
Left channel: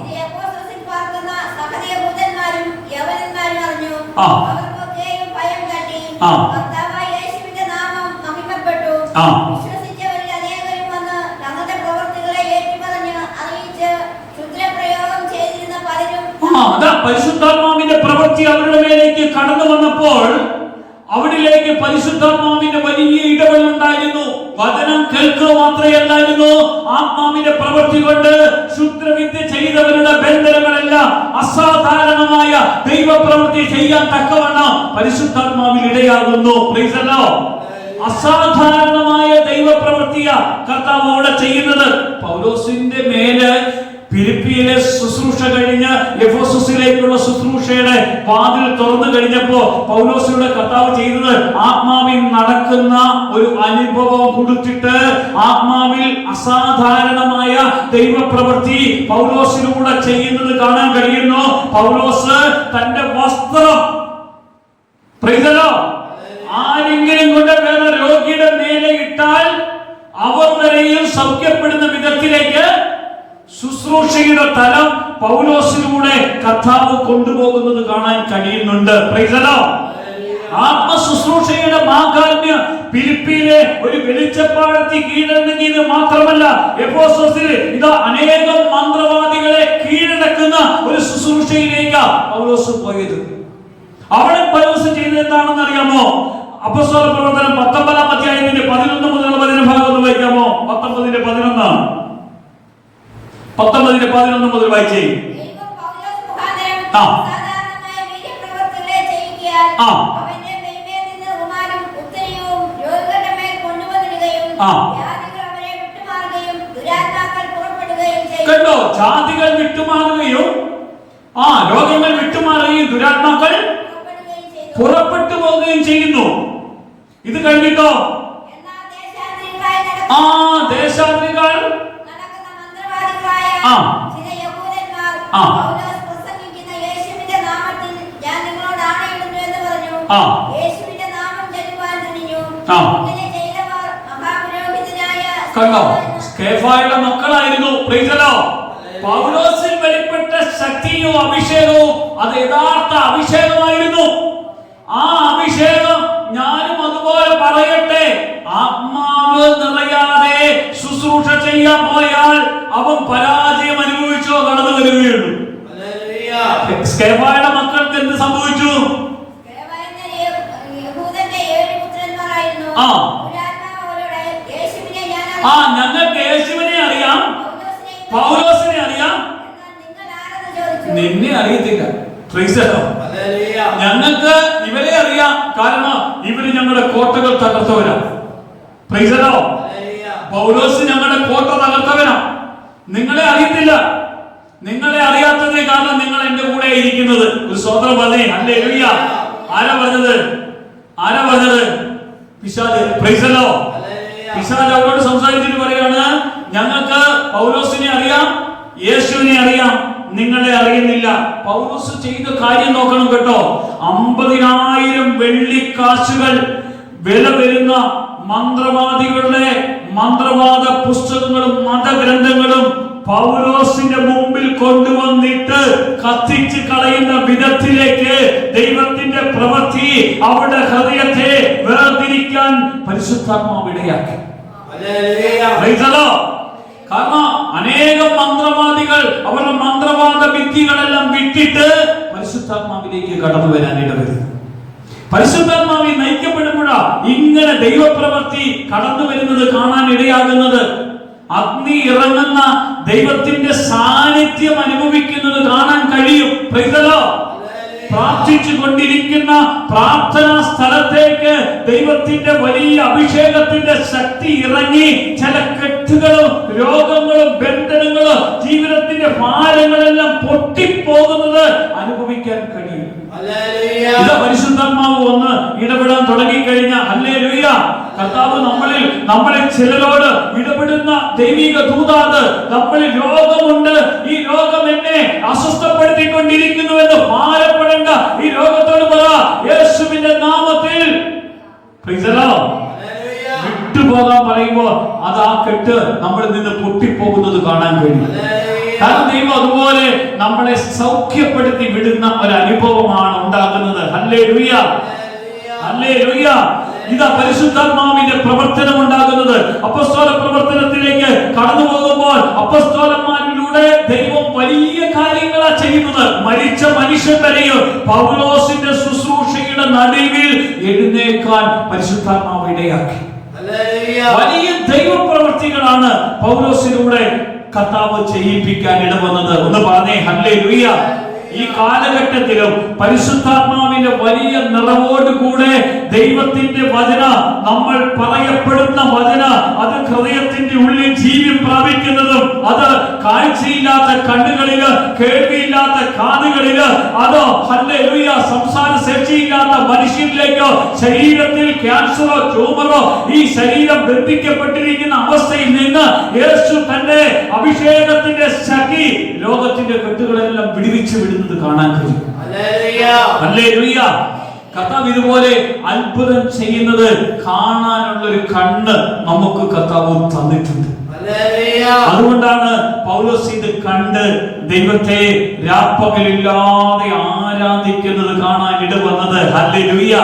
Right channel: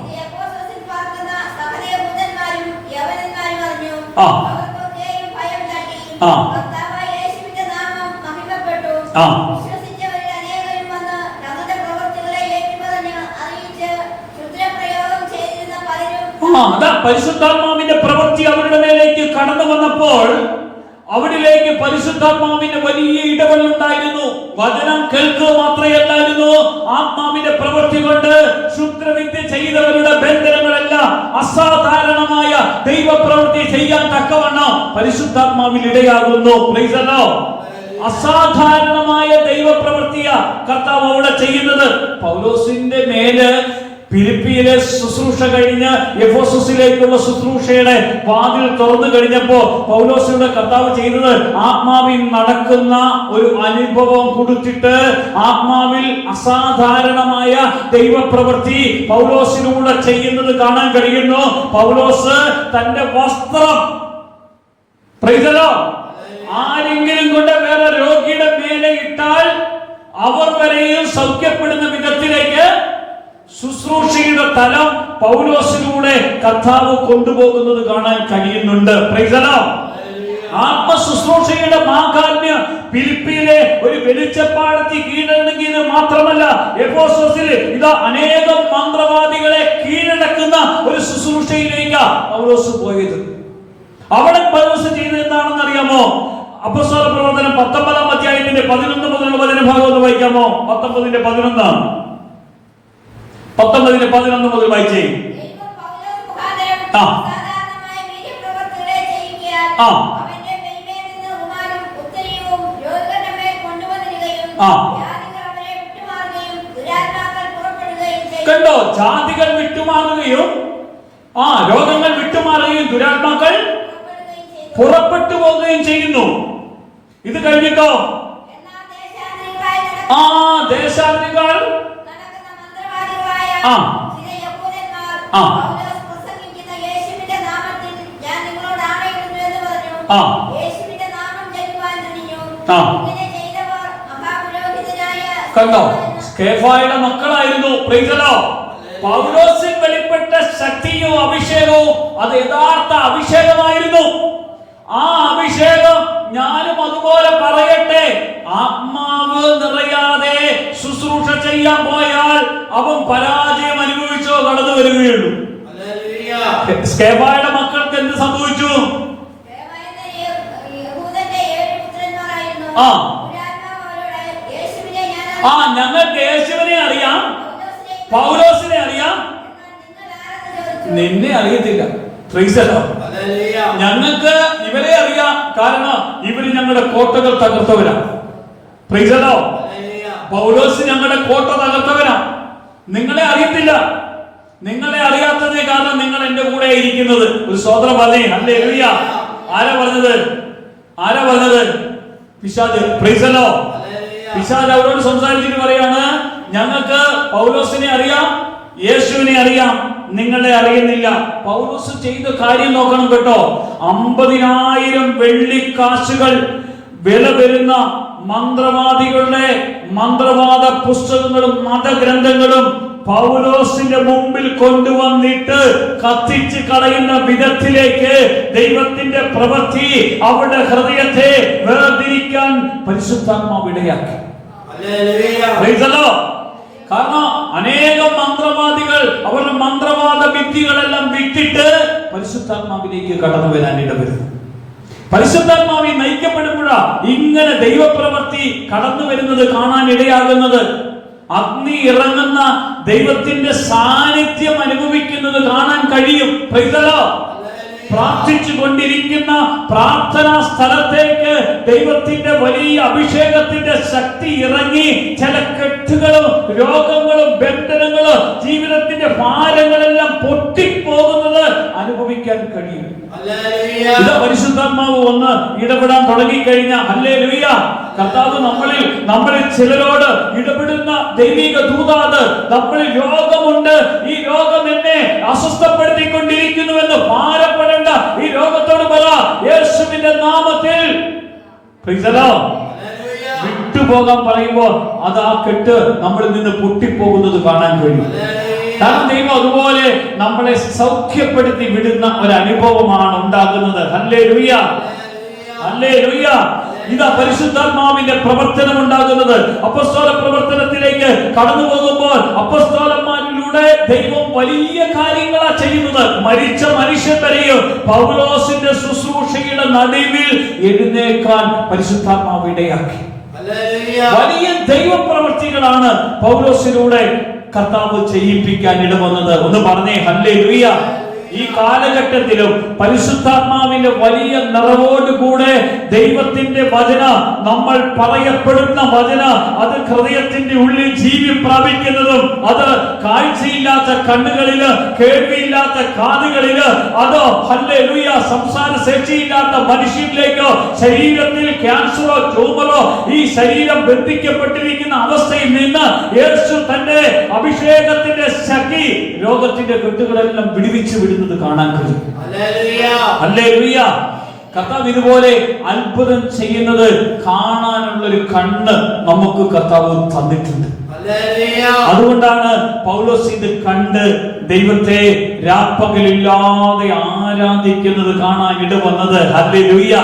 ഇത് എഫെസോസിൽ പാർക്കുന്ന സകലയഹൂദന്മാരും യവനന്മാരും അറിഞ്ഞു. അവർക്കൊക്കെയും ഭയം തട്ടി. കർത്താവായ യേശുവിന്റെ നാമം മഹിമപ്പെട്ടു. വിശ്വസിച്ചവരിൽ അനേകരും വന്ന് തങ്ങളുടെ പ്രവൃത്തികളെ ഏറ്റുപറഞ്ഞ് അറിയിച്ച് ക്ഷുദ്രപ്രയോഗം ചെയ്തിരുന്ന പലരും പരിശുദ്ധാത്മാവിന്റെ പ്രവൃത്തി അവരുടെ മേലേക്ക് കടന്നു വന്നപ്പോൾ അവിടിലേക്ക് പരിശുദ്ധാത്മാവിന്റെ വലിയ ഇടപെടലുണ്ടായിരുന്നു. വചനം കേൾക്കുക മാത്രമല്ലായിരുന്നു, ആത്മാവിന്റെ പ്രവൃത്തി കൊണ്ട് ക്ഷുദ്രവിദ്യ ചെയ്തവരുടെ ബന്ധനങ്ങളെല്ലാം അസാധാരണമായ ദൈവപ്രവൃത്തി ചെയ്യാൻ തക്കവണ്ണം പരിശുദ്ധാത്മാവിൽ ഇടയാകുന്നു. Price the Lord. അസാധാരണമായ ദൈവപ്രവൃത്തിയ കർത്താവ് അവിടെ ചെയ്യുന്നത്. പൗലോസിന്റെ മേല് ഫിലിപ്പിയിലെ ശുശ്രൂഷ കഴിഞ്ഞ് എഫെസോസിലേക്കുള്ള ശുശ്രൂഷയുടെ വാതിൽ തുറന്നു കഴിഞ്ഞപ്പോ പൗലോസിലൂടെ കർത്താവ് ചെയ്തത് ആത്മാവിൽ നടക്കുന്ന ഒരു അനുഭവം കൊടുത്തിട്ട് ആത്മാവിൽ അസാധാരണമായ ദൈവപ്രവൃത്തി പൗലോസിലൂടെ ചെയ്യുന്നത് കാണാൻ കഴിയുന്നു. പൗലോസ് തന്റെ വസ്ത്രം ആരെങ്കിലും കൊണ്ട് വേറെ രോഗിയുടെ മേലെ ഇട്ടാൽ അവർ വരെയും സൗഖ്യപ്പെടുന്ന വിധത്തിലേക്ക് ശുശ്രൂഷയുടെ തലം പൗലോസിലൂടെ കർത്താവ് കൊണ്ടുപോകുന്നത് കാണാൻ കഴിയുന്നുണ്ട്. Price the Lord. ആത്മശുശ്രൂഷയുടെ മാഹാത്മ്യം ഫിലിപ്പിയിലെ ഒരു വെളിച്ചപ്പാടത്തി കീഴടങ്ങിയത് മാത്രമല്ല, എഫെസോസിൽ ഇതാ അനേകം മന്ത്രവാദികളെ കീഴടക്കുന്ന ഒരു ശുശ്രൂഷയിലേക്ക് പൗലോസ് പോയത്. അവിടെ പൗലോസ് ചെയ്തത് എന്താണെന്ന് അറിയാമോ? അപ്പോസ്തല പ്രവർത്തനം 19-ാം അധ്യായത്തിന്റെ 11 മുതലുള്ള വചനഭാഗം ഒന്ന് വായിക്കാമോ? 19-11 മുതൽ വായിച്ചേ. കണ്ടോ, ജാതികൾ വിട്ടുമാറുകയും രോഗങ്ങൾ വിട്ടുമാറുകയും ദുരാത്മാക്കൾ പുറപ്പെട്ടു പോവുകയും ചെയ്യുന്നു. ഇത് കഴിഞ്ഞിട്ടോ ദേശാധികൾ കണ്ടോ, സ്കേഫായുടെ മക്കളായിരുന്നു. Praise the Lord. പൗലോസിൽ വെളിപ്പെട്ട ശക്തിയും അഭിഷേകവും അത് യഥാർത്ഥ അഭിഷേകമായിരുന്നു. ആ അഭിഷേകം ഞാനും അതുപോലെ പറയട്ടെ, ആത്മാവ് നിറയാതെ ശുശ്രൂഷ ചെയ്യാൻ പോയാൽ അവൻ പരാജയം അനുഭവിച്ചോ കടന്നു വരികയുള്ളൂ. സ്കേഫായുടെ മക്കൾക്ക് എന്ത് സംഭവിച്ചു? ഞങ്ങൾക്ക് യേശുവിനെ അറിയാം, പൗലോസിനെ അറിയാം, നിന്നെ അറിയത്തില്ല. ഞങ്ങൾക്ക് ഇവരെ അറിയാം, കാരണം ഇവര് ഞങ്ങളുടെ കോട്ടകൾ തകർത്തവരാണ്. പൗലോസ് ഞങ്ങളുടെ കോട്ട തകർത്തവനാ. നിങ്ങളെ അറിയത്തില്ല. നിങ്ങളെ അറിയാത്തതേ കാരണം നിങ്ങൾ എന്റെ കൂടെ ഇരിക്കുന്നത്. ഒരു സ്വതന്ത്രം പറഞ്ഞേ ഹല്ലേലൂയ. ആരാ പറഞ്ഞത്? പിശാച്. Price the Lord. പിശാച് അവരോട് സംസാരിച്ചിട്ട് പറയാണ്, ഞങ്ങൾക്ക് പൗലോസിനെ അറിയാം, യേശുവിനെ അറിയാം, നിങ്ങളെ അറിയുന്നില്ല. പൗലോസ് ചെയ്ത കാര്യം നോക്കണം കേട്ടോ. 50,000 വെള്ളിക്കാശുകൾ വില വരുന്ന മന്ത്രവാദികളുടെ മന്ത്രവാദ പുസ്തകങ്ങളും മതഗ്രന്ഥങ്ങളും പൗലോസിന്റെ മുമ്പിൽ കൊണ്ടുവന്നിട്ട് കത്തിച്ച് കളയുന്ന വിധത്തിലേക്ക് ദൈവത്തിന്റെ പ്രവൃത്തി അവരുടെ ഹൃദയത്തെ വേർതിരിക്കാൻ പരിശുദ്ധാത്മാവ് ഇടയാക്കി. കാരണം അനേകം മന്ത്രവാദികൾ അവരുടെ മന്ത്രവാദ വിദ്യകളെല്ലാം വിട്ടിട്ട് പരിശുദ്ധാത്മാവിലേക്ക് കടന്നു വരാൻ ഇടവരുന്നു. പരിശുദ്ധാത്മാവിൽ നയിക്കപ്പെടുമ്പോഴാ ഇങ്ങനെ ദൈവപ്രവൃത്തി കടന്നു വരുന്നത് കാണാൻ ഇടയാകുന്നത്. അഗ്നി ഇറങ്ങുന്ന ദൈവത്തിന്റെ സാന്നിധ്യം അനുഭവിക്കുന്നത് കാണാൻ കഴിയും. പ്രാർത്ഥിച്ചു കൊണ്ടിരിക്കുന്ന പ്രാർത്ഥനാ സ്ഥലത്തേക്ക് ദൈവത്തിന്റെ വലിയ അഭിഷേകത്തിന്റെ ശക്തി ഇറങ്ങി ചില കെട്ടുകളും രോഗങ്ങളും ബന്ധനങ്ങളും ജീവിതത്തിന്റെ ഭാരങ്ങളെല്ലാം പൊട്ടിപ്പോകുന്നത് അനുഭവിക്കാൻ കഴിയും. ഇത് പരിശുദ്ധാത്മാവ് ഒന്ന് ഇടപെടാൻ തുടങ്ങിക്കഴിഞ്ഞാൽ ഹല്ലേലൂയ, കർത്താവ് നമ്മളിൽ ചിലരോട് ഇടപെടുന്ന ദൈവിക ദൂതാണ്. നമ്മളിൽ രോഗമുണ്ട്, ഈ രോഗം എന്നെ അസ്വസ്ഥപ്പെടുത്തിക്കൊണ്ടിരിക്കുന്നുവെന്ന് ഭാരപ്പെടേണ്ട. ഈ രോഗത്തോട് പറ, യേശുവിന്റെ നാമത്തിൽ വിട്ടുപോകാൻ പറയുമ്പോൾ അത് ആ കെട്ട് നമ്മളിൽ നിന്ന് പൊട്ടിപ്പോകുന്നത് കാണാൻ കഴിയും. കാരണം ദൈവം അതുപോലെ നമ്മളെ സൗഖ്യപ്പെടുത്തി വിടുന്ന ഒരു അനുഭവമാണ് ഉണ്ടാകുന്നത്. Hallelujah, hallelujah. ഇതാ പരിശുദ്ധാത്മാവിന്റെ പ്രവർത്തനം ഉണ്ടാകുന്നത്. അപ്പോസ്തല പ്രവർത്തനത്തിലേക്ക് കടന്നു പോകുമ്പോൾ അപ്പോസ്തലന്മാരിലൂടെ ദൈവം വലിയ കാര്യങ്ങളാ ചെയ്യുന്നത്. മരിച്ച മനുഷ്യൻ വരെയും പൗലോസിന്റെ ശുശ്രൂഷയുടെ നടുവിൽ എഴുന്നേൽക്കാൻ പരിശുദ്ധാത്മാവ് ഇടയാക്കി. വലിയ ദൈവപ്രവൃത്തികളാണ് പൗലോസിലൂടെ കർത്താവ് ചെയ്യിപ്പിക്കാൻ ഇടവന്നത്. ഒന്ന് പറഞ്ഞേ ഹല്ലേലൂയ. ഈ കാലഘട്ടത്തിലും പരിശുദ്ധാത്മാവിന്റെ വലിയ നിറവോടുകൂടെ ദൈവത്തിന്റെ വചന, നമ്മൾ പറയപ്പെടുന്ന വചന, അത് ഹൃദയത്തിന്റെ ഉള്ളിൽ ജീവി പ്രാപിക്കുന്നതും അത് കാഴ്ചയില്ലാത്ത കണ്ണുകളില്, കേൾവിയില്ലാത്ത കാതുകളില്, അതോ ഹല്ലേലൂയ സംസാര ശേഷിയില്ലാത്ത മനുഷ്യനിലേക്കോ, ശരീരത്തിൽ ക്യാൻസറോ ട്യൂമറോ ഈ ശരീരം ബന്ധിക്കപ്പെട്ടിരിക്കുന്ന അവസ്ഥയിൽ നിന്ന് യേശു തന്റെ അഭിഷേകത്തിന്റെ ശക്തി ലോകത്തിന്റെ കെട്ടുകളെല്ലാം വിടുവിച്ചു വിടുന്നത് കാണാൻ കഴിയും. ഹല്ലേലൂയ. കർത്താവ് ഇതുപോലെ അത്ഭുതം ചെയ്യുന്നത് കാണാനുള്ള ഒരു കണ്ണ് നമുക്ക് കർത്താവ് തന്നിട്ടുണ്ട്. അതുകൊണ്ടാണ് പൗലോസ് ഇത് കണ്ട് ദൈവത്തെ രാപ്പകലില്ലാതെ ആരാധിക്കുന്നത് കാണാൻ ഇടവന്നത്. ഹല്ലേലൂയ.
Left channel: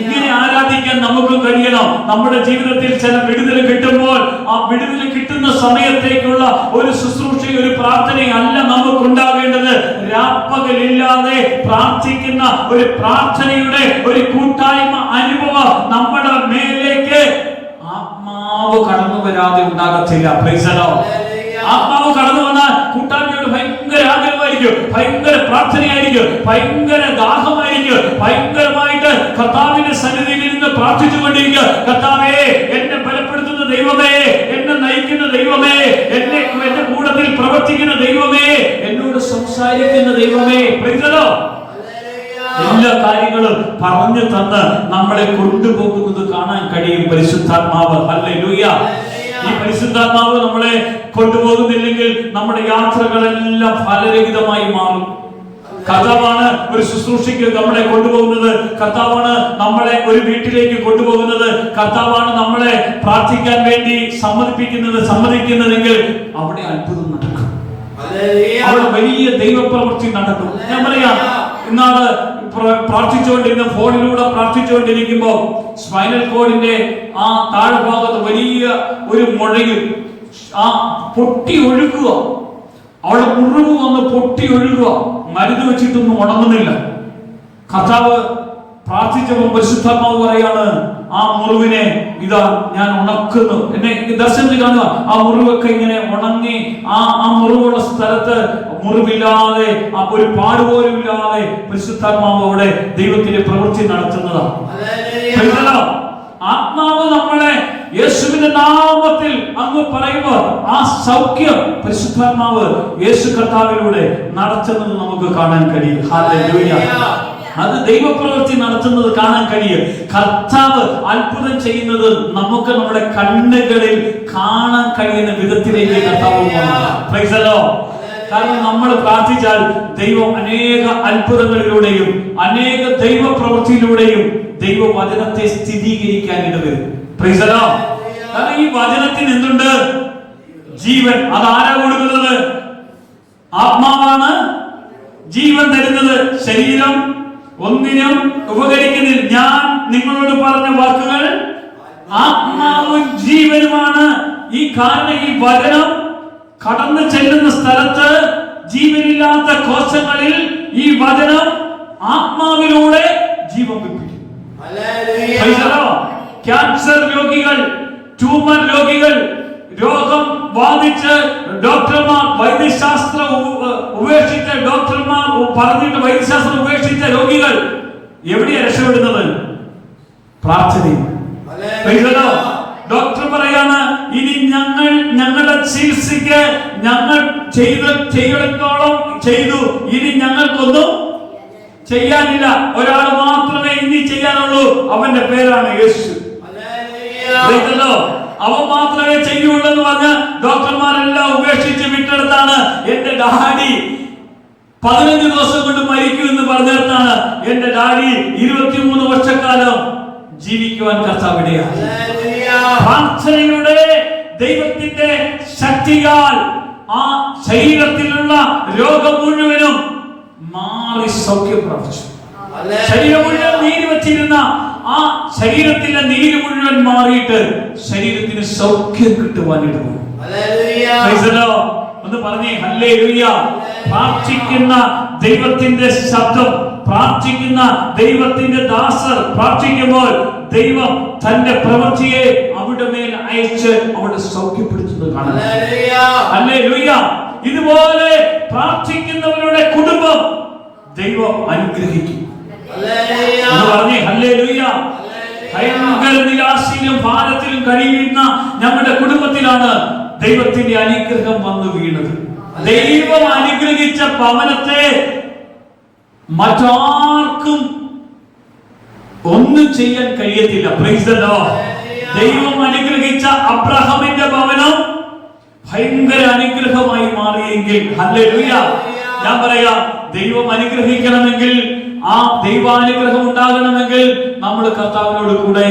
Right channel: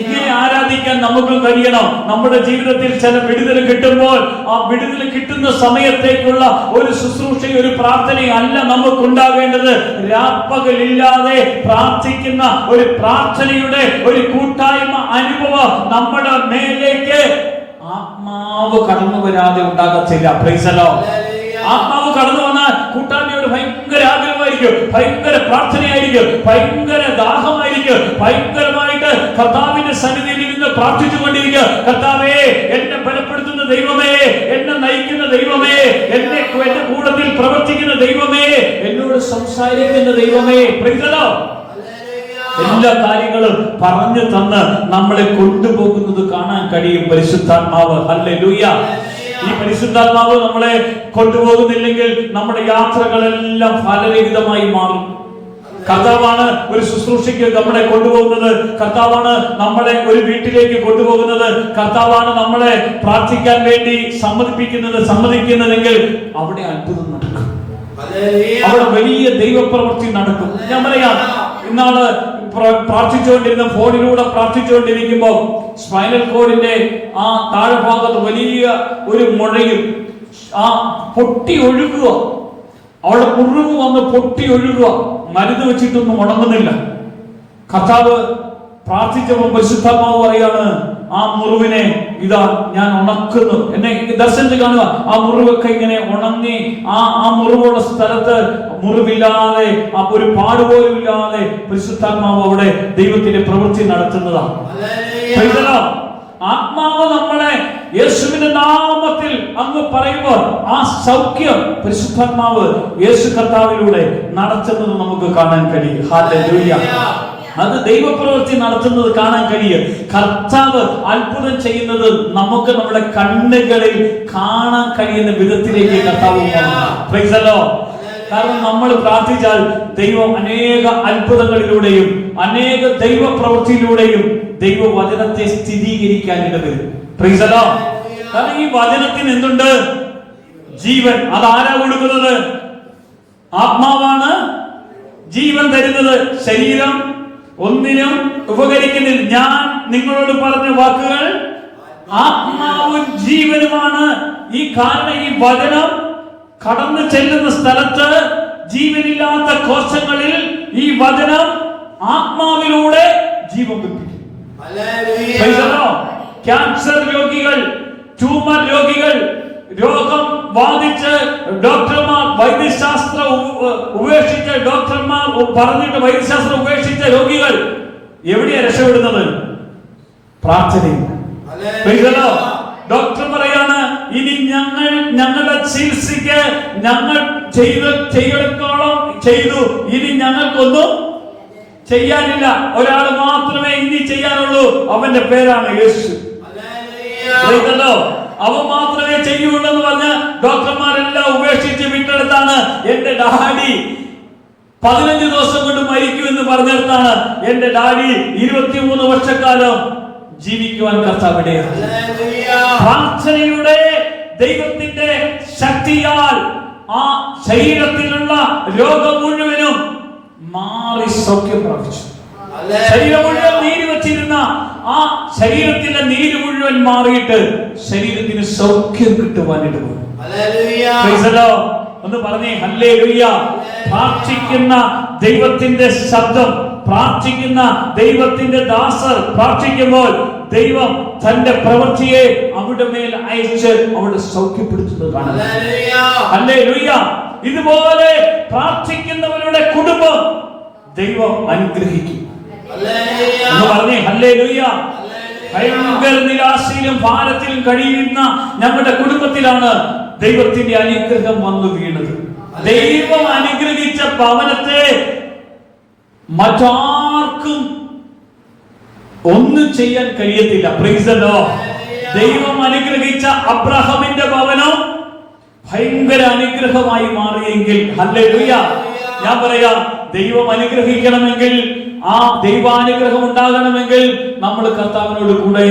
ഇങ്ങനെ ആരാധിക്കാൻ നമുക്ക് കഴിയണം. നമ്മുടെ ജീവിതത്തിൽ ചില വിടുതൽ കിട്ടുമ്പോൾ ആ വിടുതൽ കിട്ടുന്ന സമയത്തേക്കുള്ള ഒരു ശുശ്രൂഷ, ഒരു പ്രാർത്ഥനയല്ല നമുക്കുണ്ടാവേണ്ടത്. രാപ്പകലില്ലാതെ പ്രാർത്ഥിക്കുന്ന ഒരു പ്രാർത്ഥനയുടെ ഒരു കൂട്ടായ്മ അനുഭവം നമ്മുടെ മേലേക്ക് ആത്മാവ് കടന്നു വരാതെ ഉണ്ടാകത്തില്ല. Price the Lord. ആത്മാവ് കടന്നു വന്നാൽ കൂട്ടായ്മയോട് ഭയങ്കര ആഗ്രഹമായിരിക്കും, ഭയങ്കര പ്രാർത്ഥനയായിരിക്കും, ഭയങ്കര ദാഹമായിരിക്കും, ഭയങ്കരമായിട്ട് കർത്താവിന്റെ സന്നിധിയിൽ നിന്ന് പ്രാർത്ഥിച്ചുകൊണ്ടിരിക്കുക. കർത്താവേ, എന്നെ ബലപ്പെടുത്തുന്ന ദൈവമേ, എന്നെ നയിക്കുന്ന ദൈവമേ, എന്റെ കൂട്ടത്തിൽ പ്രവർത്തിക്കുന്ന ദൈവമേ, എന്നോട് സംസാരിക്കുന്ന ദൈവമേ. Price the Lord. എല്ലാ കാര്യങ്ങളും പറഞ്ഞു തന്ന് നമ്മളെ കൊണ്ടുപോകുന്നത് കാണാൻ കഴിയും പരിശുദ്ധാത്മാവ്. ഹല്ലേലൂയ. ഈ പരിശുദ്ധാത്മാവ് നമ്മളെ കൊണ്ടുപോകുന്നില്ലെങ്കിൽ നമ്മുടെ യാത്രകളെല്ലാം ഫലരഹിതമായി മാറും. കർത്താവാണ് ഒരു ശുശ്രൂഷയ്ക്ക് നമ്മളെ കൊണ്ടുപോകുന്നത്. കർത്താവാണ് നമ്മളെ ഒരു വീട്ടിലേക്ക് കൊണ്ടുപോകുന്നത്. കർത്താവാണ് നമ്മളെ പ്രാർത്ഥിക്കാൻ വേണ്ടി സമ്മതിക്കുന്നതെങ്കിൽ അവിടെ അത്ഭുതം നടക്കും, അവിടെ വലിയ ദൈവപ്രവൃത്തി നടക്കും. ഞാൻ പറയാം, ഇന്നാള് പ്രാർത്ഥിച്ചുകൊണ്ടിരുന്ന ഫോണിലൂടെ പ്രാർത്ഥിച്ചുകൊണ്ടിരിക്കുമ്പോ സ്പൈനൽ കോഡിന്റെ ആ താഴ്ഭാഗത്ത് വലിയ ഒരു മുഴയും ആ പൊട്ടി ഒഴുകുക, അവിടെ മുറിവ് വന്ന് പൊട്ടി ഒഴുകുക, മരുന്ന് വെച്ചിട്ടൊന്നും ഉണങ്ങുന്നില്ല. കർത്താവ് പ്രാർത്ഥിച്ചപ്പോൾ പരിശുദ്ധാത്മാവ് പറയാണ്, ആ മുറിവിനെ ഇതാ ഞാൻ ഉണക്കുന്നു. എന്നെ ദർശനത്തിൽ കാണുക, ആ മുറിവൊക്കെ ഇങ്ങനെ ഉണങ്ങി ആ മുറിവുള്ള സ്ഥലത്ത് മുറിവില്ലാതെ, ഒരു പാടുപോലും ഇല്ലാതെ പരിശുദ്ധാത്മാവ് അവിടെ ദൈവത്തിന്റെ പ്രവൃത്തി നടത്തുന്നതാണ്. ആത്മാവ് നമ്മളെ യേശുവിന്റെ നാമത്തിൽ അങ്ങ് പറയുമ്പോൾ ആ സൗഖ്യം പരിശുദ്ധാത്മാവ് യേശു കർത്താവിലൂടെ നടത്തുന്നത് നമുക്ക് കാണാൻ കഴിയും. ഹല്ലേലൂയ. അത് ദൈവപ്രവൃത്തി നടത്തുന്നത് കാണാൻ കഴിയും. കർത്താവ് അത്ഭുതം ചെയ്യുന്നത് നമുക്ക് നമ്മുടെ കണ്ണുകളിൽ കാണാൻ കഴിയുന്ന വിധത്തിലേക്ക് കർത്താവ്. Price the Lord. കാരണം നമ്മൾ പ്രാർത്ഥിച്ചാൽ ദൈവം അനേക അത്ഭുതങ്ങളിലൂടെയും അനേക ദൈവ പ്രവൃത്തിയിലൂടെയും ദൈവവചനത്തെ സ്ഥിരീകരിക്കാൻ ഇടവരും. Price the Lord. കാരണം ഈ വചനത്തിന് എന്തുണ്ട്? ജീവൻ. അതാരാ കൊടുക്കുന്നത്? ആത്മാവാണ് ജീവൻ തരുന്നത്. ശരീരം ഒന്നിനും ഉപകരിക്കുന്നില്ല. ഞാൻ നിങ്ങളോട് പറഞ്ഞ വാക്കുകൾ ആത്മാവും ജീവനുമാണ്. ഈ കാരണം ഈ വചനം കടന്നു ചെല്ലുന്ന സ്ഥലത്ത് ജീവനില്ലാത്ത കോശങ്ങളിൽ ഈ വചനം ആത്മാവിലൂടെ ജീവൻ പിടിപ്പിക്കും. ക്യാൻസർ രോഗികൾ, ട്യൂമർ രോഗികൾ, രോഗം ബാധിച്ച് ഡോക്ടർമാർ വൈദ്യശാസ്ത്രം ഉപേക്ഷിച്ച ഡോക്ടർമാർ പറഞ്ഞിട്ട് വൈദ്യശാസ്ത്രം ഉപേക്ഷിച്ച രോഗികൾ എവിടെയാ രക്ഷപ്പെടുന്നത്? പ്രാർത്ഥനയിൽ. ഡോക്ടർ പറയാണ്, ഇനി ഞങ്ങളുടെ ചികിത്സയ്ക്ക് ഞങ്ങൾ ചെയ്തിടത്തോളം ചെയ്തു, ഇനി ഞങ്ങൾക്കൊന്നും ചെയ്യാനില്ല. ഒരാൾ മാത്രമേ ഇനി ചെയ്യാനുള്ളൂ. അവന്റെ പേരാണ് യേശു. അവൻ മാത്രമേ ചെയ്യുള്ളൂ എന്ന് പറഞ്ഞ ഡോക്ടർമാരെല്ലാം ഉപേക്ഷിച്ച് വിട്ടെടുത്താണ്. എന്റെ ഡാഡി 15 ദിവസം കൊണ്ട് മരിക്കും എന്ന് പറഞ്ഞിടത്താണ് എന്റെ ഡാഡി 23 വർഷക്കാലം ജീവിക്കുവാൻ കർത്താവിടെയാണ്. പ്രാർത്ഥനയുടെ ദൈവത്തിന്റെ ശക്തിയാൽ ആ ശരീരത്തിലുള്ള രോഗം മുഴുവനും മാറി സൗഖ്യം പ്രാപിച്ചു. ശരീരം മുഴുവൻ നീര് വെച്ചിരുന്ന ആ ശരീരത്തിന്റെ നീര് മുഴുവൻ മാറിയിട്ട് ശരീരത്തിന് സൗഖ്യം കിട്ടുവാനിട്ട് പോകും. ഒന്ന് പറഞ്ഞേ ഹല്ലേലൂയ. പ്രാർത്ഥിക്കുന്ന ദൈവത്തിന്റെ ശബ്ദം, പ്രാർത്ഥിക്കുന്ന ദൈവത്തിന്റെ ദാസർ പ്രാർത്ഥിക്കുമ്പോൾ ദൈവം തന്റെ പ്രവൃത്തിയെ അവിടെ മേൽ അയച്ച് അവിടെ സൗഖ്യപ്പെടുത്തുന്നത് കാണാം. ഹല്ലേലൂയ. ഇതുപോലെ പ്രാർത്ഥിക്കുന്നവരുടെ കുടുംബം ദൈവം അനുഗ്രഹിക്കും. പറഞ്ഞേ ഹല്ലേലൂയ. ഭയങ്കര നിരാശയിലും ഭാരത്തിലും കഴിയുന്ന നമ്മുടെ കുടുംബത്തിലാണ് ദൈവത്തിന്റെ അനുഗ്രഹം വന്നു വീണത്. ദൈവം അനുഗ്രഹിച്ച ഭവനത്തെ മറ്റാർക്കും ഒന്നും ചെയ്യാൻ കഴിയത്തില്ല. Price the Lord. ദൈവം അനുഗ്രഹിച്ച അബ്രഹാമിന്റെ ഭവനം ഭയങ്കര അനുഗ്രഹമായി മാറിയെങ്കിൽ ഹല്ലേലൂയ. ഞാൻ പറയാം, ദൈവം അനുഗ്രഹിക്കണമെങ്കിൽ, ആ ദൈവാനുഗ്രഹം ഉണ്ടാകണമെങ്കിൽ നമ്മൾ കർത്താവിനോട് കൂടെ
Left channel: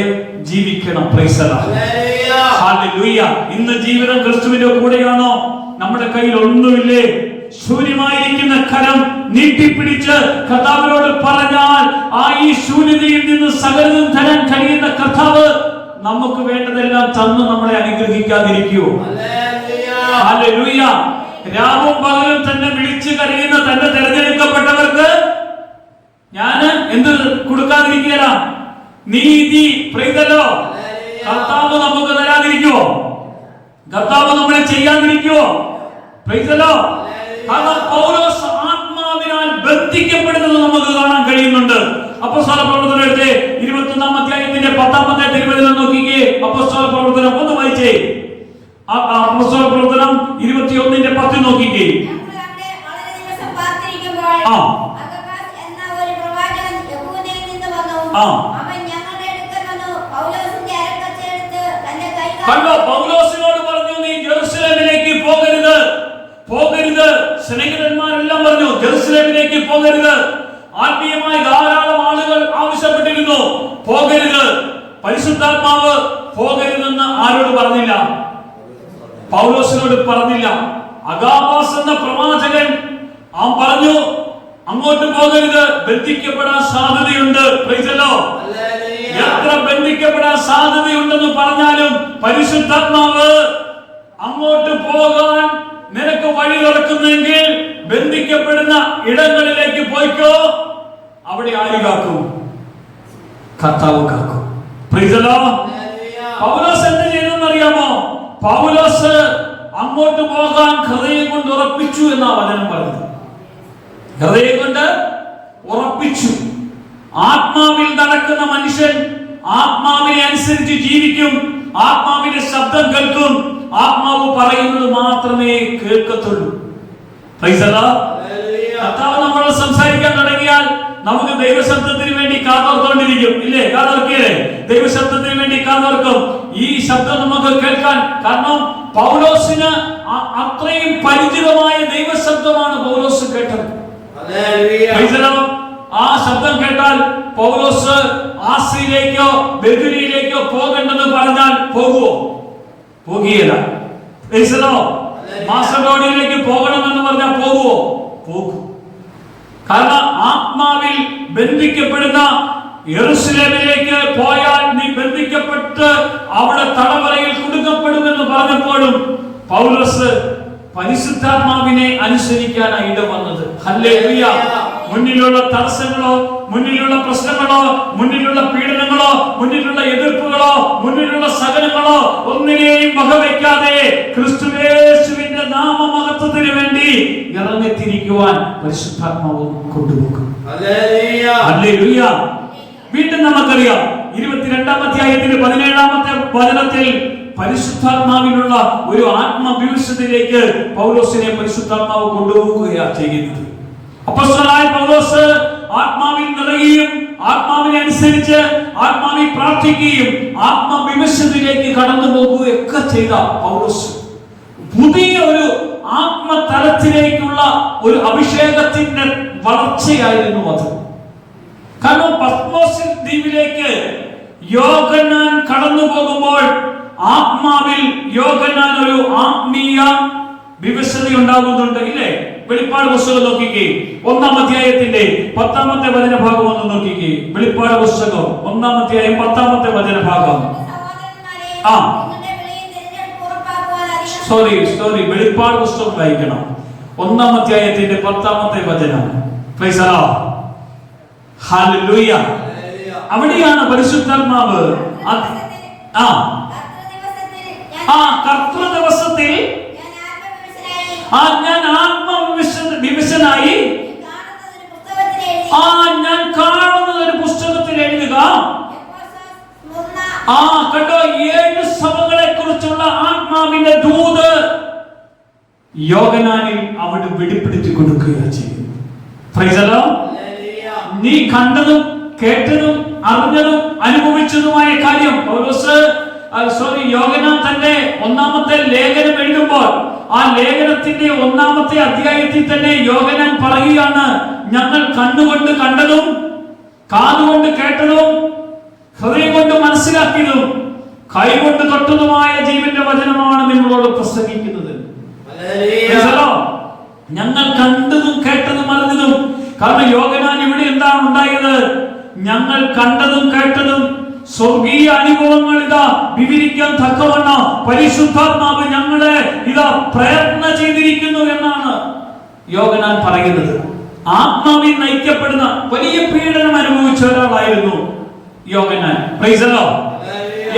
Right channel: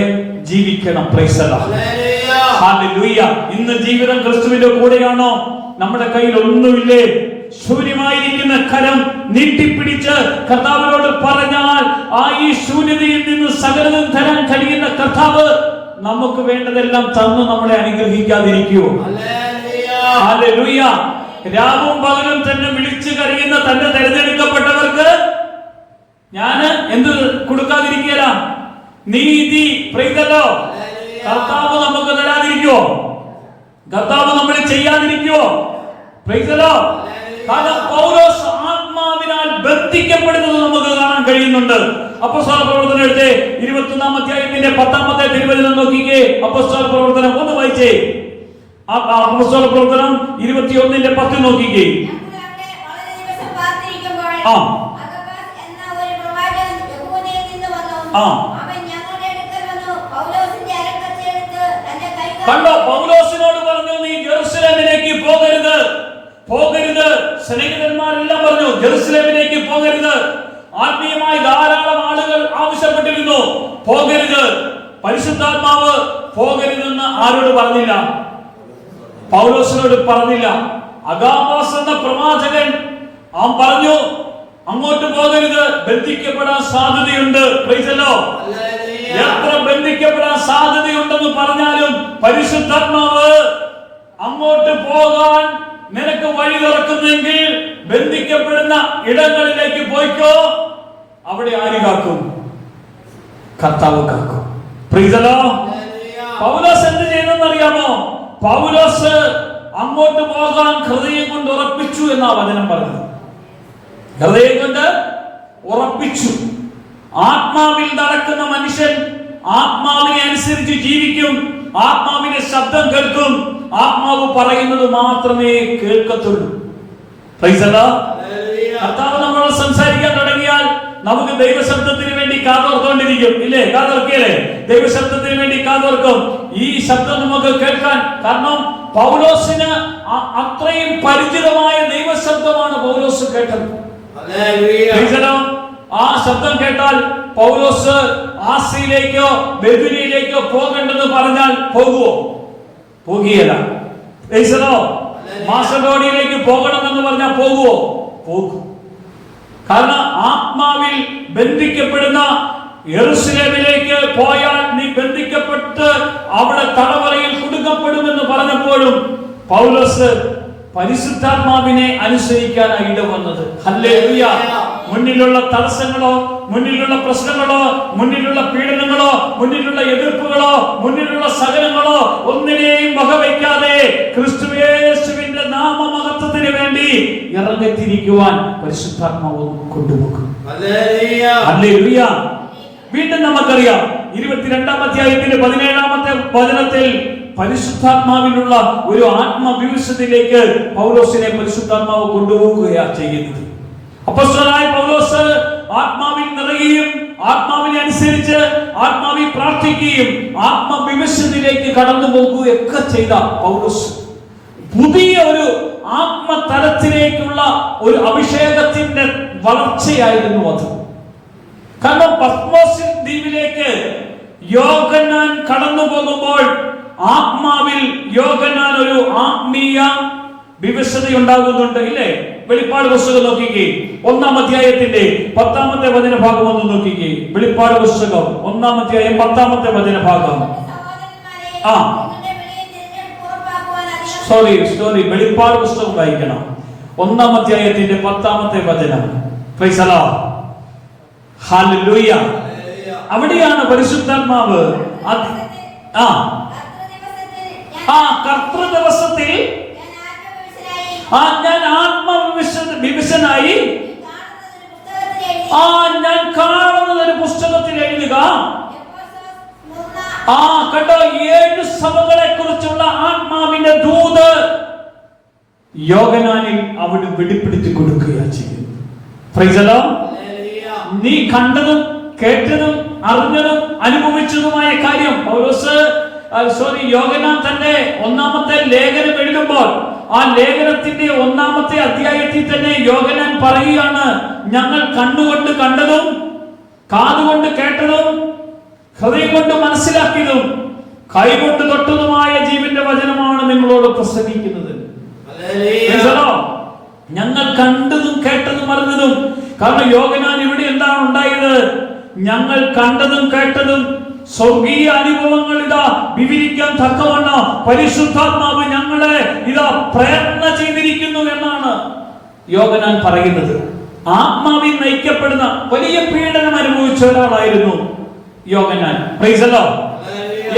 ജീവിക്കണം. Price the Lord. ഹല്ലേലൂയ. ഇന്ന് ജീവിതം ക്രിസ്തുവിന്റെ കൂടെയാണോ? നമ്മുടെ കയ്യിൽ ഒന്നുമില്ലേ? ശൂന്യമായിരിക്കുന്ന കരം നീട്ടിപ്പിടിച്ച് കർത്താവിനോട് പറഞ്ഞാൽ ആ ഈ ശൂന്യതയിൽ നിന്ന് സകലതും തരാൻ കഴിയുന്ന കർത്താവ് നമുക്ക് വേണ്ടതെല്ലാം തന്ന് നമ്മളെ അനുഗ്രഹിക്കാതിരിക്കുമോ? ഹല്ലേലൂയ. രാവും പകലും തന്നെ വിളിച്ചു കരയുന്ന തന്റെ തെരഞ്ഞെടുക്കപ്പെട്ടവർക്ക് ഞാൻ എന്ത് കൊടുക്കാതിരിക്കുകയല്ല? നീതി. പ്രൈതലോ. കർത്താവ് നമുക്ക് തരാതിരിക്കുമോ? കർത്താവ് നമ്മളെ ചെയ്യാതിരിക്കുമോ? പ്രൈതലോ. കാരണം പൗലോസ് ആത്മാവിനാൽ ബന്ധിക്കപ്പെടുന്നത് നമുക്ക് കാണാൻ കഴിയുന്നുണ്ട്. അപ്പോസ്തല പ്രവർത്തനം എടുത്ത് 21-ാം അധ്യായത്തിന്റെ 10-ാമത്തെ തിരുവചനം നോക്കിക്കേ. അപ്പോസ്തല പ്രവർത്തനം ഒന്ന് വായിച്ചേ. അപ്പോസ്തല പ്രവർത്തനം 21-ന്റെ 10 നോക്കിക്കേ. കണ്ടോ, പൗലോസിനോട് പറഞ്ഞു, നീ ജെറുസലേമിലേക്ക് പോകരുത്, പോകരുത്. സ്നേഹിതന്മാരെല്ലാം പറഞ്ഞു ജെറുസലേമിലേക്ക് പോകരുത്. ആത്മീയമായി ധാരാളം ആളുകൾ ആവശ്യപ്പെട്ടിരുന്നു, പോകരുത്. പരിശുദ്ധാത്മാവ് പോകരുതെന്ന് ആരോട് പറഞ്ഞില്ല? പൗലോസിനോട് പറഞ്ഞില്ല. അഗാബോസ് എന്ന പ്രവാചകൻ പറഞ്ഞു അങ്ങോട്ട് പോകരുത്, ബന്ധിക്കപ്പെടാൻ സാധ്യതയുണ്ട്. Price the Lord. എത്ര ബന്ധിക്കപ്പെടാൻ സാധ്യതയുണ്ടെന്ന് പറഞ്ഞാലും പരിശുദ്ധാത്മാവ് അങ്ങോട്ട് പോകാൻ നിനക്ക് വഴി തുറക്കുന്നെങ്കിൽ ബന്ധിക്കപ്പെടുന്ന ഇടങ്ങളിലേക്ക് പോയിക്കോ. അവിടെ ആര് കാക്കും? കർത്താവ് കാക്കും. Price the Lord. പൗലോസ് എന്ത് ചെയ്തെന്ന് അറിയാമോ? പൗലോസ് അങ്ങോട്ട് പോകാൻ ഹൃദയം കൊണ്ട് ഉറപ്പിച്ചു എന്നാ വചനം പറഞ്ഞത്. ഹൃദയം കൊണ്ട് ഉറപ്പിച്ചു. ആത്മാവിൽ നടക്കുന്ന മനുഷ്യൻ ആത്മാവിനെ അനുസരിച്ച് ജീവിക്കും. ആത്മാവിന്റെ ശബ്ദം കേൾക്കും. ആത്മാവ് പറയുന്നത് മാത്രമേ കേൾക്കത്തുള്ളൂ. കർത്താവ് നമ്മൾ സംസാരിക്കാൻ തുടങ്ങിയാൽ നമുക്ക് ദൈവശബ്ദത്തിന് വേണ്ടി കാതോർത്തോണ്ടിരിക്കും. ഇല്ലേ? കാതോർക്കില്ലേ? ദൈവശബ്ദത്തിന് വേണ്ടി കാതോർക്കും. ഈ ശബ്ദം നമുക്ക് കേൾക്കാൻ. കാരണം പൗലോസിന് അത്രയും പരിചിതമായ ദൈവശബ്ദമാണ് പൗലോസ് കേട്ടത്. ആ ശബ്ദം കേട്ടാൽ പൗലോസ് ആസിയിലേക്കോ ബെഥുനിയിലേക്കോ പോകേണ്ടെന്ന് പറഞ്ഞാൽ പോകുവോ? പോകുകയില്ല. മാസഡോണിയയിലേക്ക് പോകണമെന്ന് പറഞ്ഞാൽ പോകുവോ? പോകും. കാരണം ആത്മാവിൽ ബന്ധിക്കപ്പെടുന്ന യെരൂശലേമിലേക്ക് പോയാൽ നീ ബന്ധിക്കപ്പെട്ട് അവിടെ തടവറയിൽ കുടുങ്ങപ്പെടുമെന്ന് പറഞ്ഞപ്പോഴും പൗലോസ് പരിശുദ്ധാത്മാവിനെ അനുസരിക്കാനാണ് ഇടവന്നത്. ഹല്ലേലൂയ. മുന്നിലുള്ള തടസ്സങ്ങളോ, മുന്നിലുള്ള പ്രശ്നങ്ങളോ, മുന്നിലുള്ള പീഡനങ്ങളോ, മുന്നിലുള്ള എതിർപ്പുകളോ, മുന്നിലുള്ള സകലങ്ങളോ ഒന്നിനെയും വകവയ്ക്കാതെ ക്രിസ്തുയേശുവിന്റെ നാമമഹത്വത്തിന് വേണ്ടി ഇറങ്ങിത്തിരിക്കുവാൻ പരിശുദ്ധാത്മാവ് കൊണ്ടുപോകും. ഹല്ലേലൂയ. വീണ്ടും നമുക്കറിയാം 22-ാം അധ്യായത്തിന്റെ 17-ാമത്തെ വചനത്തിൽ പരിശുദ്ധാത്മാവിനുള്ള ഒരു ആത്മവിശുദ്ധിയിലേക്ക് പൗലോസിനെ പരിശുദ്ധാത്മാവ് കൊണ്ടുപോവുകയാണ് ചെയ്യുന്നത്. അപ്പോസ്തലനായ പൗലോസ് ആത്മാവിൽ നിറയുകയും ആത്മാവിനെ അനുസരിച്ച് ആത്മാവിൽ പ്രാർത്ഥിക്കുകയും ആത്മവിശുദ്ധിയിലേക്ക് കടന്നു പോകുകയൊക്കെ ചെയ്ത പൗലോസ് പുതിയ ഒരു ആത്മതലത്തിലേക്കുള്ള ഒരു അഭിഷേകത്തിന്റെ വളർച്ചയായിരുന്നു അത്. കാരണം പത്മോസ് ദ്വീപിലേക്ക് യോഹന്നാൻ കടന്നു പോകുമ്പോൾ ആത്മാവിൽ യോഹന്നാൻ ഒരു ആത്മീയ വിവശത ഉണ്ടാകുന്നുണ്ട്, ഇല്ലേ? വെളിപ്പാട് പുസ്തകം നോക്കിക്കേ, 1-ാം അധ്യായത്തിന്റെ 10-ാമത്തെ വചനഭാഗം ഒന്ന് നോക്കിക്കേ. വെളിപ്പാട് പുസ്തകം 1-ാം അധ്യായം 10-ാമത്തെ വചനഭാഗം. സോറി വെളിപ്പാട് പുസ്തകം വായിക്കണം. 1-ാം അധ്യായത്തിന്റെ 10-ാമത്തെ വചനം. Price the Lord. ഹല്ലേലൂയ. അവിടെയാണ് പരിശുദ്ധാത്മാവ് കർത്തൃ ദിവസത്തിൽ ഞാൻ ആത്മവിവശനായി ഞാൻ കാണുന്നത് ഒരു പുസ്തകത്തിൽ എഴുതുക. കേട്ടോ, 7 സഭകളെ കുറിച്ചുള്ള ആത്മാവിന്റെ ദൂത് യോഹന്നാനിൽ അവിടെ വെളിപ്പെടുത്തി കൊടുക്കുകയാണ് ചെയ്യുന്നത്. Price the Lord. നീ കണ്ടതും കേട്ടതും അറിഞ്ഞതും അനുഭവിച്ചതുമായ കാര്യം യോഹന്നാൻ തന്നെ 1-ാമത്തെ ലേഖനം എഴുതുമ്പോൾ ആ ലേഖനത്തിന്റെ 1-ാമത്തെ അധ്യായത്തിൽ തന്നെ യോഹന്നാൻ പറയുകയാണ്, ഞങ്ങൾ കണ്ണുകൊണ്ട് കണ്ടതും കാതുകൊണ്ട് കേട്ടതും ഹൃദയം കൊണ്ട് മനസ്സിലാക്കിയതും കൈകൊണ്ട് തൊട്ടതുമായ ജീവന്റെ വചനമാണ് നിങ്ങളോട് പ്രസംഗിക്കുന്നത്. ഞങ്ങൾ കണ്ടതും കേട്ടതും അറിഞ്ഞതും. കാരണം യോഹന്നാൻ ഇവിടെ എന്താണ് ഉണ്ടായത്? ഞങ്ങൾ കണ്ടതും കേട്ടതും സ്വർഗീയ അനുഭവങ്ങൾ ഇതാ വിവരിക്കാൻ തക്കവണ്ണം പരിശുദ്ധാത്മാവ് ഞങ്ങളെ ഇതാ പ്രയത്നം ചെയ്തിരിക്കുന്നു എന്നാണ് യോഹന്നാൻ പറയുന്നത്. ആത്മാവിൽ നയിക്കപ്പെടുന്ന വലിയ പീഡനം അനുഭവിച്ച ഒരാളായിരുന്നു യോഹന്നാൻ. Praise the Lord.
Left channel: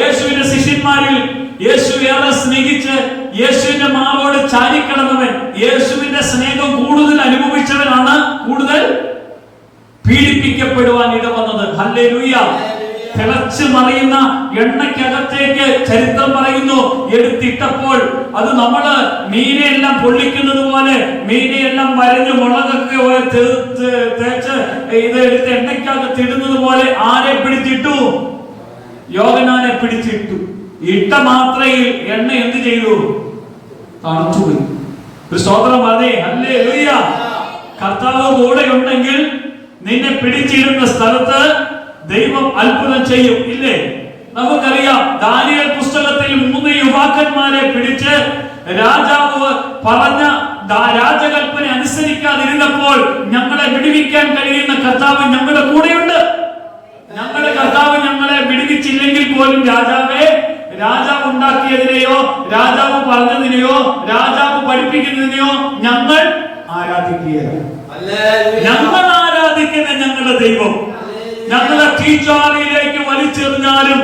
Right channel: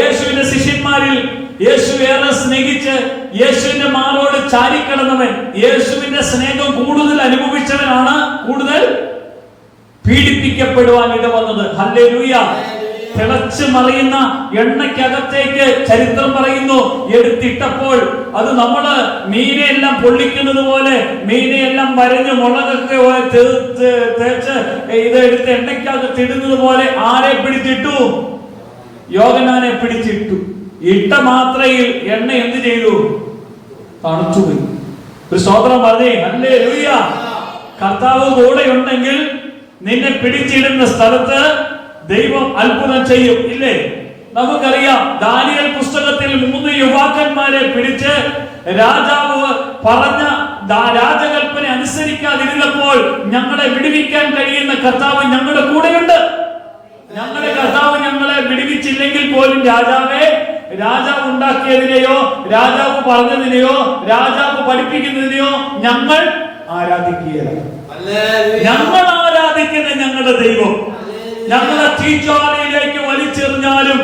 യേശുവിന്റെ ശിഷ്യന്മാരിൽ യേശു ഏറെ സ്നേഹിച്ച് യേശുവിന്റെ മാറോട് ചാരിക്കിടന്നവൻ, യേശുവിന്റെ സ്നേഹം കൂടുതൽ അനുഭവിച്ചവനാണ് കൂടുതൽ പീഡിപ്പിക്കപ്പെടുവാൻ ഇടവന്നത്. ഹല്ലേലൂയ. തിളച്ചു മറിയുന്ന എണ്ണയ്ക്കകത്തേക്ക് ചരിത്രം പറയുന്നു എടുത്തിട്ടപ്പോൾ അത് നമ്മള് മീനെയെല്ലാം പൊള്ളിക്കുന്നത് പോലെ മീനെയെല്ലാം വരഞ്ഞ് മുളകൊക്കെ തേച്ച് ഇത് എടുത്ത് എണ്ണയ്ക്കകത്ത് ഇടുന്നത് പോലെ ആരെ പിടിച്ചിട്ടു? യോഹന്നാനെ പിടിച്ചിട്ടു. ഇട്ട മാത്രയിൽ എണ്ണ എന്ത് ചെയ്തു? തണുത്തുപോയി. ഒരു സ്തോത്രം പറഞ്ഞേ. ഹല്ലേലൂയ. കർത്താവ് കൂടെ ഉണ്ടെങ്കിൽ നിന്നെ പിടിച്ചിടുന്ന സ്ഥലത്ത് ദൈവം അത്ഭുതം ചെയ്യും, ഇല്ലേ? നമുക്കറിയാം ദാനിയേൽ പുസ്തകത്തിൽ 3 യുവാക്കന്മാരെ പിടിച്ച് രാജാവ് പറഞ്ഞ രാജകൽപ്പന അനുസരിക്കാതിരുന്നപ്പോൾ ഞങ്ങളെ വിടുവിക്കാൻ കഴിയുന്ന കർത്താവ് ഞങ്ങളുടെ കൂടെയുണ്ട്. ഞങ്ങളുടെ കർത്താവ് ഞങ്ങളെ വിടുവിച്ചില്ലെങ്കിൽ പോലും രാജാവ് ഉണ്ടാക്കിയതിനെയോ രാജാവ് പറഞ്ഞതിനെയോ രാജാവ് പഠിപ്പിക്കുന്നതിനെയോ ഞങ്ങൾ ആരാധിക്കുകയാണ്. ഞങ്ങൾ ആരാധിക്കുന്ന ഞങ്ങളുടെ ദൈവം ഞങ്ങളെ തീജ്വാലയിലേക്ക് വലിച്ചെറിഞ്ഞാലും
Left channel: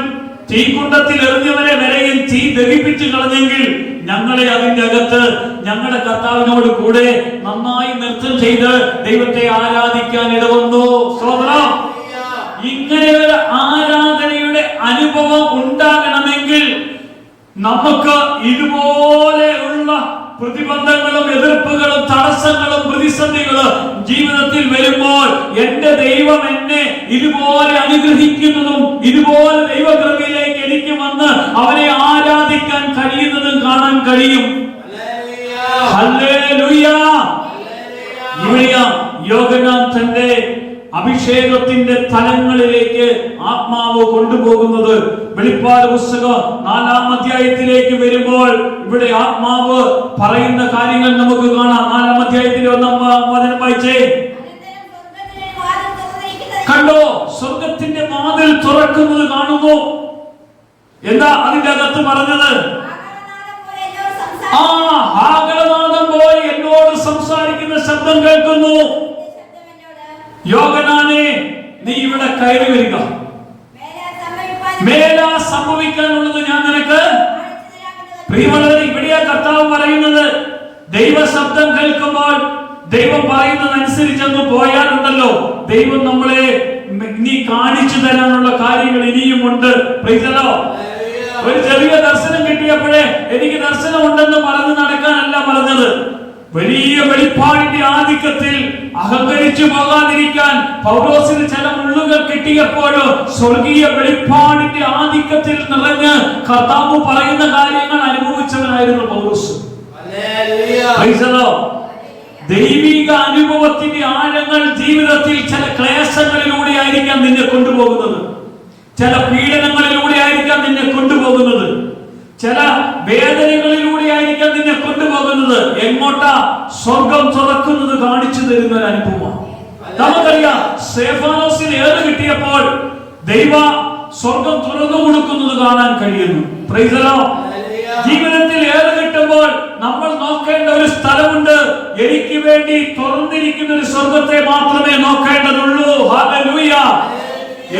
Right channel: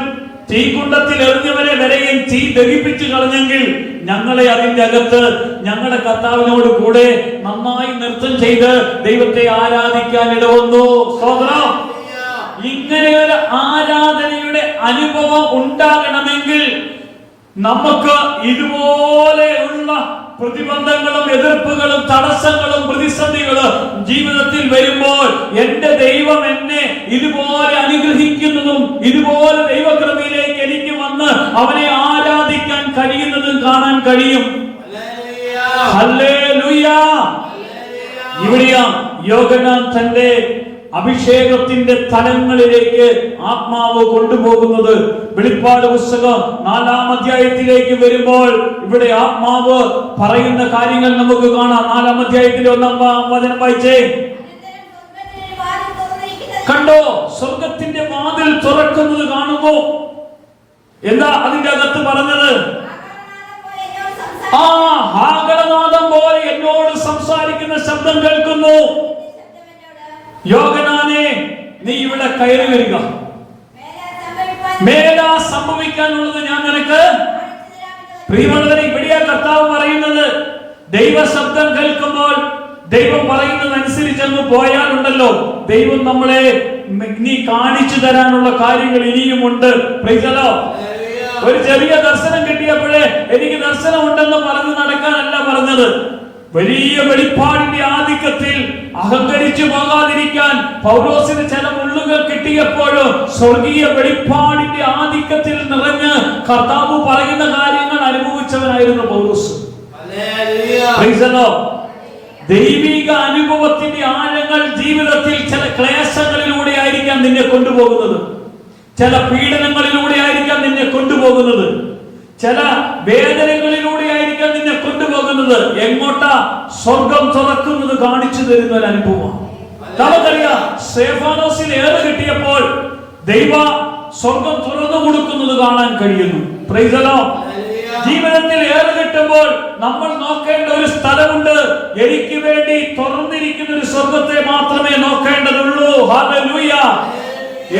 തീക്കുണ്ടത്തിൽ എറിഞ്ഞവരെ വരെയും തീ ദഹിപ്പിച്ചു കളഞ്ഞെങ്കിൽ ഞങ്ങളെ അതിന്റെ അകത്ത് ഞങ്ങളുടെ കർത്താവിനോട് കൂടെ നന്നായി നൃത്തം ചെയ്ത് ദൈവത്തെ ആരാധിക്കാൻ ഇടവന്നു. സ്തോത്രം. ഇങ്ങനെ ഒരു ആരാധനയുടെ അനുഭവം ഉണ്ടാകണമെങ്കിൽ നമുക്ക് ഇതുപോലെയുള്ള പ്രതിബന്ധങ്ങളും എതിർപ്പുകളും തടസ്സങ്ങളും പ്രതിസന്ധികളും ജീവിതത്തിൽ വരുമ്പോൾ എന്റെ ദൈവം എന്നെ ഇതുപോലെ അനുഗ്രഹിക്കുന്നതും ഇതുപോലെ ദൈവകൃപയിലേക്ക് എനിക്ക് വന്ന് അവനെ ആരാധിക്കാൻ കഴിയുന്നതും കാണാൻ കഴിയും. പരിശുദ്ധാത്മാവ് കൊണ്ടുപോകുന്നത്. വെളിപ്പാട് പുസ്തകം 4-ാം അധ്യായത്തിലേക്ക് വരുമ്പോൾ ഇവിടെ ആത്മാവ് പറയുന്ന കാര്യങ്ങൾ നമുക്ക് കാണാം. 4-ാം അധ്യായത്തിലെ 1-ാം വചനം വായിച്ചേ. കണ്ടോ, സ്വർഗത്തിന്റെ വാതിൽ തുറക്കുന്നത് കാണുമോ? എന്താ അതിന്റെ അകത്ത് പറഞ്ഞത്? ആഗമനാദം പോലെ എന്നോട് സംസാരിക്കുന്ന ശബ്ദം കേൾക്കുന്നു. യോഹന്നാനേ, നീ ഇവിടെ കയറി വരിക. മേലാ സംഭവിക്കാനുള്ളത് ഞാൻ നിനക്ക്. പ്രിയമുള്ളവരെ, ഇവിടെയാ കർത്താവ് പറയുന്നത്. ദൈവ ശബ്ദം കേൾക്കുമ്പോൾ ദൈവം പറയുന്നതനുസരിച്ചൊന്ന് പോയാലുണ്ടല്ലോ, ദൈവം നമ്മളെ നീ കാണിച്ചു തരാനുള്ള കാര്യങ്ങൾ ഇനിയുമുണ്ട്. ഒരു ചെറിയ ദർശനം കിട്ടിയപ്പോഴേ എനിക്ക് ദർശനം ഉണ്ടെന്ന് പറഞ്ഞ് നടക്കാനല്ല പറഞ്ഞത്. വലിയ വെളിപ്പാടിന്റെ ആധിക്യത്തിൽ അഹങ്കരിച്ചു പോകാതിരിക്കാൻ പൗലോസിന് ചില മുള്ളുകൾ കിട്ടിയപ്പോഴും സ്വർഗീയ വെളിപ്പാടിന്റെ ആധിക്യത്തിൽ നിറഞ്ഞ് കർത്താവ് പറയുന്ന കാര്യങ്ങൾ അനുഭവിച്ചവനായിരുന്നു പൗലോസ്. ദൈവിക അനുഭവത്തിന്റെ ആഴങ്ങൾ ജീവിതത്തിൽ ചില ക്ലേശങ്ങളിലൂടെ ആയിരിക്കാം നിന്നെ കൊണ്ടുപോകുന്നത്. ചില പീഡനങ്ങളിലൂടെ ആയിരിക്കാം നിന്നെ കൊണ്ടുപോകുന്നത്. ചില വേദനകളിലൂടെ ആയിരിക്കാം നിന്നെ കൊണ്ടുപോകുന്നത്. എങ്ങോട്ടാ? സ്വർഗം തുറക്കുന്നത് കാണിച്ചു തരുന്ന ഒരു അനുഭവം. നമുക്കറിയാം, സ്തെഫാനോസിന് ഏറ് കിട്ടിയപ്പോൾ ദൈവ സ്വർഗം തുറന്നു കൊടുക്കുന്നത് കാണാൻ കഴിയുന്നു. Price the Lord. ജീവിതത്തിൽ ഏറ് കിട്ടുമ്പോൾ നമ്മൾ നോക്കേണ്ട ഒരു സ്ഥലമുണ്ട്. എനിക്ക് വേണ്ടി തുറന്നിരിക്കുന്ന ഒരു സ്വർഗത്തെ മാത്രമേ നോക്കേണ്ടതുള്ളൂ. ഹല്ലേലൂയ.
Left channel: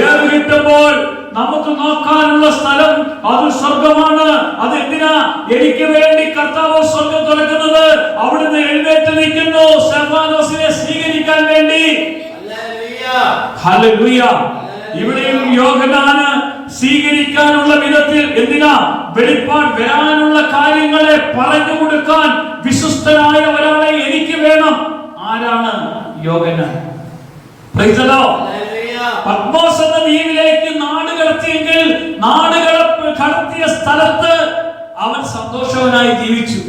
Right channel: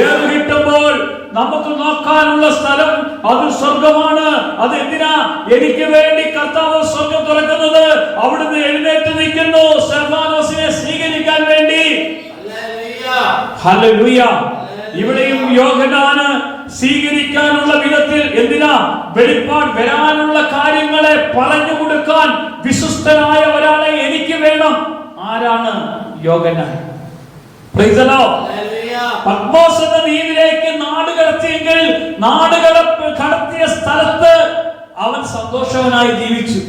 ഏറ് കിട്ടുമ്പോൾ നമുക്ക് നോക്കാനുള്ള സ്ഥലം അത് സ്വർഗമാണ്. അത് എന്തിനാ? എനിക്ക് വേണ്ടി കർത്താവ് സ്വർഗം തുറക്കുന്നത്. അവിടുന്ന് എഴുന്നേറ്റ് നിൽക്കുന്നു സ്തെഫാനോസിനെ സ്വീകരിക്കാൻ വേണ്ടി. ഹല്ലേലൂയ. ഇവിടെയും യോഹന്നാന് സ്വീകരിക്കാനുള്ള വിധത്തിൽ എന്തിനാ? വെളിപ്പാട് വരാനുള്ള കാര്യങ്ങളെ പറഞ്ഞു കൊടുക്കാൻ വിശ്വസ്തനായ ഒരാളെ എനിക്ക് വേണം. ആരാണ്? യോഹന്നാൻ. Praise the Lord. പത്മോസ് എന്ന ദ്വീപിലേക്ക് നാട് കടത്തിയെങ്കിൽ നാട് കടത്തിയ സ്ഥലത്ത് അവൻ സന്തോഷവനായി ജീവിച്ചു.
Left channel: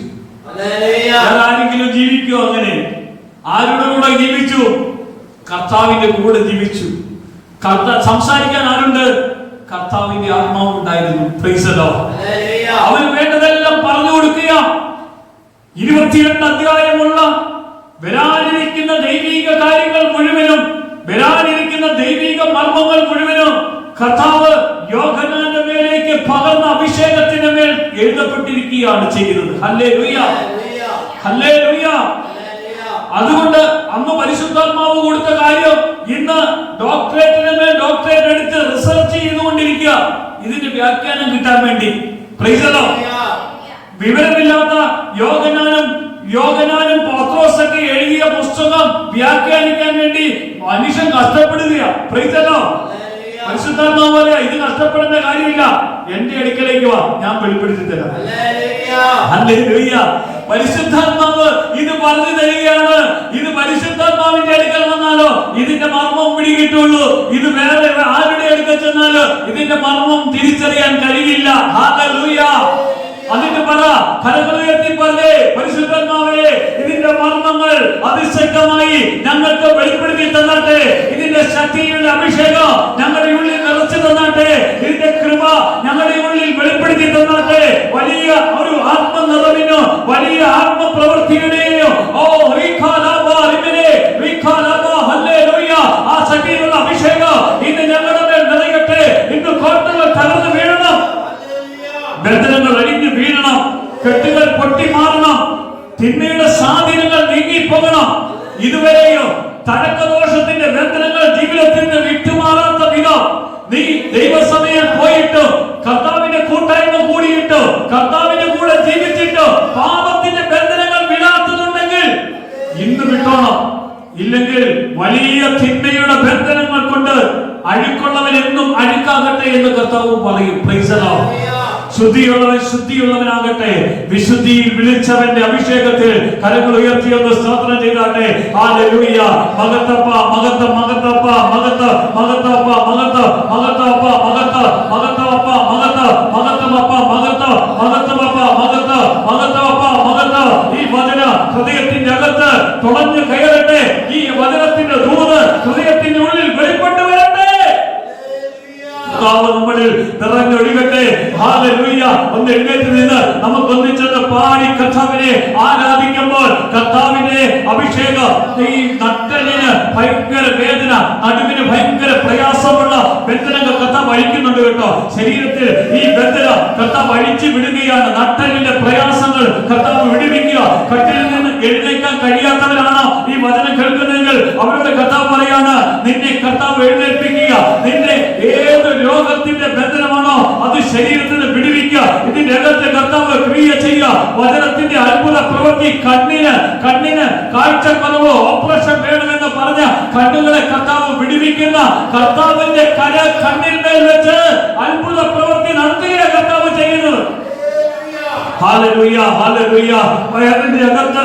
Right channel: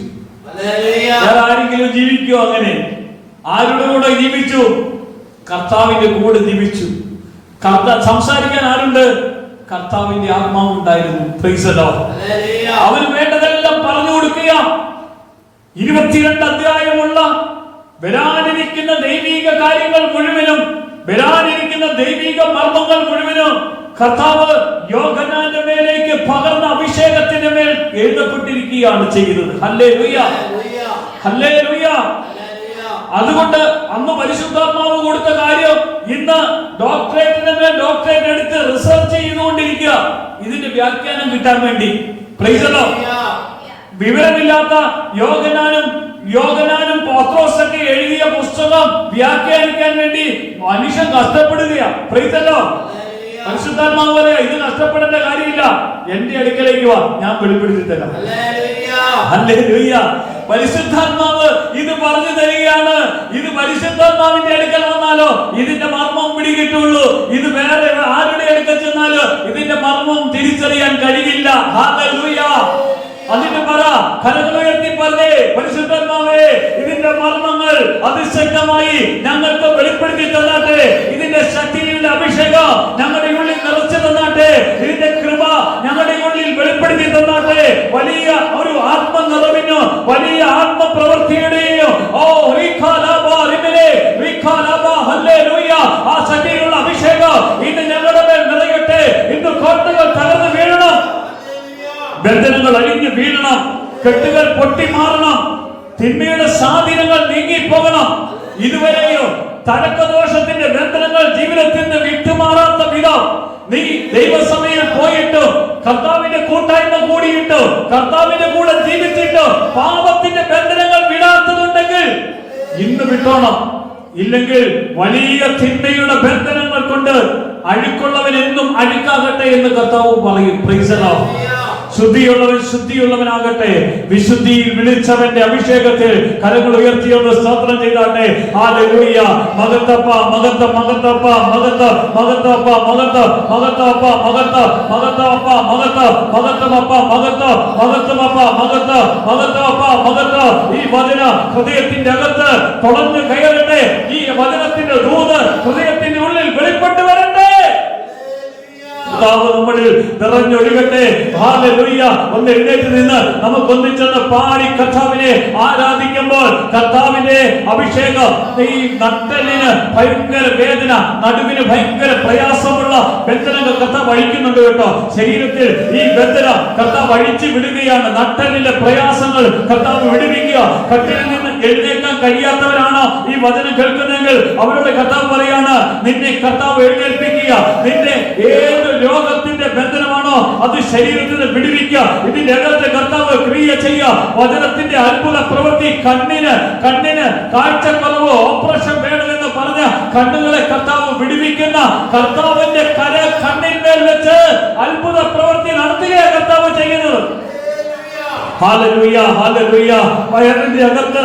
ആരെങ്കിലും ജീവിക്കോ അങ്ങനെ? ആരുടെ കൂടെ ജീവിച്ചു? കർത്താവിന്റെ കൂടെ ജീവിച്ചു. സംസാരിക്കാൻ ആരുണ്ട്? കർത്താവിന്റെ ആത്മാവ് ഉണ്ടായിരുന്നു. Price the Lord. അവന് വേണ്ടതെല്ലാം പറഞ്ഞു കൊടുക്കുക. 22 അധ്യായമുള്ള വരാനിരിക്കുന്ന ദൈവിക കാര്യങ്ങൾ മുഴുവനും, വരാനിരിക്കുന്ന ദൈവിക മർമ്മങ്ങൾ മുഴുവനും കർത്താവ് യോഹന്നാന്റെ മേലേക്ക് പകർന്ന അഭിഷേകത്തിന്റെ മേൽ എഴുതപ്പെട്ടിരിക്കുകയാണ് ചെയ്തത്. Hallelujah, hallelujah. അതുകൊണ്ട് അന്ന് പരിശുദ്ധാത്മാവ് കൊടുത്ത കാര്യം ഇന്ന് ഡോക്ടറേറ്റിന്റെ മേൽ ഡോക്ടറേറ്റ് എടുത്ത് റിസർച്ച് ചെയ്തുകൊണ്ടിരിക്കുക ഇതിന്റെ വ്യാഖ്യാനം കിട്ടാൻ വേണ്ടി. Price the Lord. വിവരമില്ലാത്ത യോഹന്നാനും പത്രോസൊക്കെ എഴുതിയ പുസ്തകം വ്യാഖ്യാനിക്കാൻ വേണ്ടി മനുഷ്യൻ കഷ്ടപ്പെടുകയാണ്. Price the Lord. പരിശുദ്ധാത്മാവ് പറയാ, ഇത് കഷ്ടപ്പെടേണ്ട കാര്യമില്ല, എന്റെ അടുക്കലേക്ക് വാ, ഞാൻ വെളിപ്പെടുത്തി തരാം. ഹല്ലേലൂയ. പരിശുദ്ധാത്മാവ് ഇത് പറഞ്ഞു തരികയാണ്. ഇത് പരിശുദ്ധാത്മാവിന്റെ അടുക്കൽ വന്നാലോ ഇതിന്റെ മർമ്മം പിടികിട്ടുള്ളൂ. ഇത് വേറെ ആരുടെ അടുക്കൽ ചെന്നാലോ ഇതിന്റെ മർമ്മം തിരിച്ചറിയാൻ കഴിയില്ല. ഹല്ലേലൂയ. അതിന്റെ ഫലങ്ങളുയർത്തി പറഞ്ഞേ, പരിശുദ്ധാത്മാവേ, ഇതിന്റെ മർമ്മങ്ങൾ അതിശക്തമായി ഞങ്ങൾക്ക് വെളിപ്പെടുത്തി തന്നാട്ടെ. ഇതിന്റെ ശക്തിയുടെ അഭിഷേകം ഞങ്ങളുടെ ഉള്ളിൽ നിറച്ചു തന്നാട്ടെ. ഇതിന്റെ കൃപ ഞങ്ങളുടെ ഉള്ളിൽ വെളിപ്പെടുത്തി തന്നാട്ടെ. വലിയ ഒരു ആത്മനിറവിനോ വലിയ ആത്മപ്രവൃത്തിയുടെയോ ആ ശക്തിയുള്ള അഭിഷേകം ഇന്ന് ഞങ്ങളുടെ മേൽ നിറയട്ടെ. ഇന്ന് കോട്ടകൾ തകർന്നു വീഴണം, ബന്ധനങ്ങൾ അഴിഞ്ഞു വീഴണം, കെട്ടുകൾ പൊട്ടിമാറണം, തിന്മയുടെ സ്വാധീനങ്ങൾ നീങ്ങിപ്പോകണം. ഇതുവരെയോ തടക്കദോഷത്തിന്റെ ബന്ധനങ്ങൾ ജീവിതത്തിൽ നിന്ന് വിട്ടുമാറാത്ത വിധം നീ ദൈവസമയം പോയിട്ട് കർത്താവിന്റെ കൂട്ടായ്മ കൂടിയിട്ട് കർത്താവിന്റെ കൂടെ ജീവിച്ചിട്ട് പാപത്തിന്റെ ബന്ധനങ്ങൾ വിടാത്തതുണ്ടെങ്കിൽ ഇന്ന് വിട്ടോണം. ഇല്ലെങ്കിൽ വലിയ തിന്മയുടെ ബന്ധനങ്ങൾ കൊണ്ട് അഴുക്കുള്ളവൻ എന്നും അഴുക്കാകട്ടെ എന്ന് കർത്താവ് പറയും. Praise the Lord. ശുദ്ധിയുള്ളവൻ ശുദ്ധിയുള്ളവനാകട്ടെ. വിശുദ്ധിയിൽ വിളിച്ചവന്റെ അഭിഷേകത്തിൽ കരങ്ങൾ ഉയർത്തിയെന്ന് സ്തോത്രം ചെയ്താട്ടെ. ഹല്ലേലൂയ. മഹത്വപ്പ മഹത്വ മഹത്വപ്പ മഹത്വ മഹത്വപ്പ മഹത്വ മഹത്വപ്പ മഹത്വ മഹത്വപ്പ മഹത്വ മഹത്വപ്പ മഹത്വ മഹത്വപ്പ മഹത്വ മഹത്വപ്പ മഹത്വ. ഈ വചന ഹൃദയത്തിന്റെ അകത്ത് തുടർന്ന് കയറട്ടെ. ഈ വചനത്തിന്റെ ദൂത് ഹൃദയത്തിന്റെ ഉള്ളിൽ വെളിപ്പെട്ടു വരട്ടെ. കർത്താവ് ഒഴുകട്ടെ. ഹല്ലേലൂയ. ഒന്ന് എഴുന്നേറ്റ് നിന്ന് നമുക്ക് ഒന്നിച്ചൊന്ന് പാടി കർത്താവിനെ ആരാധിക്കുമ്പോൾ കർത്താവിന്റെ അഭിഷേകം ഈ നട്ടലിന് ഭയങ്കര വേദന, നടുവിന് ഭയങ്കര പ്രയാസമുള്ള ബന്ധനങ്ങൾ കർത്താവ് അഴിക്കുന്നുണ്ട് കേട്ടോ. ശരീരത്തിൽ ഈ ബന്ധന കർത്താവ് അഴിച്ചു വിടുകയാണ്. നട്ടലിന്റെ പ്രയാസങ്ങൾ കർത്താവ് വിടുവിക്കുക. കട്ടിലിൽ നിന്ന് എഴുന്നേക്കാൻ കഴിയാത്തവരാണ് ഈ വചനം കേൾക്കുന്നതെങ്കിൽ അവരോട് കർത്താവ് പറയാണ്, നിന്നെ കർത്താവ് എഴുന്നേൽപ്പിക്കുക. നിന്റെ ഏത് രോഗത്തിന്റെ ബന്ധനമാണോ അത് ശരീരത്തിൽ നിന്ന് വിടുവിക്കുക. ഇതിന്റെ അകത്ത് കർത്താവ് ക്രിയ ചെയ്യുക. വചനത്തിന്റെ അത്ഭുത പ്രവൃത്തി. കണ്ണിന് കാഴ്ചക്കുറവ്, ഓപ്പറേഷൻ വേണമെന്ന് പറഞ്ഞ കണ്ണുകളെ കർത്താവ് വിടുവിക്കുന്ന കർത്താവിന്റെ കര കണ്ണിന്മേൽ വെച്ച് അത്ഭുത പ്രവൃത്തി നടത്തിയ കർത്താവ് ചെയ്യുന്നത്. Hallelujah, hallelujah. വയറിന്റെ അകത്ത്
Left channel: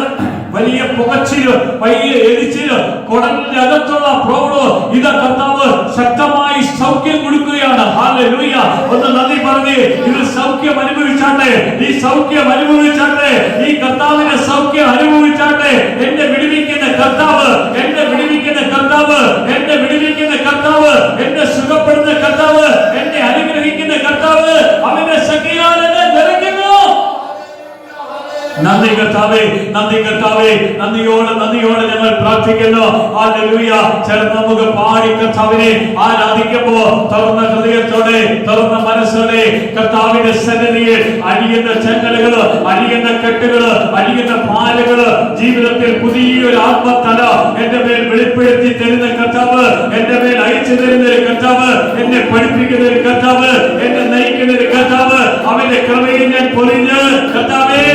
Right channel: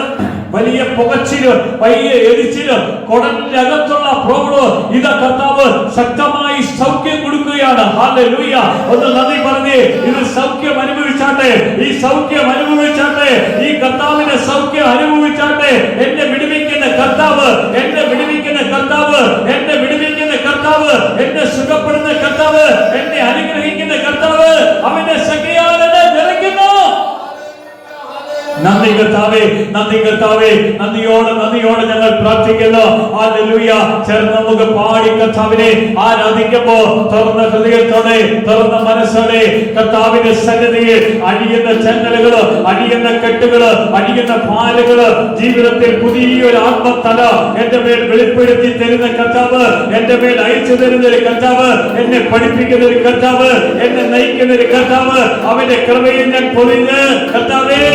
വലിയ പുകച്ചില്, വലിയ എരിച്ചില്, കുടലിന്റെ അകത്തുള്ള പ്രോബ്ലം, ഇത് കർത്താവ് ശക്തമായി സൗഖ്യം കൊടുക്കുകയാണ്. ഹല്ലേലൂയ. ഒന്ന് നന്ദി പറഞ്ഞേ. ഇത് സൗഖ്യം അനുഭവിച്ചാട്ടെ, ഈ സൗഖ്യം അനുഭവിച്ചാട്ടെ, ഈ കർത്താവിന്റെ സൗഖ്യം അനുഭവിച്ചാട്ടെ. എന്നെ വിടുവിക്കുന്ന കർത്താവ്, എന്നെ വിടുവിക്കുന്ന കർത്താവ്, എന്നെ വിടുവിക്കുന്ന കർത്താവ്, എന്നെ സുഖപ്പെടുന്ന കർത്താവ്, എന്നെ അനുഗ്രഹിക്കുന്ന കർത്താവ്, അവന്റെ സഖിയാലെന്നെ നിറയ്ക്കുന്നു. നന്ദി കർത്താവേ, നന്ദി കർത്താവേ. നന്ദിയോടെ ഞങ്ങൾ പ്രാർത്ഥിക്കുന്നു. ഹല്ലേലൂയ. ചേർന്ന് നമുക്ക് പാടി കർത്താവിനെ ആരാധിക്കുമ്പോൾ തുറന്ന ഹൃദയത്തോടെ, തുറന്ന മനസ്സോടെ കർത്താവിന്റെ സന്നിധിയിൽ അഴിയുന്ന ചങ്ങലകള്, അഴിയുന്ന കെട്ടുകള്, അഴിയുന്ന ഭാരങ്ങള്, ജീവിതത്തിൽ പുതിയൊരു ആത്മതല എന്റെ മേൽ വെളിപ്പെടുത്തി തരുന്ന കർത്താവ്, എന്റെ മേൽ അയച്ചു തരുന്ന ഒരു കർത്താവ്, എന്നെ പഠിപ്പിക്കുന്ന ഒരു കർത്താവ്, എന്നെ നയിക്കുന്ന ഒരു കർത്താവ്, അവന്റെ കൃപയിൽ ഞാൻ പൊളിഞ്ഞ് കർത്താവേ.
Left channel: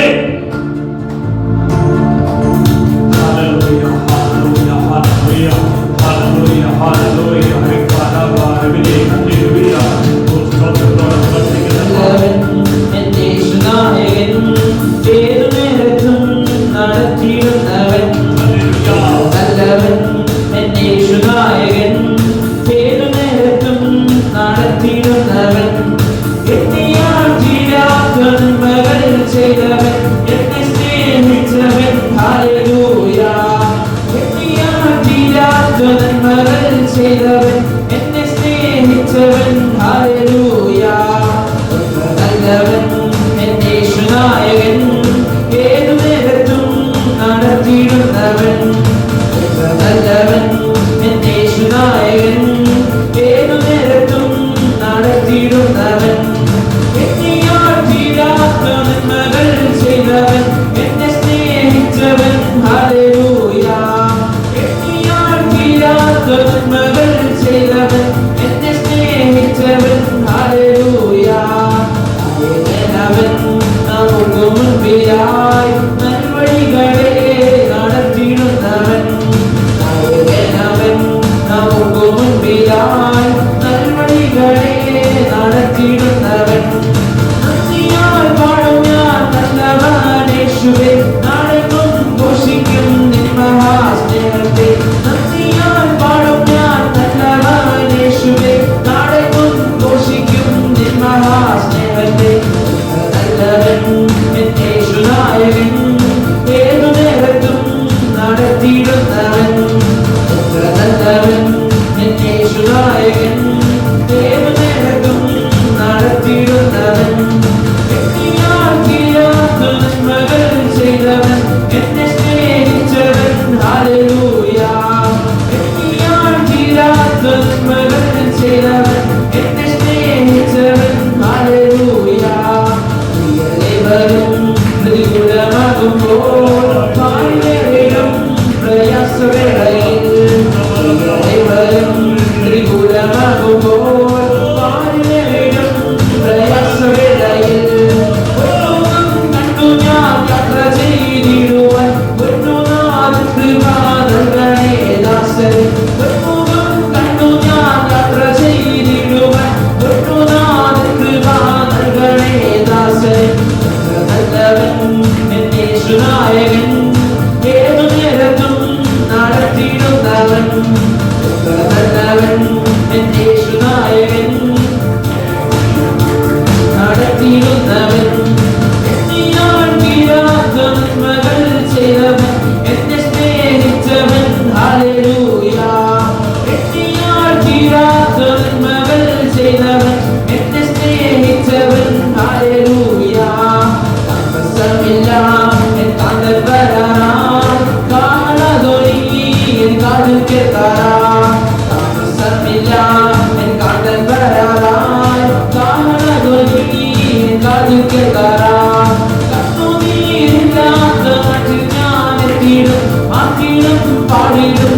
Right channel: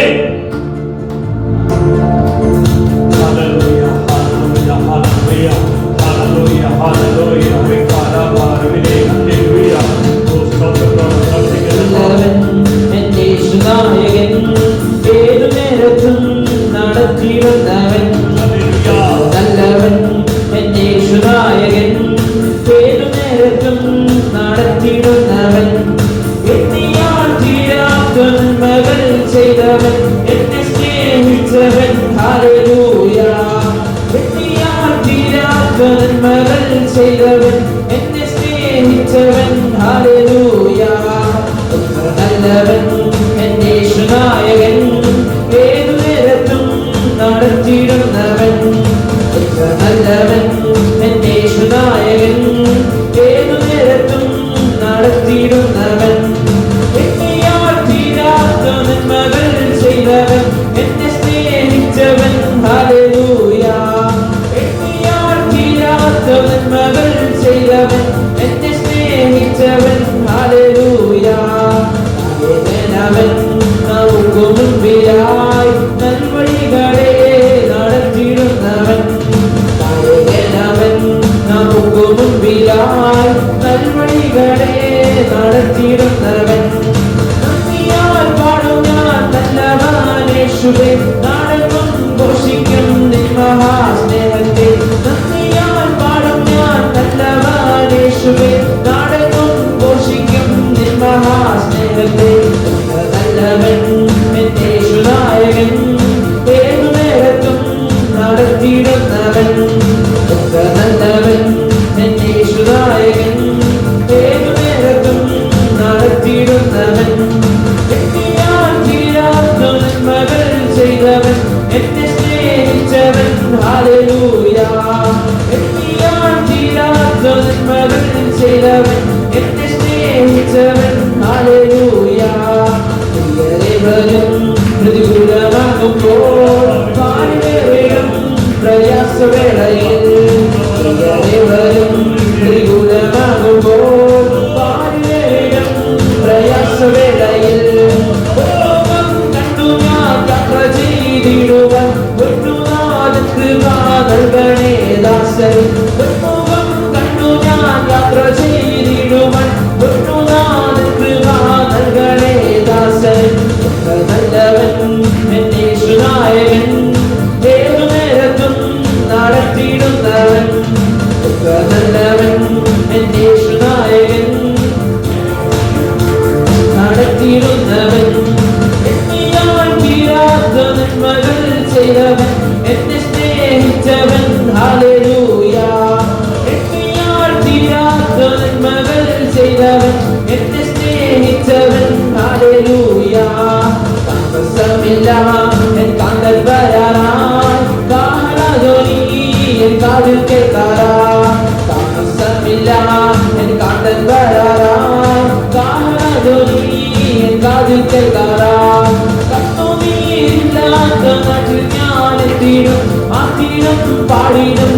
കേൾക്കാറാം. കണ്ണുനീരില്ലാത്ത നാട്ടിൽ ഞാനെത്തിയിടും, ആ തീരം പാടിയിടും